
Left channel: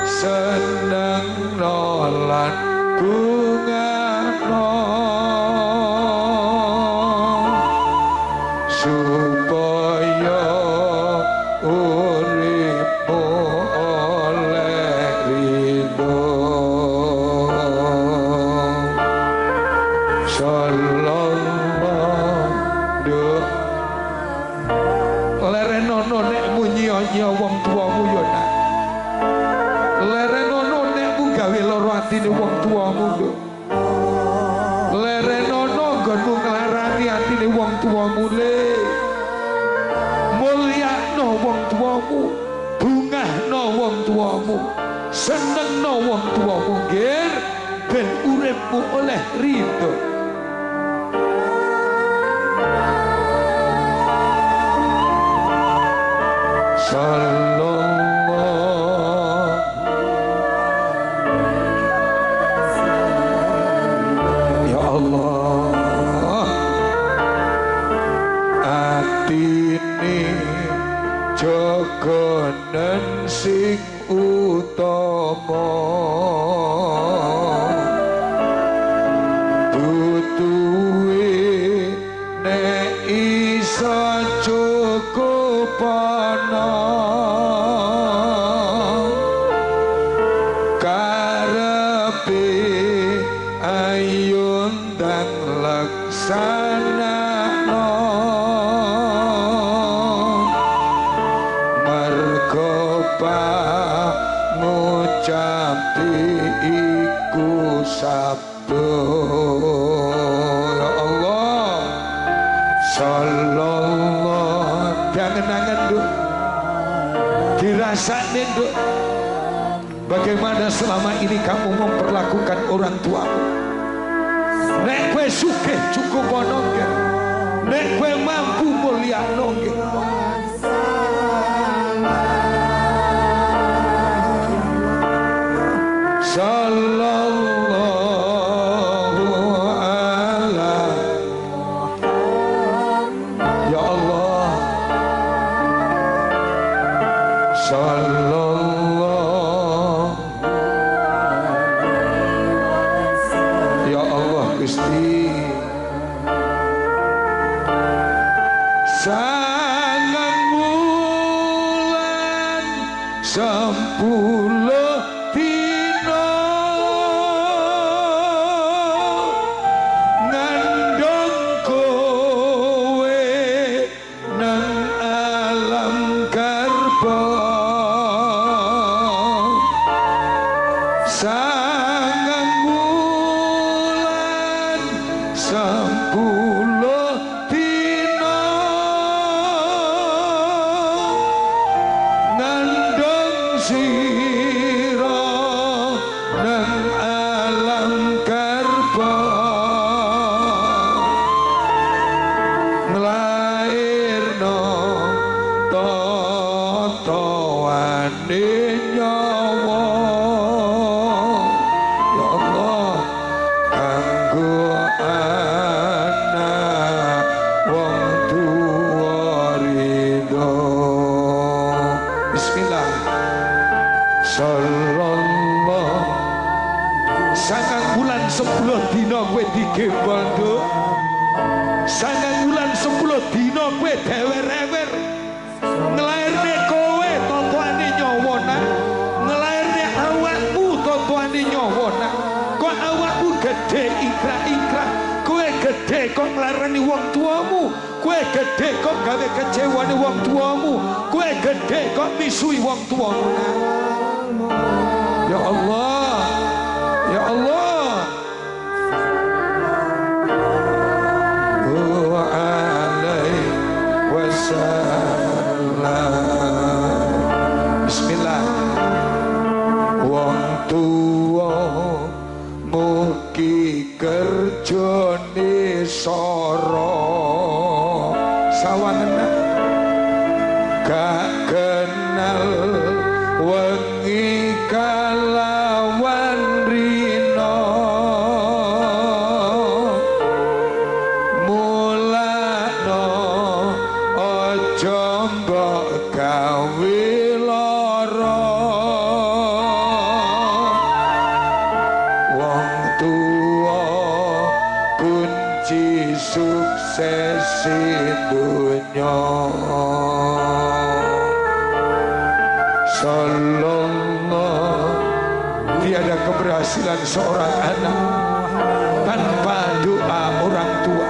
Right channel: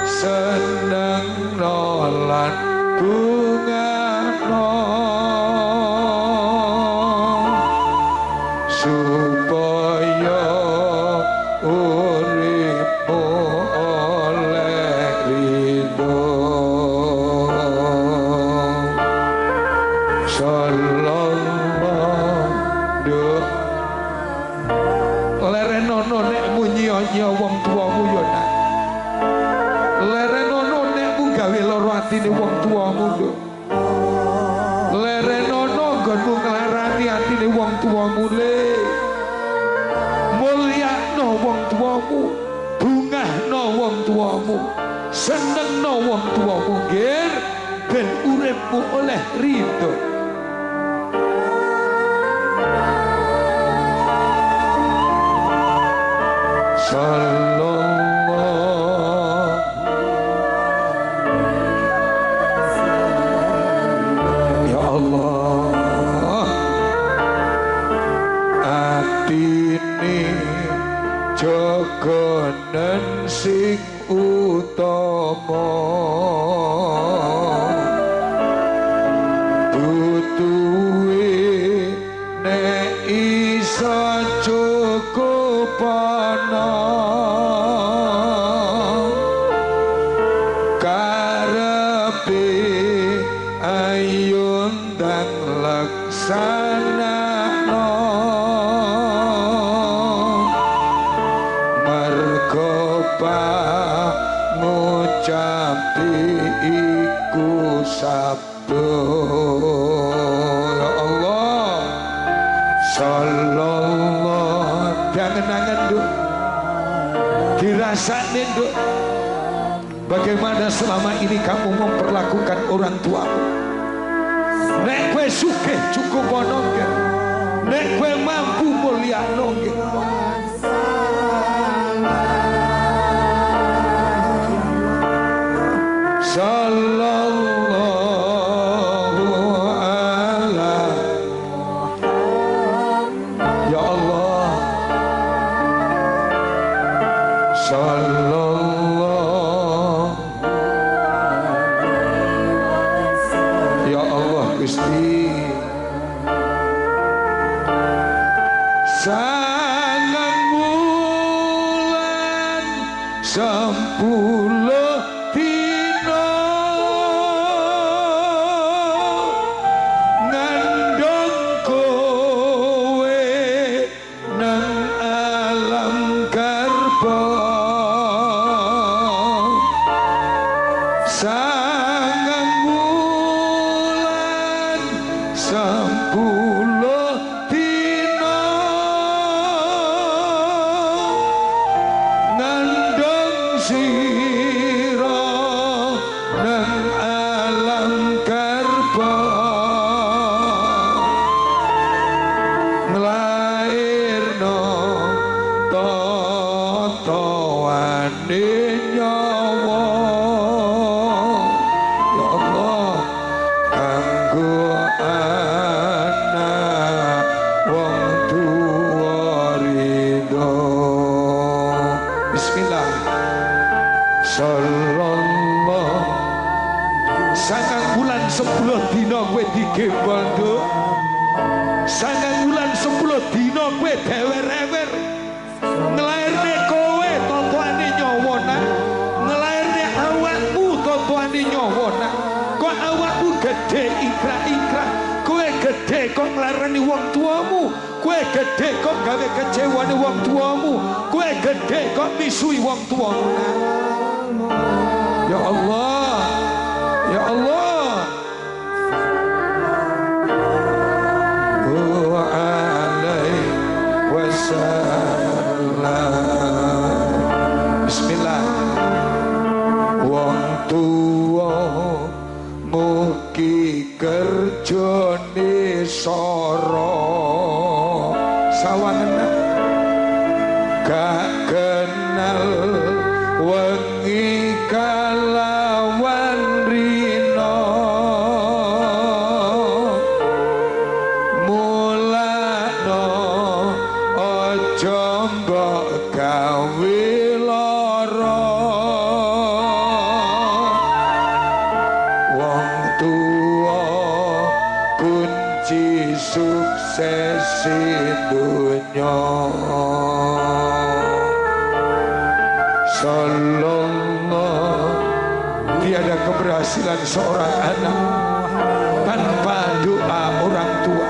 senengno lan bungano supaya uripmu oleh ridho. Sallallahu lerenono nek munyi-nyi wong tuamu ya nak. Lerenono nek mu gawe lara atine wong tuamu lho. Lerenono nggonmu nglarani atine wong tuamu le. Mulyakno wong tuamu, bungahno wong tuamu, senengno wong tuamu nggih ben uripmu oleh ridho. Sallallahu ya Allah atine jogonen sing utama butuhe nek iso cukup ana karepe ayo ndang laksanakno mergo ngucapi iku sabda ya Allah. Sallallahu jangan-jangan Nduk dirasane Nduk bagaimana selama ini kamu memperlakukan orang tuamu. Nek kowe sugih cukup ana nggih, nek kowe mampu mulyakno nggih. Sallallahu alaihi ya Allah. Sallallahu ya Allah Gusti. Sangang bulan 10 dina sira nang alam karba nglairno totoane nyawa ya Allah kanggo anak wong tuwa ridho. Bismillah. Sallallahu sangang bulan 10 dina kowe digembol nduk. Sangang bulan 10 dina kowe dewer-ewer nglairne kowe totoane nyawa nak. Nglairne awakmu totoane nyawa nak. Kok awakmu gede ikrah-ikrah. Kowe gede kok nglarani wong tuamu. Kowe gede kok gawe kecewane wong tuamu. Kowe gede kok misui wong tuamu nak. Ya Allah, ya Allah. Wa alaihi wasallam. Bismillah. Wong tuwa mugi kerjane sara sawangen gak kenal wengi kalawan rina mulakno aja mbok gawe lara wong tuwa kunci sukses dunya. Sallallahu tiada keberhasilan seorang anak tanpa doa orang tua.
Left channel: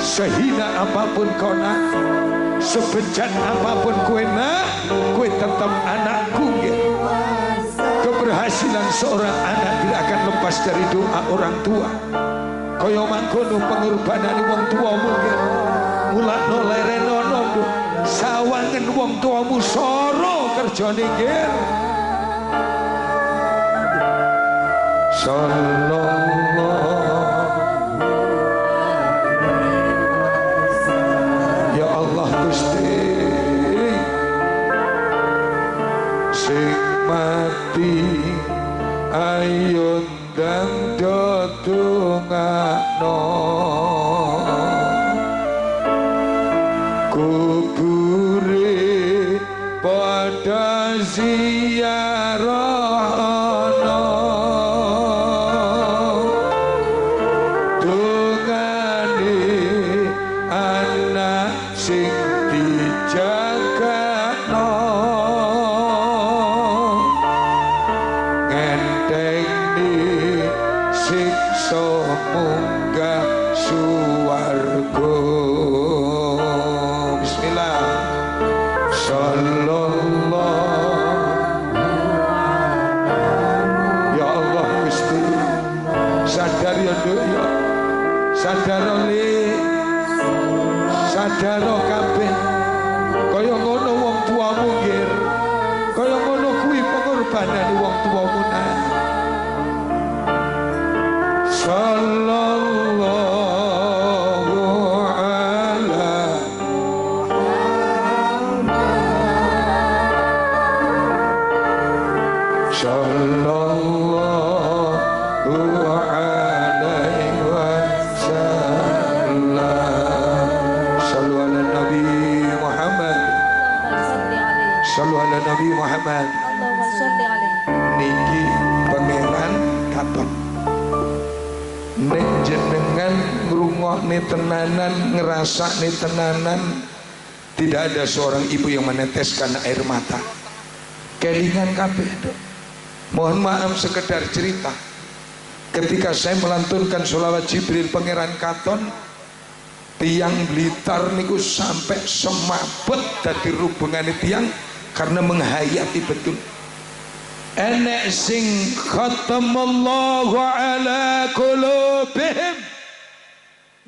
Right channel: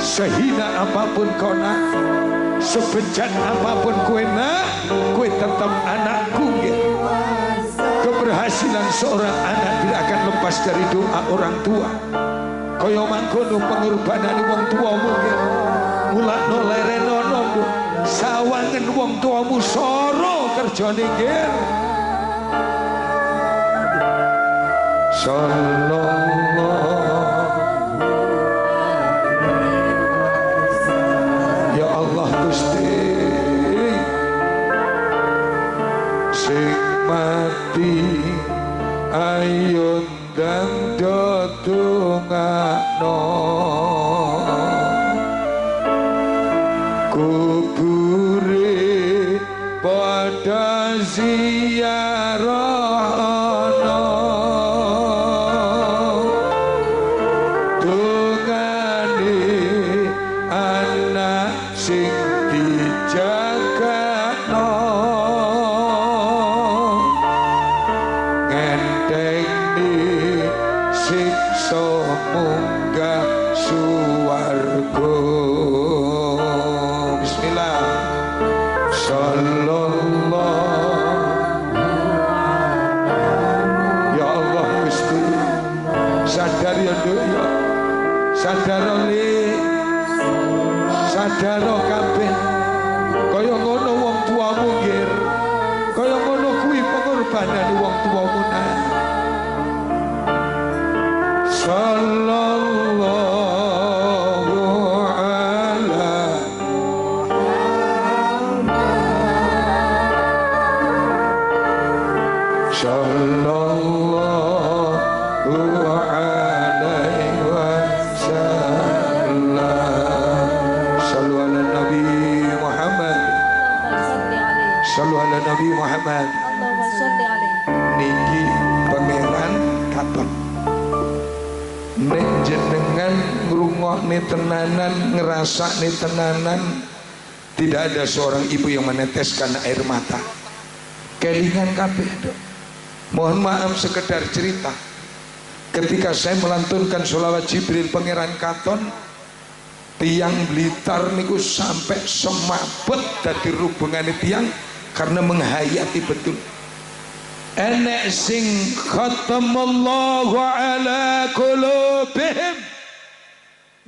Sehina apapun kau nak, sebejat apapun kue nak, kue tetap anakku ya. Keberhasilan seorang anak tidak akan lepas dari doa orang tua. Kaya mangkono pengorbanan wong tuamu ya. Mulakno lerenono sawangen wong tuamu soro kerjane nggih. Sallallahu ya Allah Gusti sing mati ayo ndang dongakno kubure pada ziarahana dongane anak sing dijagakno ngenteni siksa munggah suwarga. Bismillah. Sallallahu ya Allah Gusti sadar ya Nduk ya sadar li sadar kabeh kaya ngono wong tuamu nggih kaya ngono kuwi pengorbanan wong tuamu nah. Sallallahu ala sallallahu alaihi wasallam. Sallu ala Nabi Muhammad. Sallu ala Nabi Muhammad. Niki pangeran katon. Nek jenengan ngrungokne tenanan, ngerasakne tenanan, tidak ada seorang ibu yang meneteskan air mata. Kelingan kabeh, Dok. Mohon maaf sekedar cerita. Ketika saya melantunkan sholawat Jibril Pangeran Katon, tiang Blitar niku sampai semapet dadi hubungane tiang karena menghayati betul. Enek sing khatamallahu ala qulubihim,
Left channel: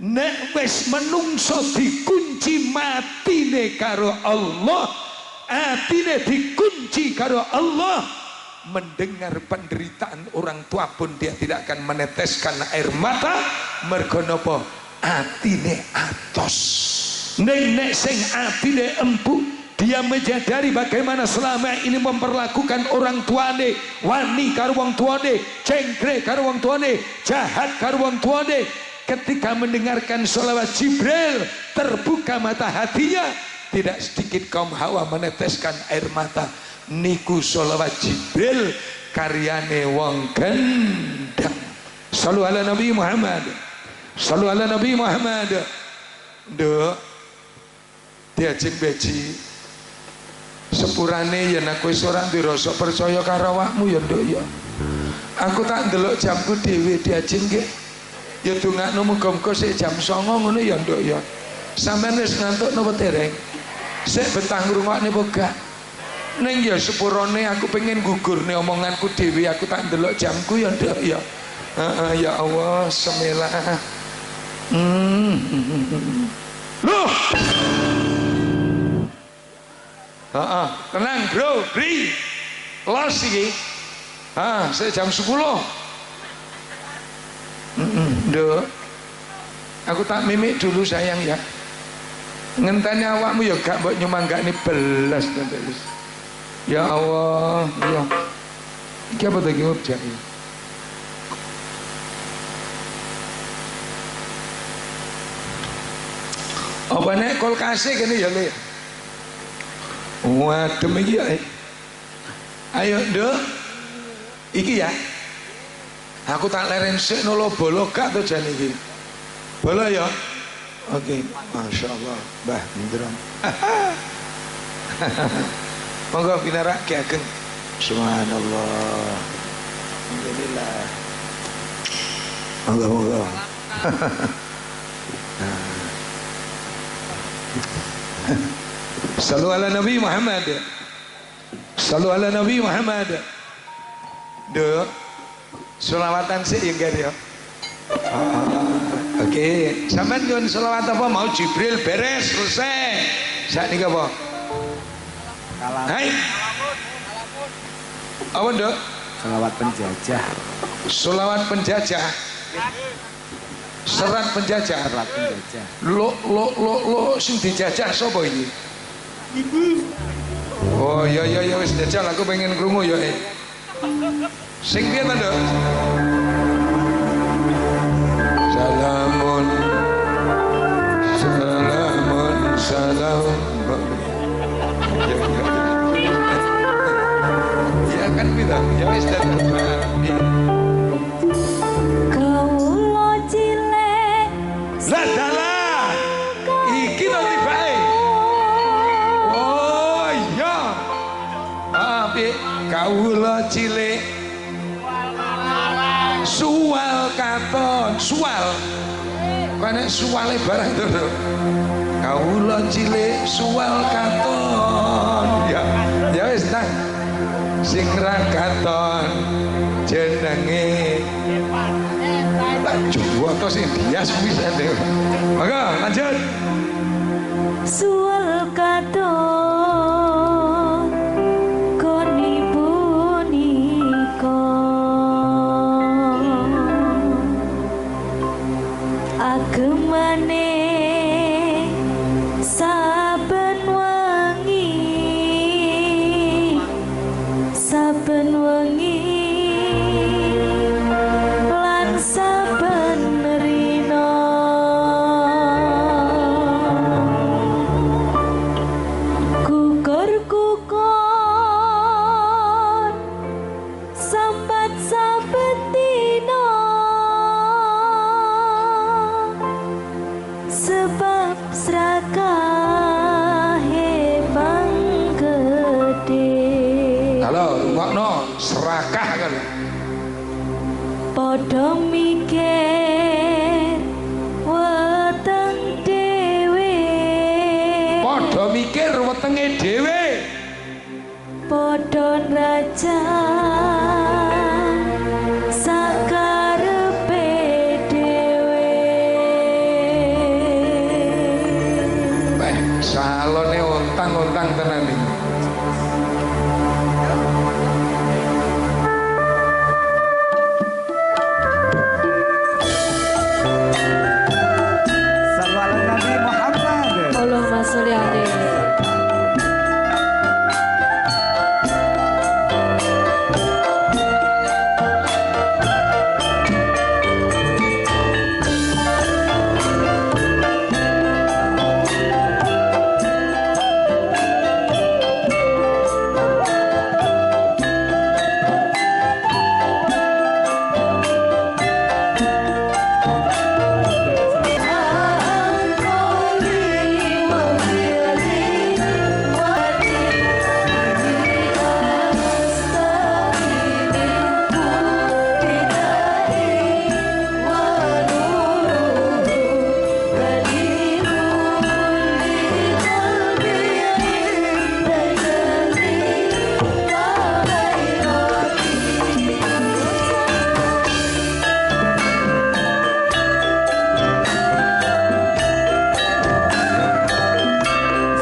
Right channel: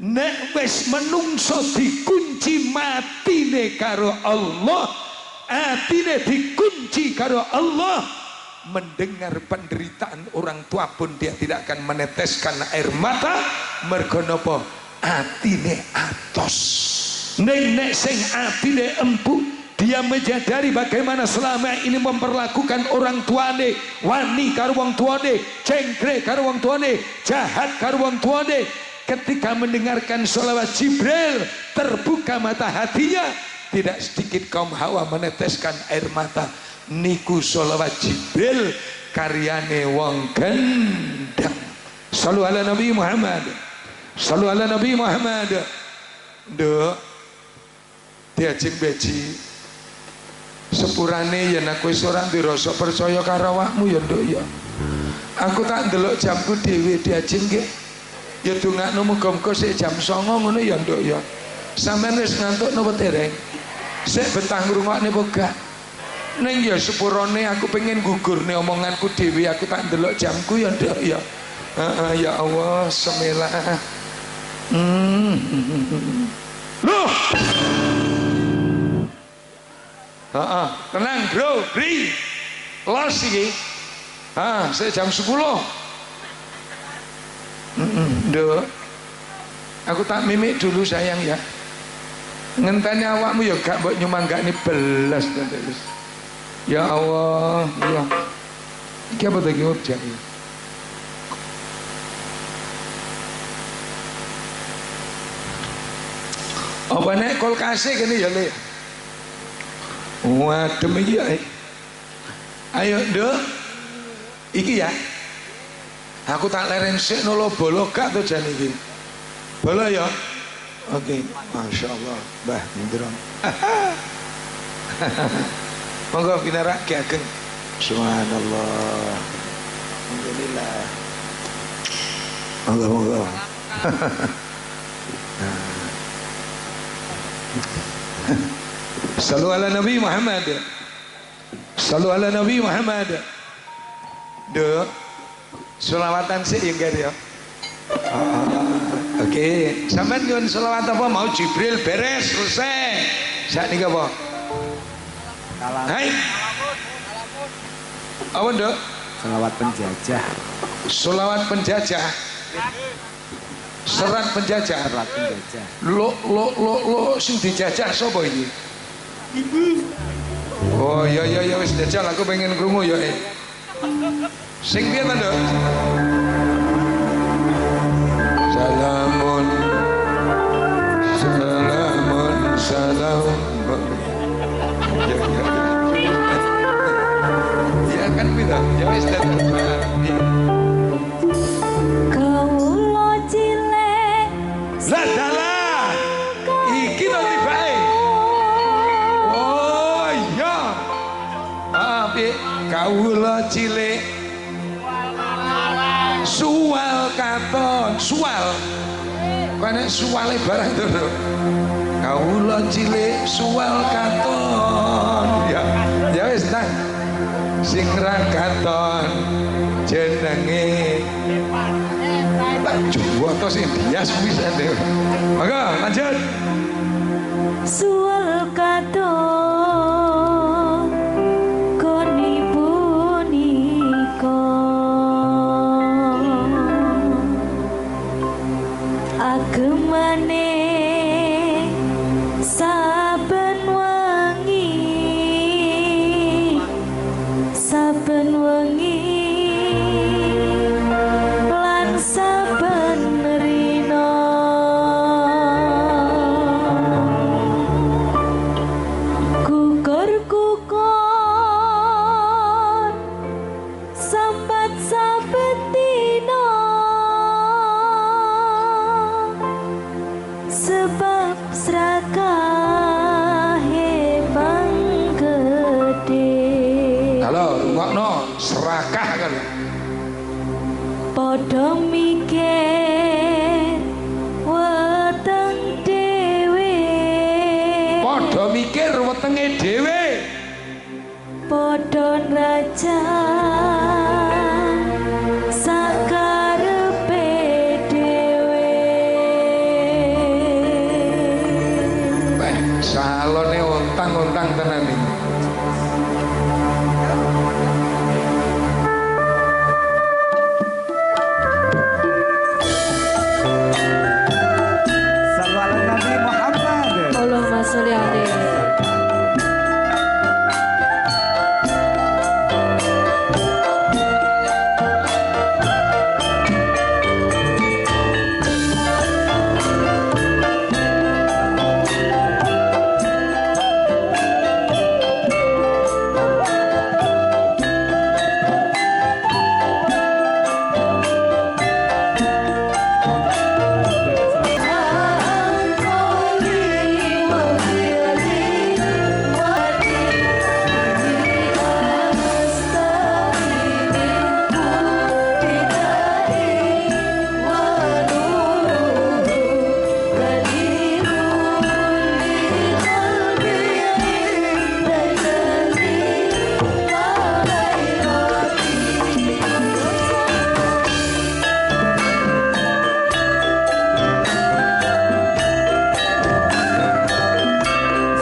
nek wis menungso dikunci matine karo Allah, atine dikunci karo Allah. Mendengar penderitaan orang tua pun dia tidak akan meneteskan air mata. Mergo napa? Atine atos. Nek sing atine empuk, dia menyadari bagaimana selama ini memperlakukan orang tuane, wani karo wong tuane, cengkre karo wong tuane, jahat karo wong tuane. Ketika mendengarkan sholawat Jibril, terbuka mata hatinya. Tidak sedikit kaum Hawa meneteskan air mata. Niku sholawat Jibril karyane wong gendang. Shallu ala Nabi Muhammad. Shallu ala Nabi Muhammad. Nduk diajeng beji sepurane yen aku wis ora ndirasa percaya karo awakmu ya nduk ya. Aku tak ndelok jamku dhewe diajeng nggih. Ya dongakno muga-muga sik jam 09.00 ngono ya nduk ya. Sampeyan wis ngantuk napa dereng? Sik betah ngrungokne apa gak? Ning ya sepurane aku pengen gugurne omonganku dhewe, aku tak ndelok jamku ya nduk ya. Heeh ya Allah, semilah. Loh. Tenang bro, Bri. Los iki. Saya jam 10. Nduk. Aku tak mimik dulu sayang ya. Ngenteni awakmu ya gak mbok nyumanggani belas terus. Ya Allah, ya. Iki apa tadi urjak iki? Apa nek kulkase kene ya, Le? Waduh iki ya. Ayo, Nduk. Iki ya. Aku tak leren sik nolo bolo gak to jan iki. Bolo ya. Oke, Masya Allah, Mbah Indrom. Monggo pinarak ki ageng. Subhanallah. Alhamdulillah. Monggo. Sallu ala Nabi Muhammad. Sallu ala Nabi Muhammad. Dek, selawatan sih yang ya. Oke, sampean nyuwun selawat apa mau Jibril beres selesai. Saat ini apa? Hai. Apa nduk? Selawat penjajah. Selawat penjajah. Serat penjajah. Serat penjajah. Lo sing dijajah sapa iki? Ibu. Oh ya wis jajal aku pengen krungu ya. Sing piye ta, Nduk? Salamun salam. Ya kan kita. Ya wis datang. Kawula cilik. Lah dalah. Iki lho tibake. Oh iya. Piye? Kawula cilik. Suwal katon, suwal. Kene suwale barang to. Kawula cilik suwal katon. Ya wis nang. Sing ra katon jenenge tak juwoto sing dias bisa deh. Maka lanjut. Suwal katon koni punika agemane saben wengi lan saben rina gugur sambat saben dina sebab srakahe panggede. Halo, rungokno serakah kan. Padha mikir weteng dhewe. Padha mikir wetenge dhewe. Padha nraja sakarepe dhewe. Salone ontang-ontang tenan iki. Sallu ala Nabi Muhammad. Allahumma sholli alaihi.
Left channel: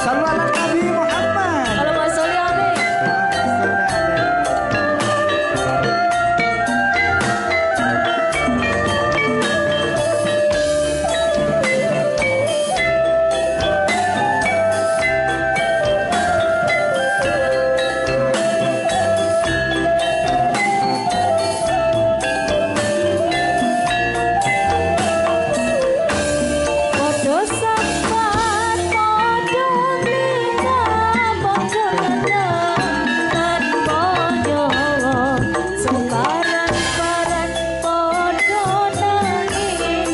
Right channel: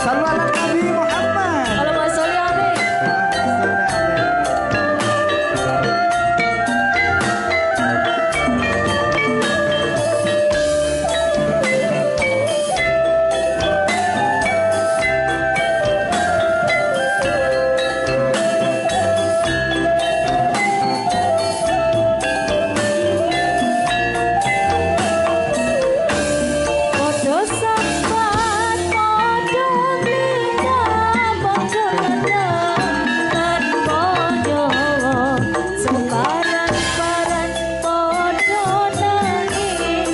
Sallu ala Nabi Muhammad. Allahumma sholli alaihi. Podo sambat, podo glina, podo lengan, podo separan-paran, podo nangis.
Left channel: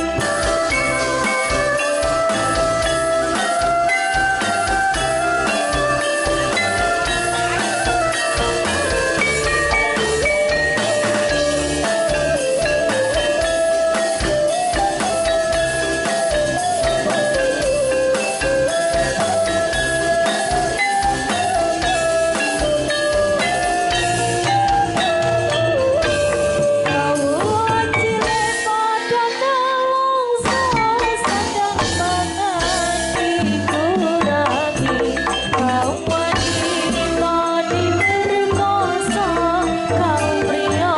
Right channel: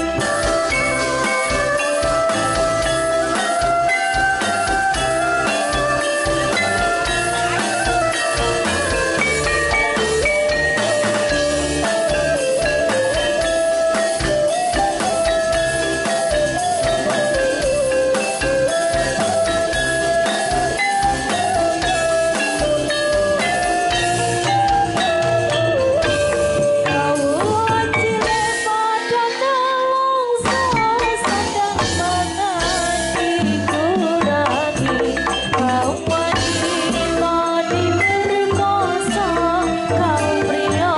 Kawuhan cilik podo nelongso, sedang mengati kurangi. Kaum wanita diperkosa, kaum pria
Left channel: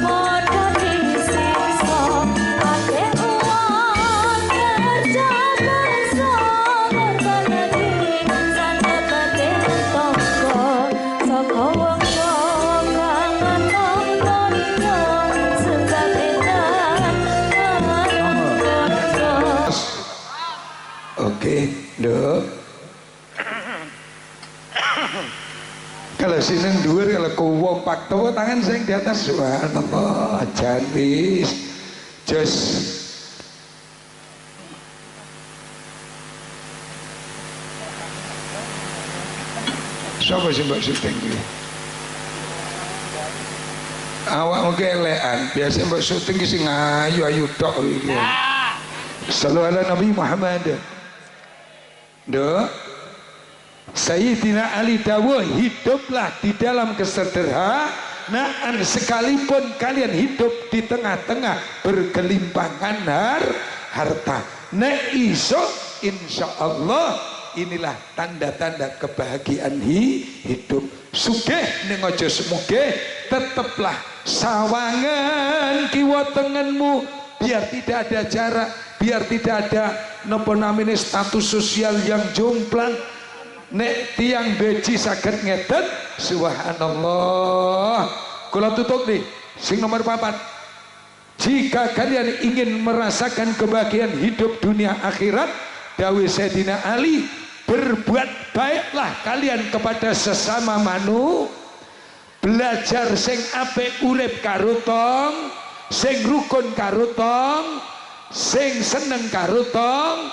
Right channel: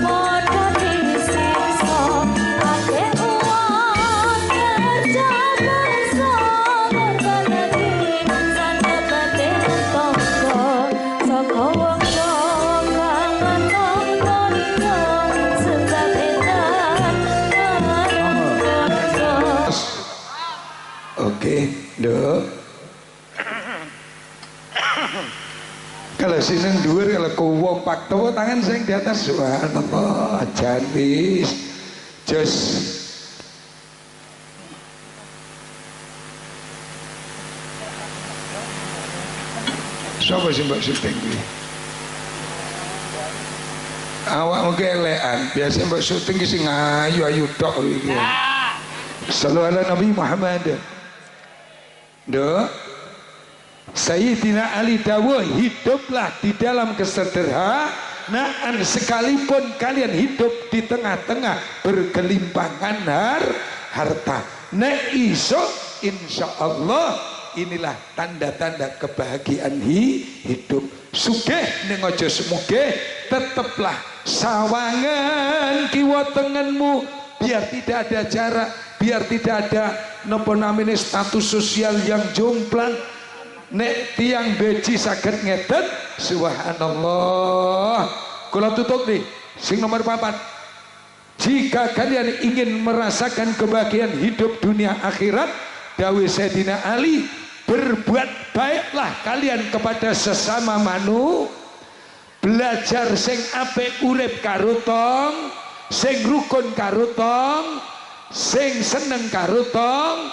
podo disiksa. Akeh uang kerja bangsa, berbagi sanebate tangga. Saka wong kang nonton-nonton, sebab edan nonton. Oke, Dok. Kalau sini dhuwur kalau kompak tepuk tangan sing di atas subhanallah jantis. Jos. Siapa sih mbak syuting kuwi? Awak mungkin elekan, biasa mbak syuting ki sing ayu-ayu tok iki. Sallu ala Nabi Muhammad. Dok, Sayyidina Ali dawuh, hiduplah di dalam kesederhanaan sekalipun kalian hidup di tengah-tengah bergelimpangan harta. Nek iso insyaallah inilah tanda-tanda kebahagiaan hidup. Sugih ning aja semugih, teteplah sawangan kiwa tengenmu, biar tidak ada jarak, biar tidak ada napa namine status sosial yang jomplang. Nek tiang beci saged ngeten, subhanallah. Kula tutup nih, sing nomor 4. Jika kalian ingin merasakan kebahagiaan hidup dunia akhirat, dawuh Sayyidina Ali, berbuat baiklah kalian kepada sesama belajar sing apik urip karo tong, sing rukun karo tong, sing seneng karo tong.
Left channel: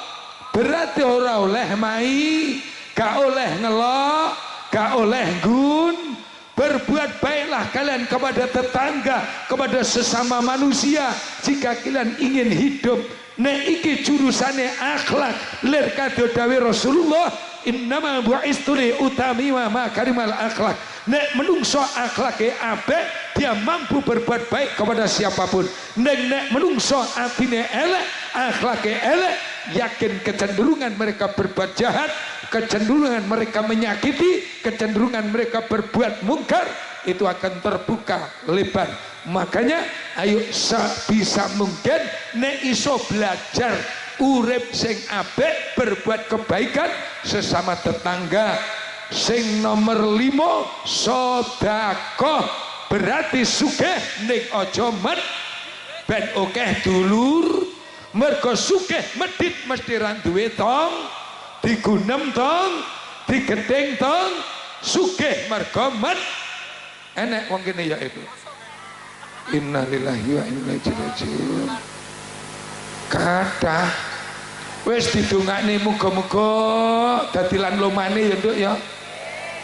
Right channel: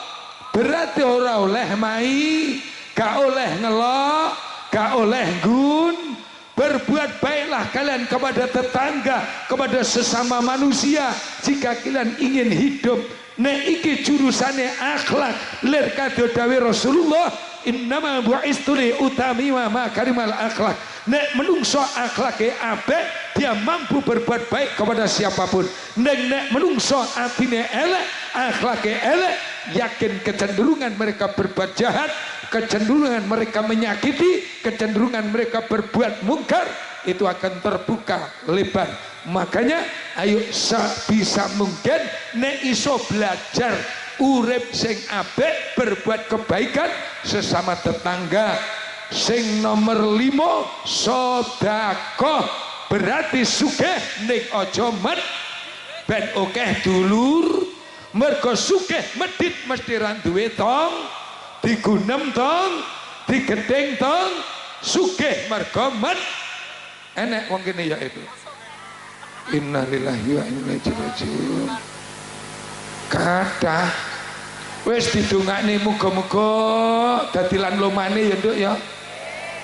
Berarti ora oleh mai, gak oleh ngelok, gak oleh gun. Berbuat baiklah kalian kepada tetangga, kepada sesama manusia, jika kalian ingin hidup nek iki jurusane akhlak lir kadya dawuh Rasulullah innama bu'istu li utami wa makarimal akhlak. Nek menungso akhlake apik dia mampu berbuat baik kepada siapapun. Nek menungso atine elek akhlake elek, yakin kecenderungan mereka berbuat jahat, kecenderungan mereka menyakiti, kecenderungan mereka berbuat mungkar itu akan terbuka lebar. Makanya ayo bisa mungkin nek iso belajar urip sing apik, berbuat kebaikan sesama tetangga. Sing nomor 5 sedekah, berarti sugih ning aja met ben akeh dulur. Mergo sugih medhit mesti ra duwe tong, digunem tong, digething tong. Sugih mergo met enek wong kene ya itu. Innalillahi wa inna ilaihi raji'un. Kathah wis didongakne muga-muga dadi lan lomane ya nduk ya.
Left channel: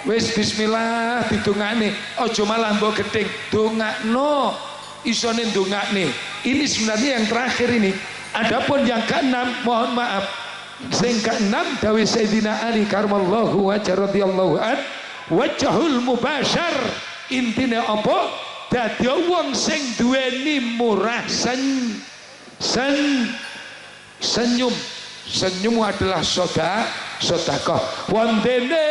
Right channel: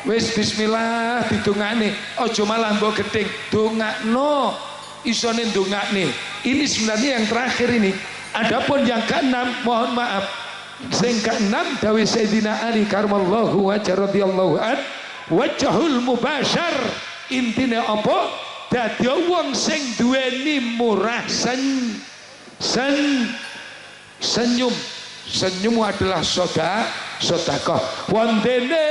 Wis bismillah didongakne, aja malah mbok gething, dongakno isone ndongakne. Ini sebenarnya yang terakhir ini. Adapun yang keenam, mohon maaf, sing keenam dawuh Sayyidina Ali karramallahu wajhahu radhiyallahu an, wajhul mubasyar. Intine apa? Dadi wong sing duweni murah senyum. Senyum adalah sedekah. Wondene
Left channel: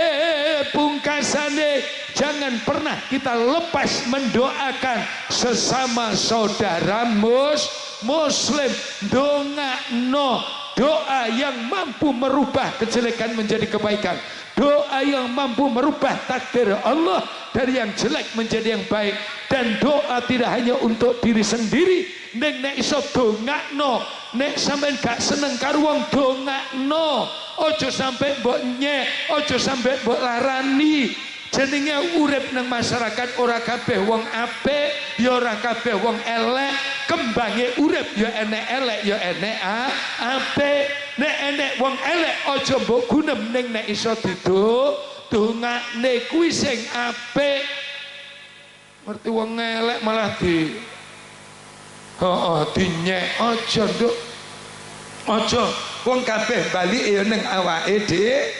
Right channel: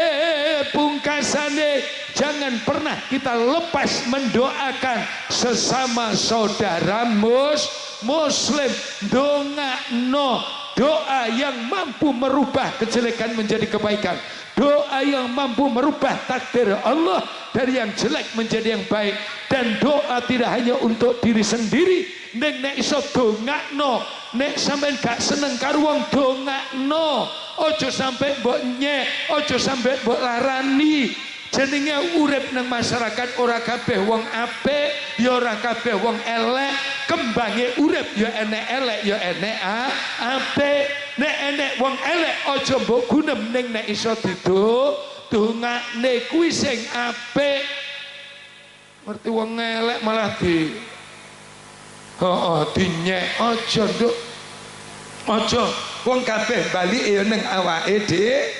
pungkasane jangan pernah kita lepas mendoakan sesama saudara muslim. Dongakno doa yang mampu merubah kejelekan menjadi kebaikan, doa yang mampu merubah takdir Allah dari yang jelek menjadi yang baik. Dan doa tidak hanya untuk diri sendiri, nek iso dongakno. Nek sampean gak seneng karo wong dongakno, aja sampai mbok nyek, aja sampai mbok larani. Jenenge urip nang masyarakat ora kabeh wong apik, ya ora kabeh wong elek. Kembange urip ya enek elek, ya enek apik. Nek enek wong elek aja mbok gunem, ning nek iso didongakne kuwi sing apik. Ngerti wong elek malah dinyek, aja nduk. Aja wong kabeh balike ya ning awake dhewe,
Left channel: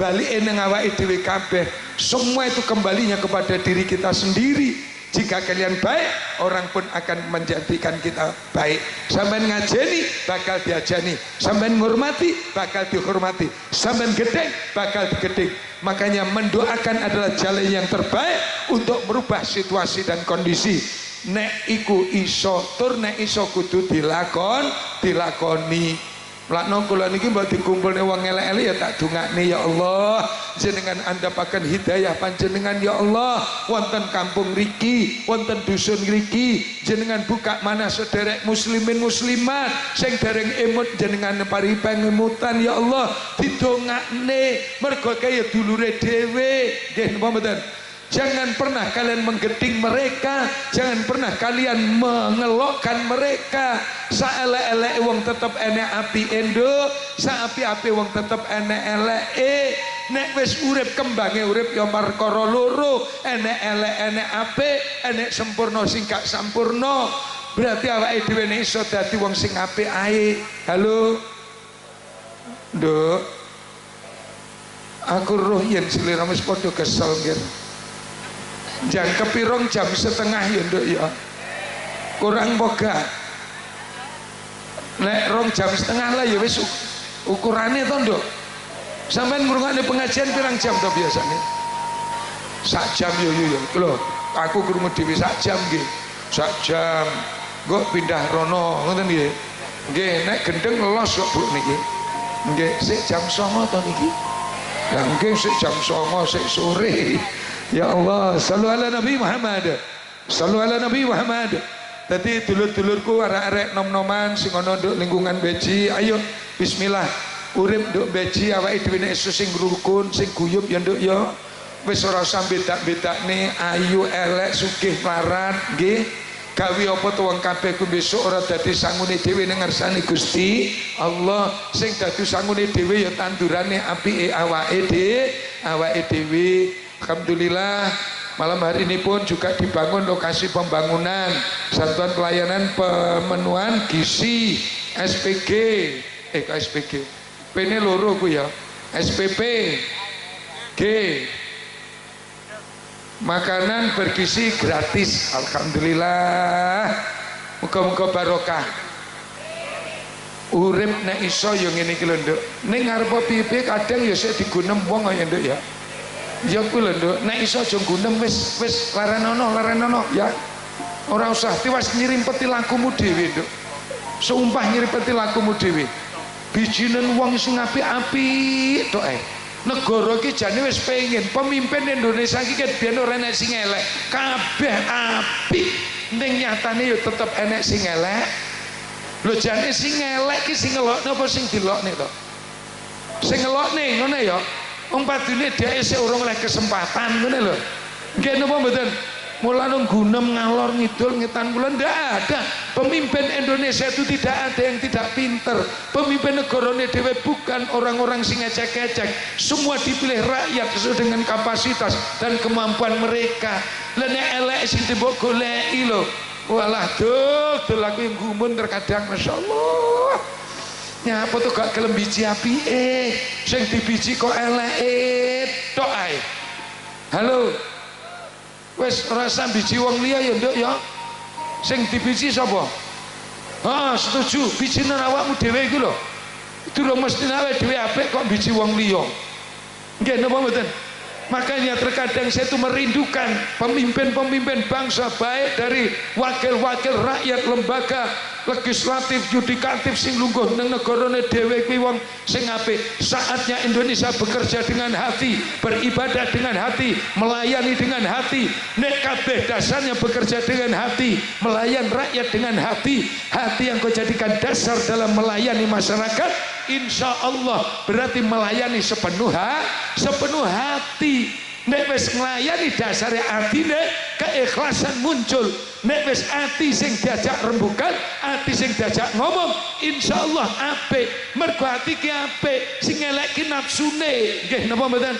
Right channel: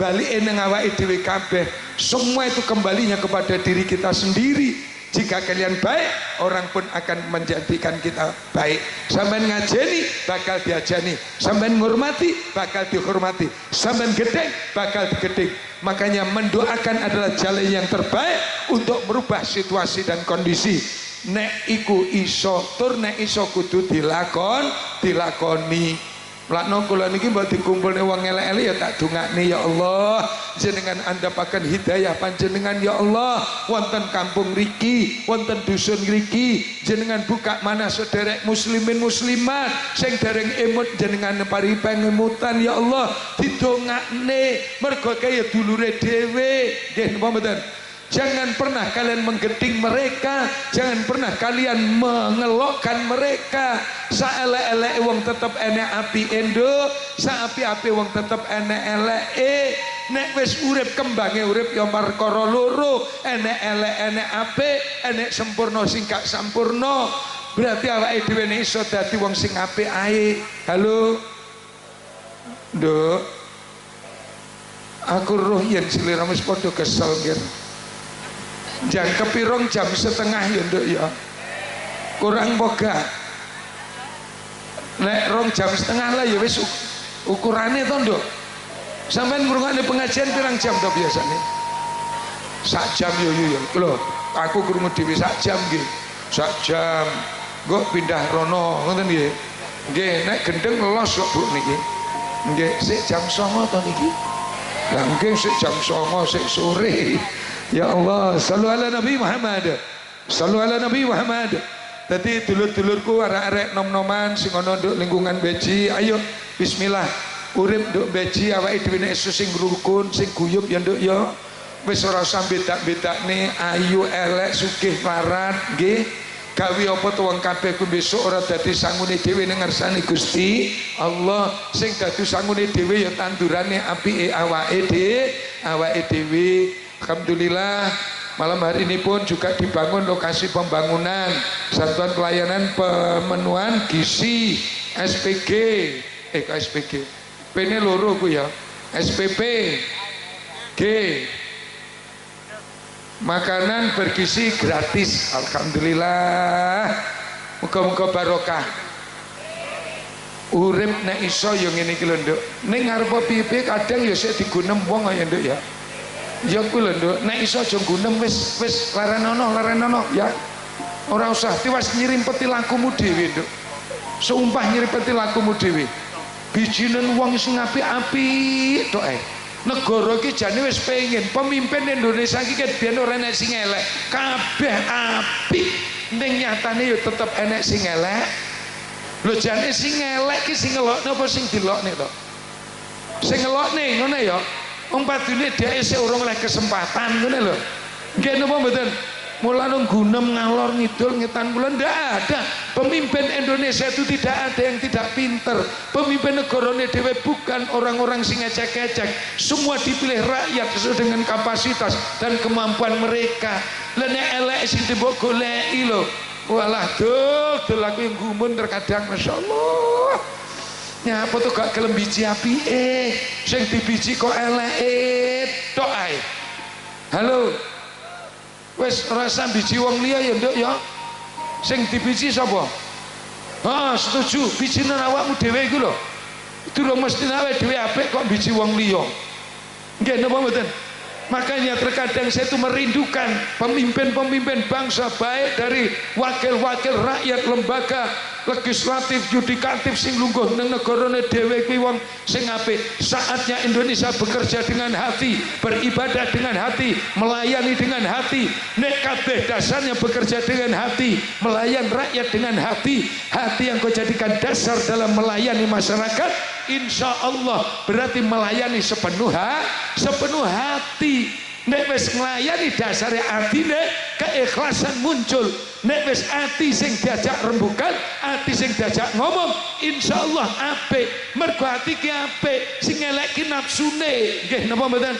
balike ning awake dhewe kabeh. Semua itu kembalinya kepada diri kita sendiri. Jika kalian baik, orang pun akan menjadikan kita baik. Sampeyan ngajeni, bakal diajani. Sampeyan ngurmati, bakal dihormati. Sampeyan gedeng, bakal digedeng. Makanya mendoakan adalah jalan yang terbaik untuk merubah situasi dan kondisi. Nek iku iso tur, nek iso kudu dilakoni. Lakno kula niki mbok dikumpulne wong elek-elek ya tak dongakne ya Allah, jenengan andhapaken hidayah panjenengan ya Allah. Wonten kampung riki, wonten dusun riki, jenengan buka mana sederek muslimin muslimat sing dereng emut, jenengan paringi pangemutan ya Allah. Didongakne mergo kaya dulure dhewe. Nggih napa mboten? Jangan pernah kalian menggeding mereka, jangan pernah kalian mengelokkan mereka. Saelek-elek wong tetep enek api endo, saapi-api wong tetep enek eleke. Nek wis urip kembange urip ya perkara loro, enek elek enek apik, enek sempurna sing gak sampurna. Berarti awake dhewe nek iso dadi wong sing apik ae. Halo. Nduk. Aku roh yen sliramu wis padha kesel nggih. Jam kepirong jam setengah ya nduk ya. Kurang boga. Nek rong jam setengah lah ya wis ukurane to nduk. Sampeyan ngrungokne pengajian pirang jam to biasane? Sak jam yo. Lho, aku krungu dhewe sak jam nggih. Sak jam. Nggo pindah rono ngoten nggih. Nggih, nek gendeng los kok Bu niki. Nggih, sik jam 09.00 to niki. Lah nggih sik jam 09.00 sik sore. Ya Allah, sallu ala Nabi Muhammad. Sallu ala Nabi Muhammad. Tadi dulur-dulurku arek-arek nom-noman sing ana nduk lingkungan beji, ayo bismillah. Urip nduk beji awake dhewe nek sing rukun, sing guyub ya nduk ya. Wis ora usah bedak-bedakne ayu elek sugih melarat nggih. Gawe apa to wong kabeh ku besok ora dadi sangune dhewe ning ngersane Gusti Allah. Sing dadi sangune dhewe ya tandurane apike awake dhewe. Alhamdulillah malam hari ini pun juga dibangun lokasi pembangunan satuan pelayanan pemenuhan gizi SPG kok SPG P ini loro ku ya SPP G makanan bergizi gratis alhamdulillah muga-muga barokah urip nek iso yo ngene iki lho Nduk ning ngarep piye kadang ya sik digunem wong ya Nduk ya ya kuwi lho Nduk nek iso aja gunem wis larenono ya ora usah tiwas nyirimpeti lakumu dhewe Nduk sumpah nyirimpeti lakumu dhewe bijinen wong sing apik-apik tok ae negara iki jane wis pengen pemimpin Indonesia iki ket biyen ora enek sing elek kabeh apik ning nyatane ya tetep enek sing elek lho jane sing elek ki sing ngelokne apa sing dilokne to sing ngelokne ngono ya wong padune dhek isih urung oleh kesempatan ngene lho nggih napa mboten mulane gunem ngalor ngidul ngetan kula ndak ada pemimpin Indonesia itu tidak ada yang tidak pinter pemimpin negarane dhewe bukan orang-orang sing ecek-ecek semua dipilih rakyat sesuai dengan kapasitas dan kemampuan mereka lha nek elek sing mbok goleki lho walah dol aku yang gumun terkadang masyaallah nyapa tuh gak gelem biji apike sing dibiji kok eleke tok ae halo wes rasa biji wong liya ya Nduk ya sing dibiji sapa setuju bijine awakmu dhewe iku lho durung mesti awake dhewe apik kok biji wong liya nggih napa mboten makanya terkadang saya itu merindukan pemimpin-pemimpin bangsa baik dari wakil-wakil rakyat lembaga legislatif yudikatif sing lungguh nang negarane dhewe kuwi wong sing apik saatnya Indonesia bekerja dengan hati beribadah dengan hati melayani dengan hati nek kabeh dasarnya bekerja dengan hati melayan rakyat dengan hati yang kau jadikan dasar dalam melayani masyarakat insya Allah berarti melayani sepenuh hati nek wis nglayani dasare atine keikhlasan muncul nek wis ati sing diajak rembukan ati sing diajak ngomong insyaallah apik mergo ati ki apik sing elek ki nafsune nggih napa mboten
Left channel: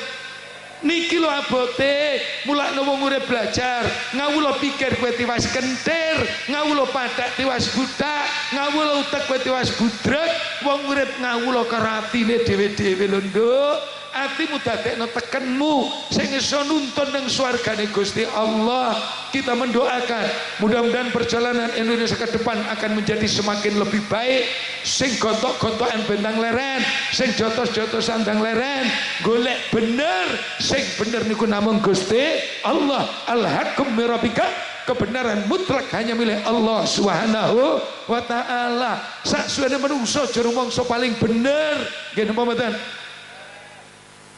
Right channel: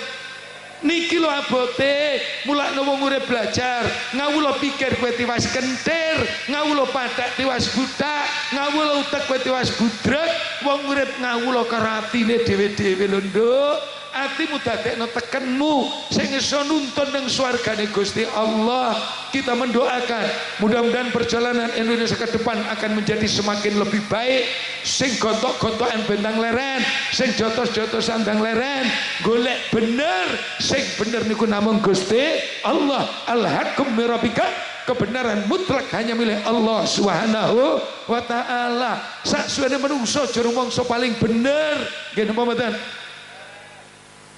niki lho abote mulakno wong urip belajar ngawula pikir kowe tiwas kentir ngawula pathak tiwas budak ngawula utek kowe tiwas budrek wong urip ngawula karo atine dhewe-dhewe lho Nduk atimu dadekno tekenmu sing iso nuntun ning swargane Gusti Allah kita mendoakan mudah-mudahan perjalanan Indonesia ke depan akan menjadi semakin lebih baik sing gontok-gontokan bentang leren sing jotos-jotos sandang leren golek bener sing bener niku namung Gusti Allah al-haqqum mirabika kebenaran mutlak hanya milik Allah Subhanahu wa taala saksuwene menungso aja rumangsa paling bener nggih napa mboten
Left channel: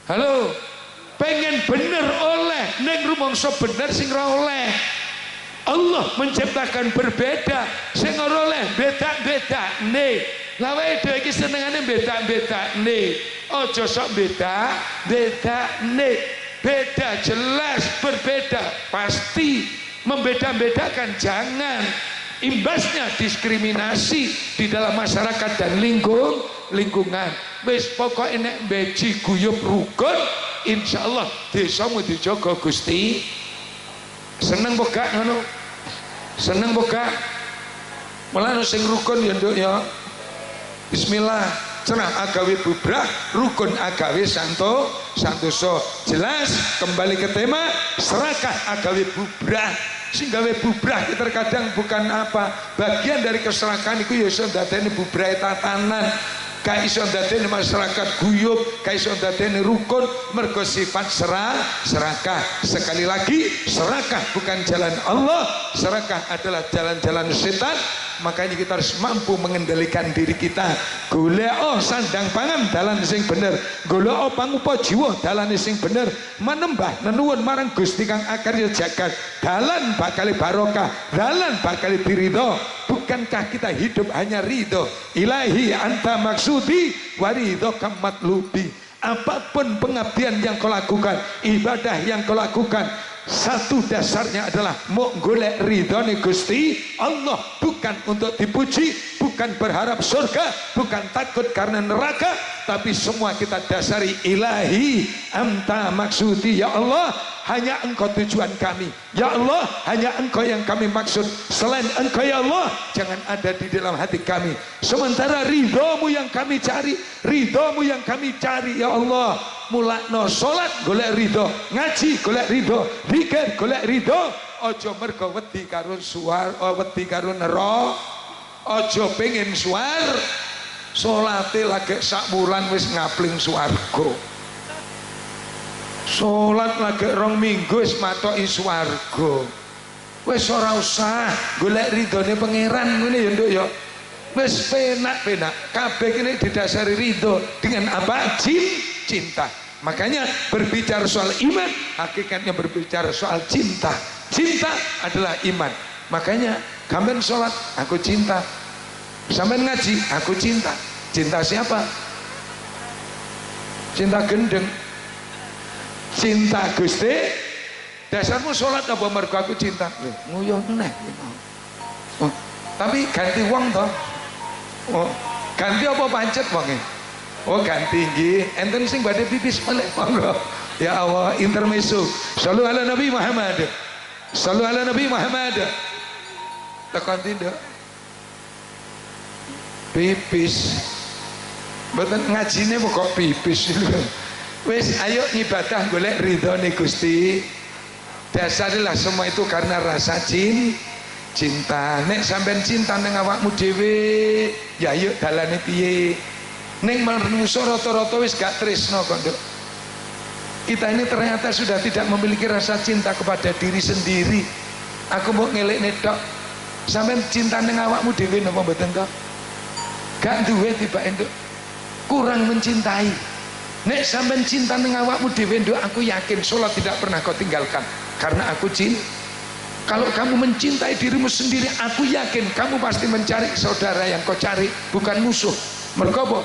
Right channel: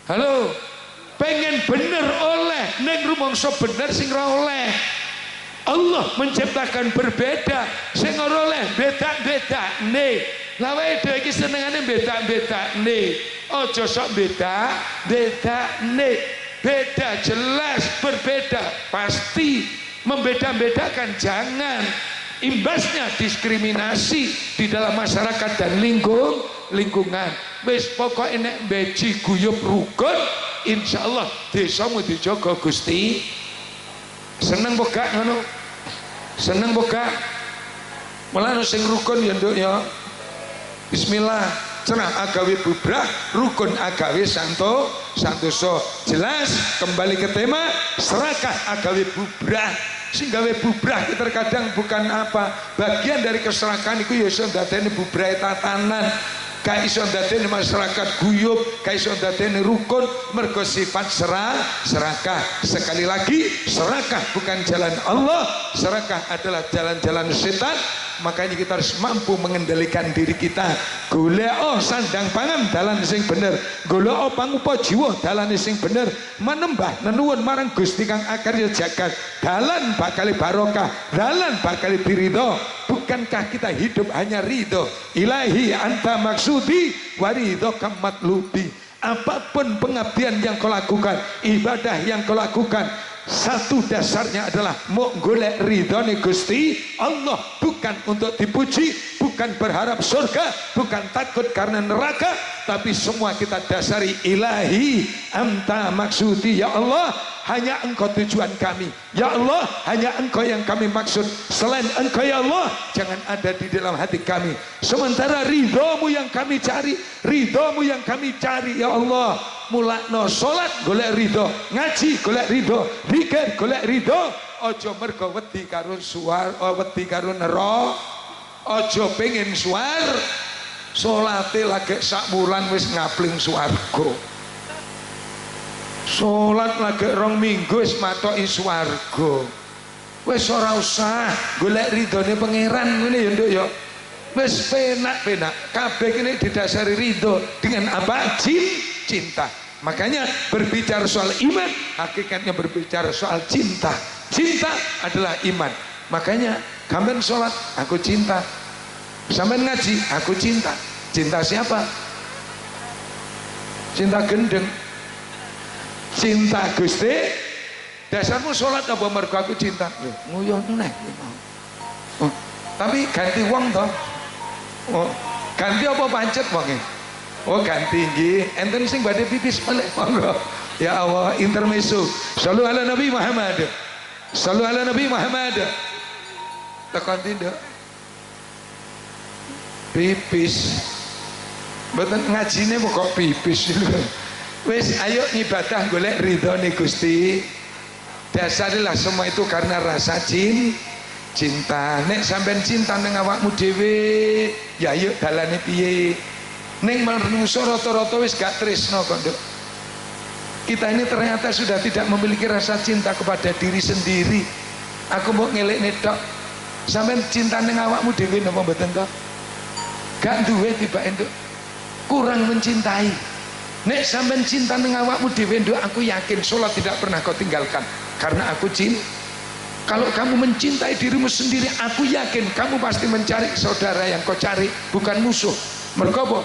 halo pengen bener oleh neng rumangsa bener sing ora oleh Allah menciptakan berbeda sing ora oleh beda-bedane lha wae dhewe iki senengane beda-bedane aja sok beda-bedane beda jelas berbeda pasti membeda-bedakan jangan imbasnya diskriminasi di dalam masyarakat dan lingkungan wis pokoknya nek beji guyub rukun insyaallah desamu dijaga Gusti seneng boga ngono seneng boga malah sing rukun ya Nduk ya bismillah cenah agawe bubrah rukun agawe santoso jelas kembali ke tema serakah agawe bubrah sing gawe bubrah terkadang bukan apa bagian dari keserakahan itu ya iso ndadekne bubrah tatanan ka iso ndadekne masyarakat guyub ka iso ndadekne rukun mergo sifat serakah sekali lagi serakah bukan jalan Allah serakah adalah jalan-jalan setan makanya kita harus mampu mengendalikan diri kita golek sandang pangan dalan sing bener golek pangupa jiwa dalan sing bener menembah nenuwun marang Gusti kang akarya jagat dalan bakal barokah dalan bakal diridho bukankah kita hidup hanya ridho ilahi anta maksudi waridho kamatlubi apapun pengabdian yang kau lakukan ibadah yang kau lakukan satu dasarnya adalah mau golek ridhone Gusti Allah bukan untuk dipuji bukan bukan berharap surga, bukan takut karena neraka, tapi semua kita dasari ilahi anta maksudi, ya Allah hanya engkau tujuan kami, ya Allah hanya engkau yang kami maksud, selain engkau ya Allah jangan ada di dalam hati kami. Sementara ridhomu yang kami cari, ridhomu yang kami cari ya Allah. Mulakno sholat golek ridho, ngaji golek ridho, zikir golek ridho. Ojo mergo wedi karo suar, wedi karo neraka. Ojo pengen suar, salate lagi sak wulan wis ngapling swarga. Salat lagi 2 minggu wis matoki swarga. Wis ora usah golek ridhone pangeran ngene ya Nduk ya. Wis penak-penak. Kabeh kene didasari ridho dengan apa? Cinta. Makanya berbicara soal iman, hakikatnya berbicara soal cinta. Cinta adalah iman. Makanya sampean sholat, aku cinta. Sampean ngaji, aku cinta. Cinta siapa? Cinta gendeng. Cinta Gusti. Dasarmu sholat apa mergo aku cinta? Nguyuh neh. Oh, tapi ganti wong toh. Oh, ganti apa pancet wonge? Oh ganti nggih. Enten sing badhe pipis balik monggo. Ya Allah, intermezzo. Shallu ala Nabi Muhammad. Shallu ala Nabi Muhammad. Tekan tindak. Pipis. Mboten ngajine kok pipis. Wis ayo ibadah golek ridhone Gusti. Dasarilah semua itu karena rasa cinta. Nek sampean cinta ning awakmu dhewe, ya ayo dalane piye? Ning menungso rata-rata wis gak tresno kok Nduk. Kita ini ternyata sudah tidak memiliki rasa cinta kepada diri sendiri. Aku mau ngelekne tok. Sampeyan cinta ning awakmu dhewe napa mboten to? Gak duwe tibake Nduk. Kurang mencintai. Nek sampeyan cinta ning awakmu dhewe Nduk, aku yakin salat tidak pernah kau tinggalkan karena aku cinta. Kalau kamu mencintai dirimu sendiri, aku yakin kamu pasti mencari saudara yang kau cari, bukan musuh. Mergo apa?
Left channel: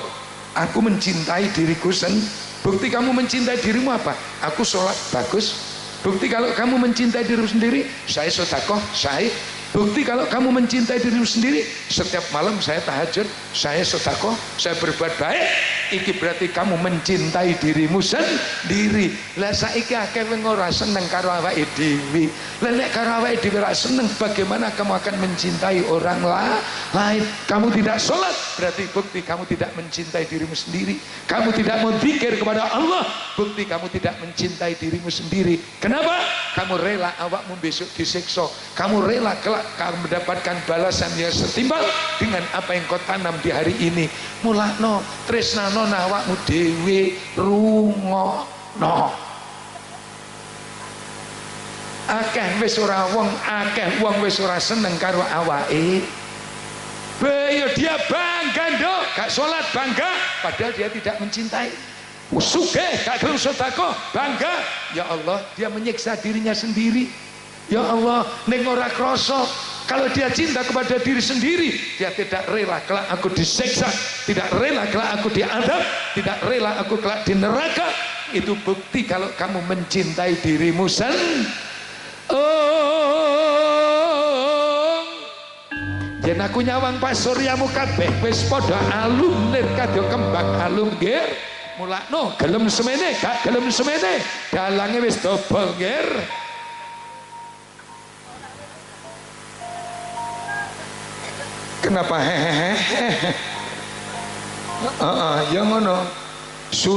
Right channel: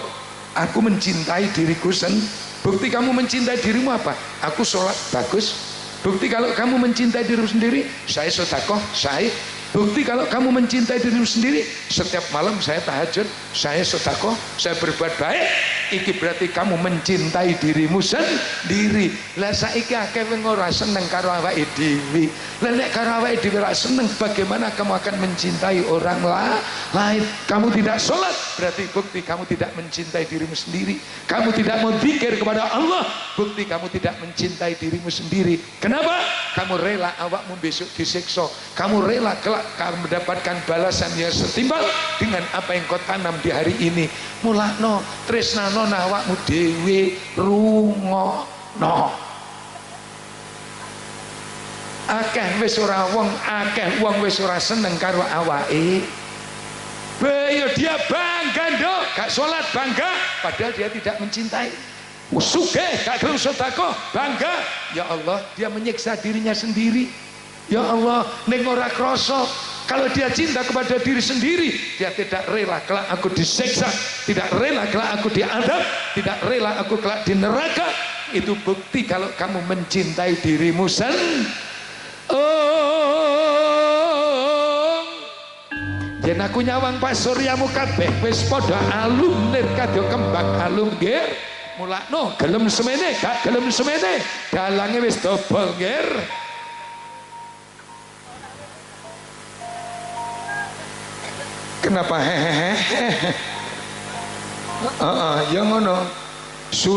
Aku mencintai diriku sendiri. Bukti kamu mencintai dirimu apa? Aku sholat bagus. Bukti kalau kamu mencintai dirimu sendiri, saya sedekah, saya. Bukti kalau kamu mencintai dirimu sendiri, setiap malam saya tahajud, saya sedekah, saya berbuat baik. Iki berarti kamu mencintai dirimu sendiri. Lah saiki akeh wong ora seneng karo awake dhewe. Lah nek karo awake dhewe ora seneng, bagaimana kamu akan mencintai orang lain? Kamu tidak sholat, berarti bukti kamu tidak mencintai dirimu sendiri. Kamu tidak mau zikir kepada Allah, bukti kamu tidak mencintai dirimu sendiri. Kenapa? Kamu rela awakmu besok disiksa. Kamu rela kelak kamu mendapatkan balasan yang setimpal dengan apa yang kau tanam di hari ini. Mulakno tresnano awakmu dhewe, rungokno. Akeh wis ora akeh wong wis ora seneng karo awake. Bayo dia bangga Nduk, gak sholat bangga, padahal dia tidak mencintai. Sugih gak gelem sedekah bangga. Ya Allah, dia menyiksa dirinya sendiri. Ya Allah, ning ora krasa. Kalau dia cinta kepada diri sendiri, dia tidak rela kelak aku disiksa, tidak rela kelak aku diadab, tidak rela aku kelak di neraka. Itu bukti kalau kamu mencintai dirimu sendiri. Oh, yen aku nyawang Pak Suryamu kabeh wis padha alum lir kadya kembang alum nggih. Mulakno gelem semene, gak gelem semene, dalange wis dobol nggih. Kenapa hehehe? Ya ngono.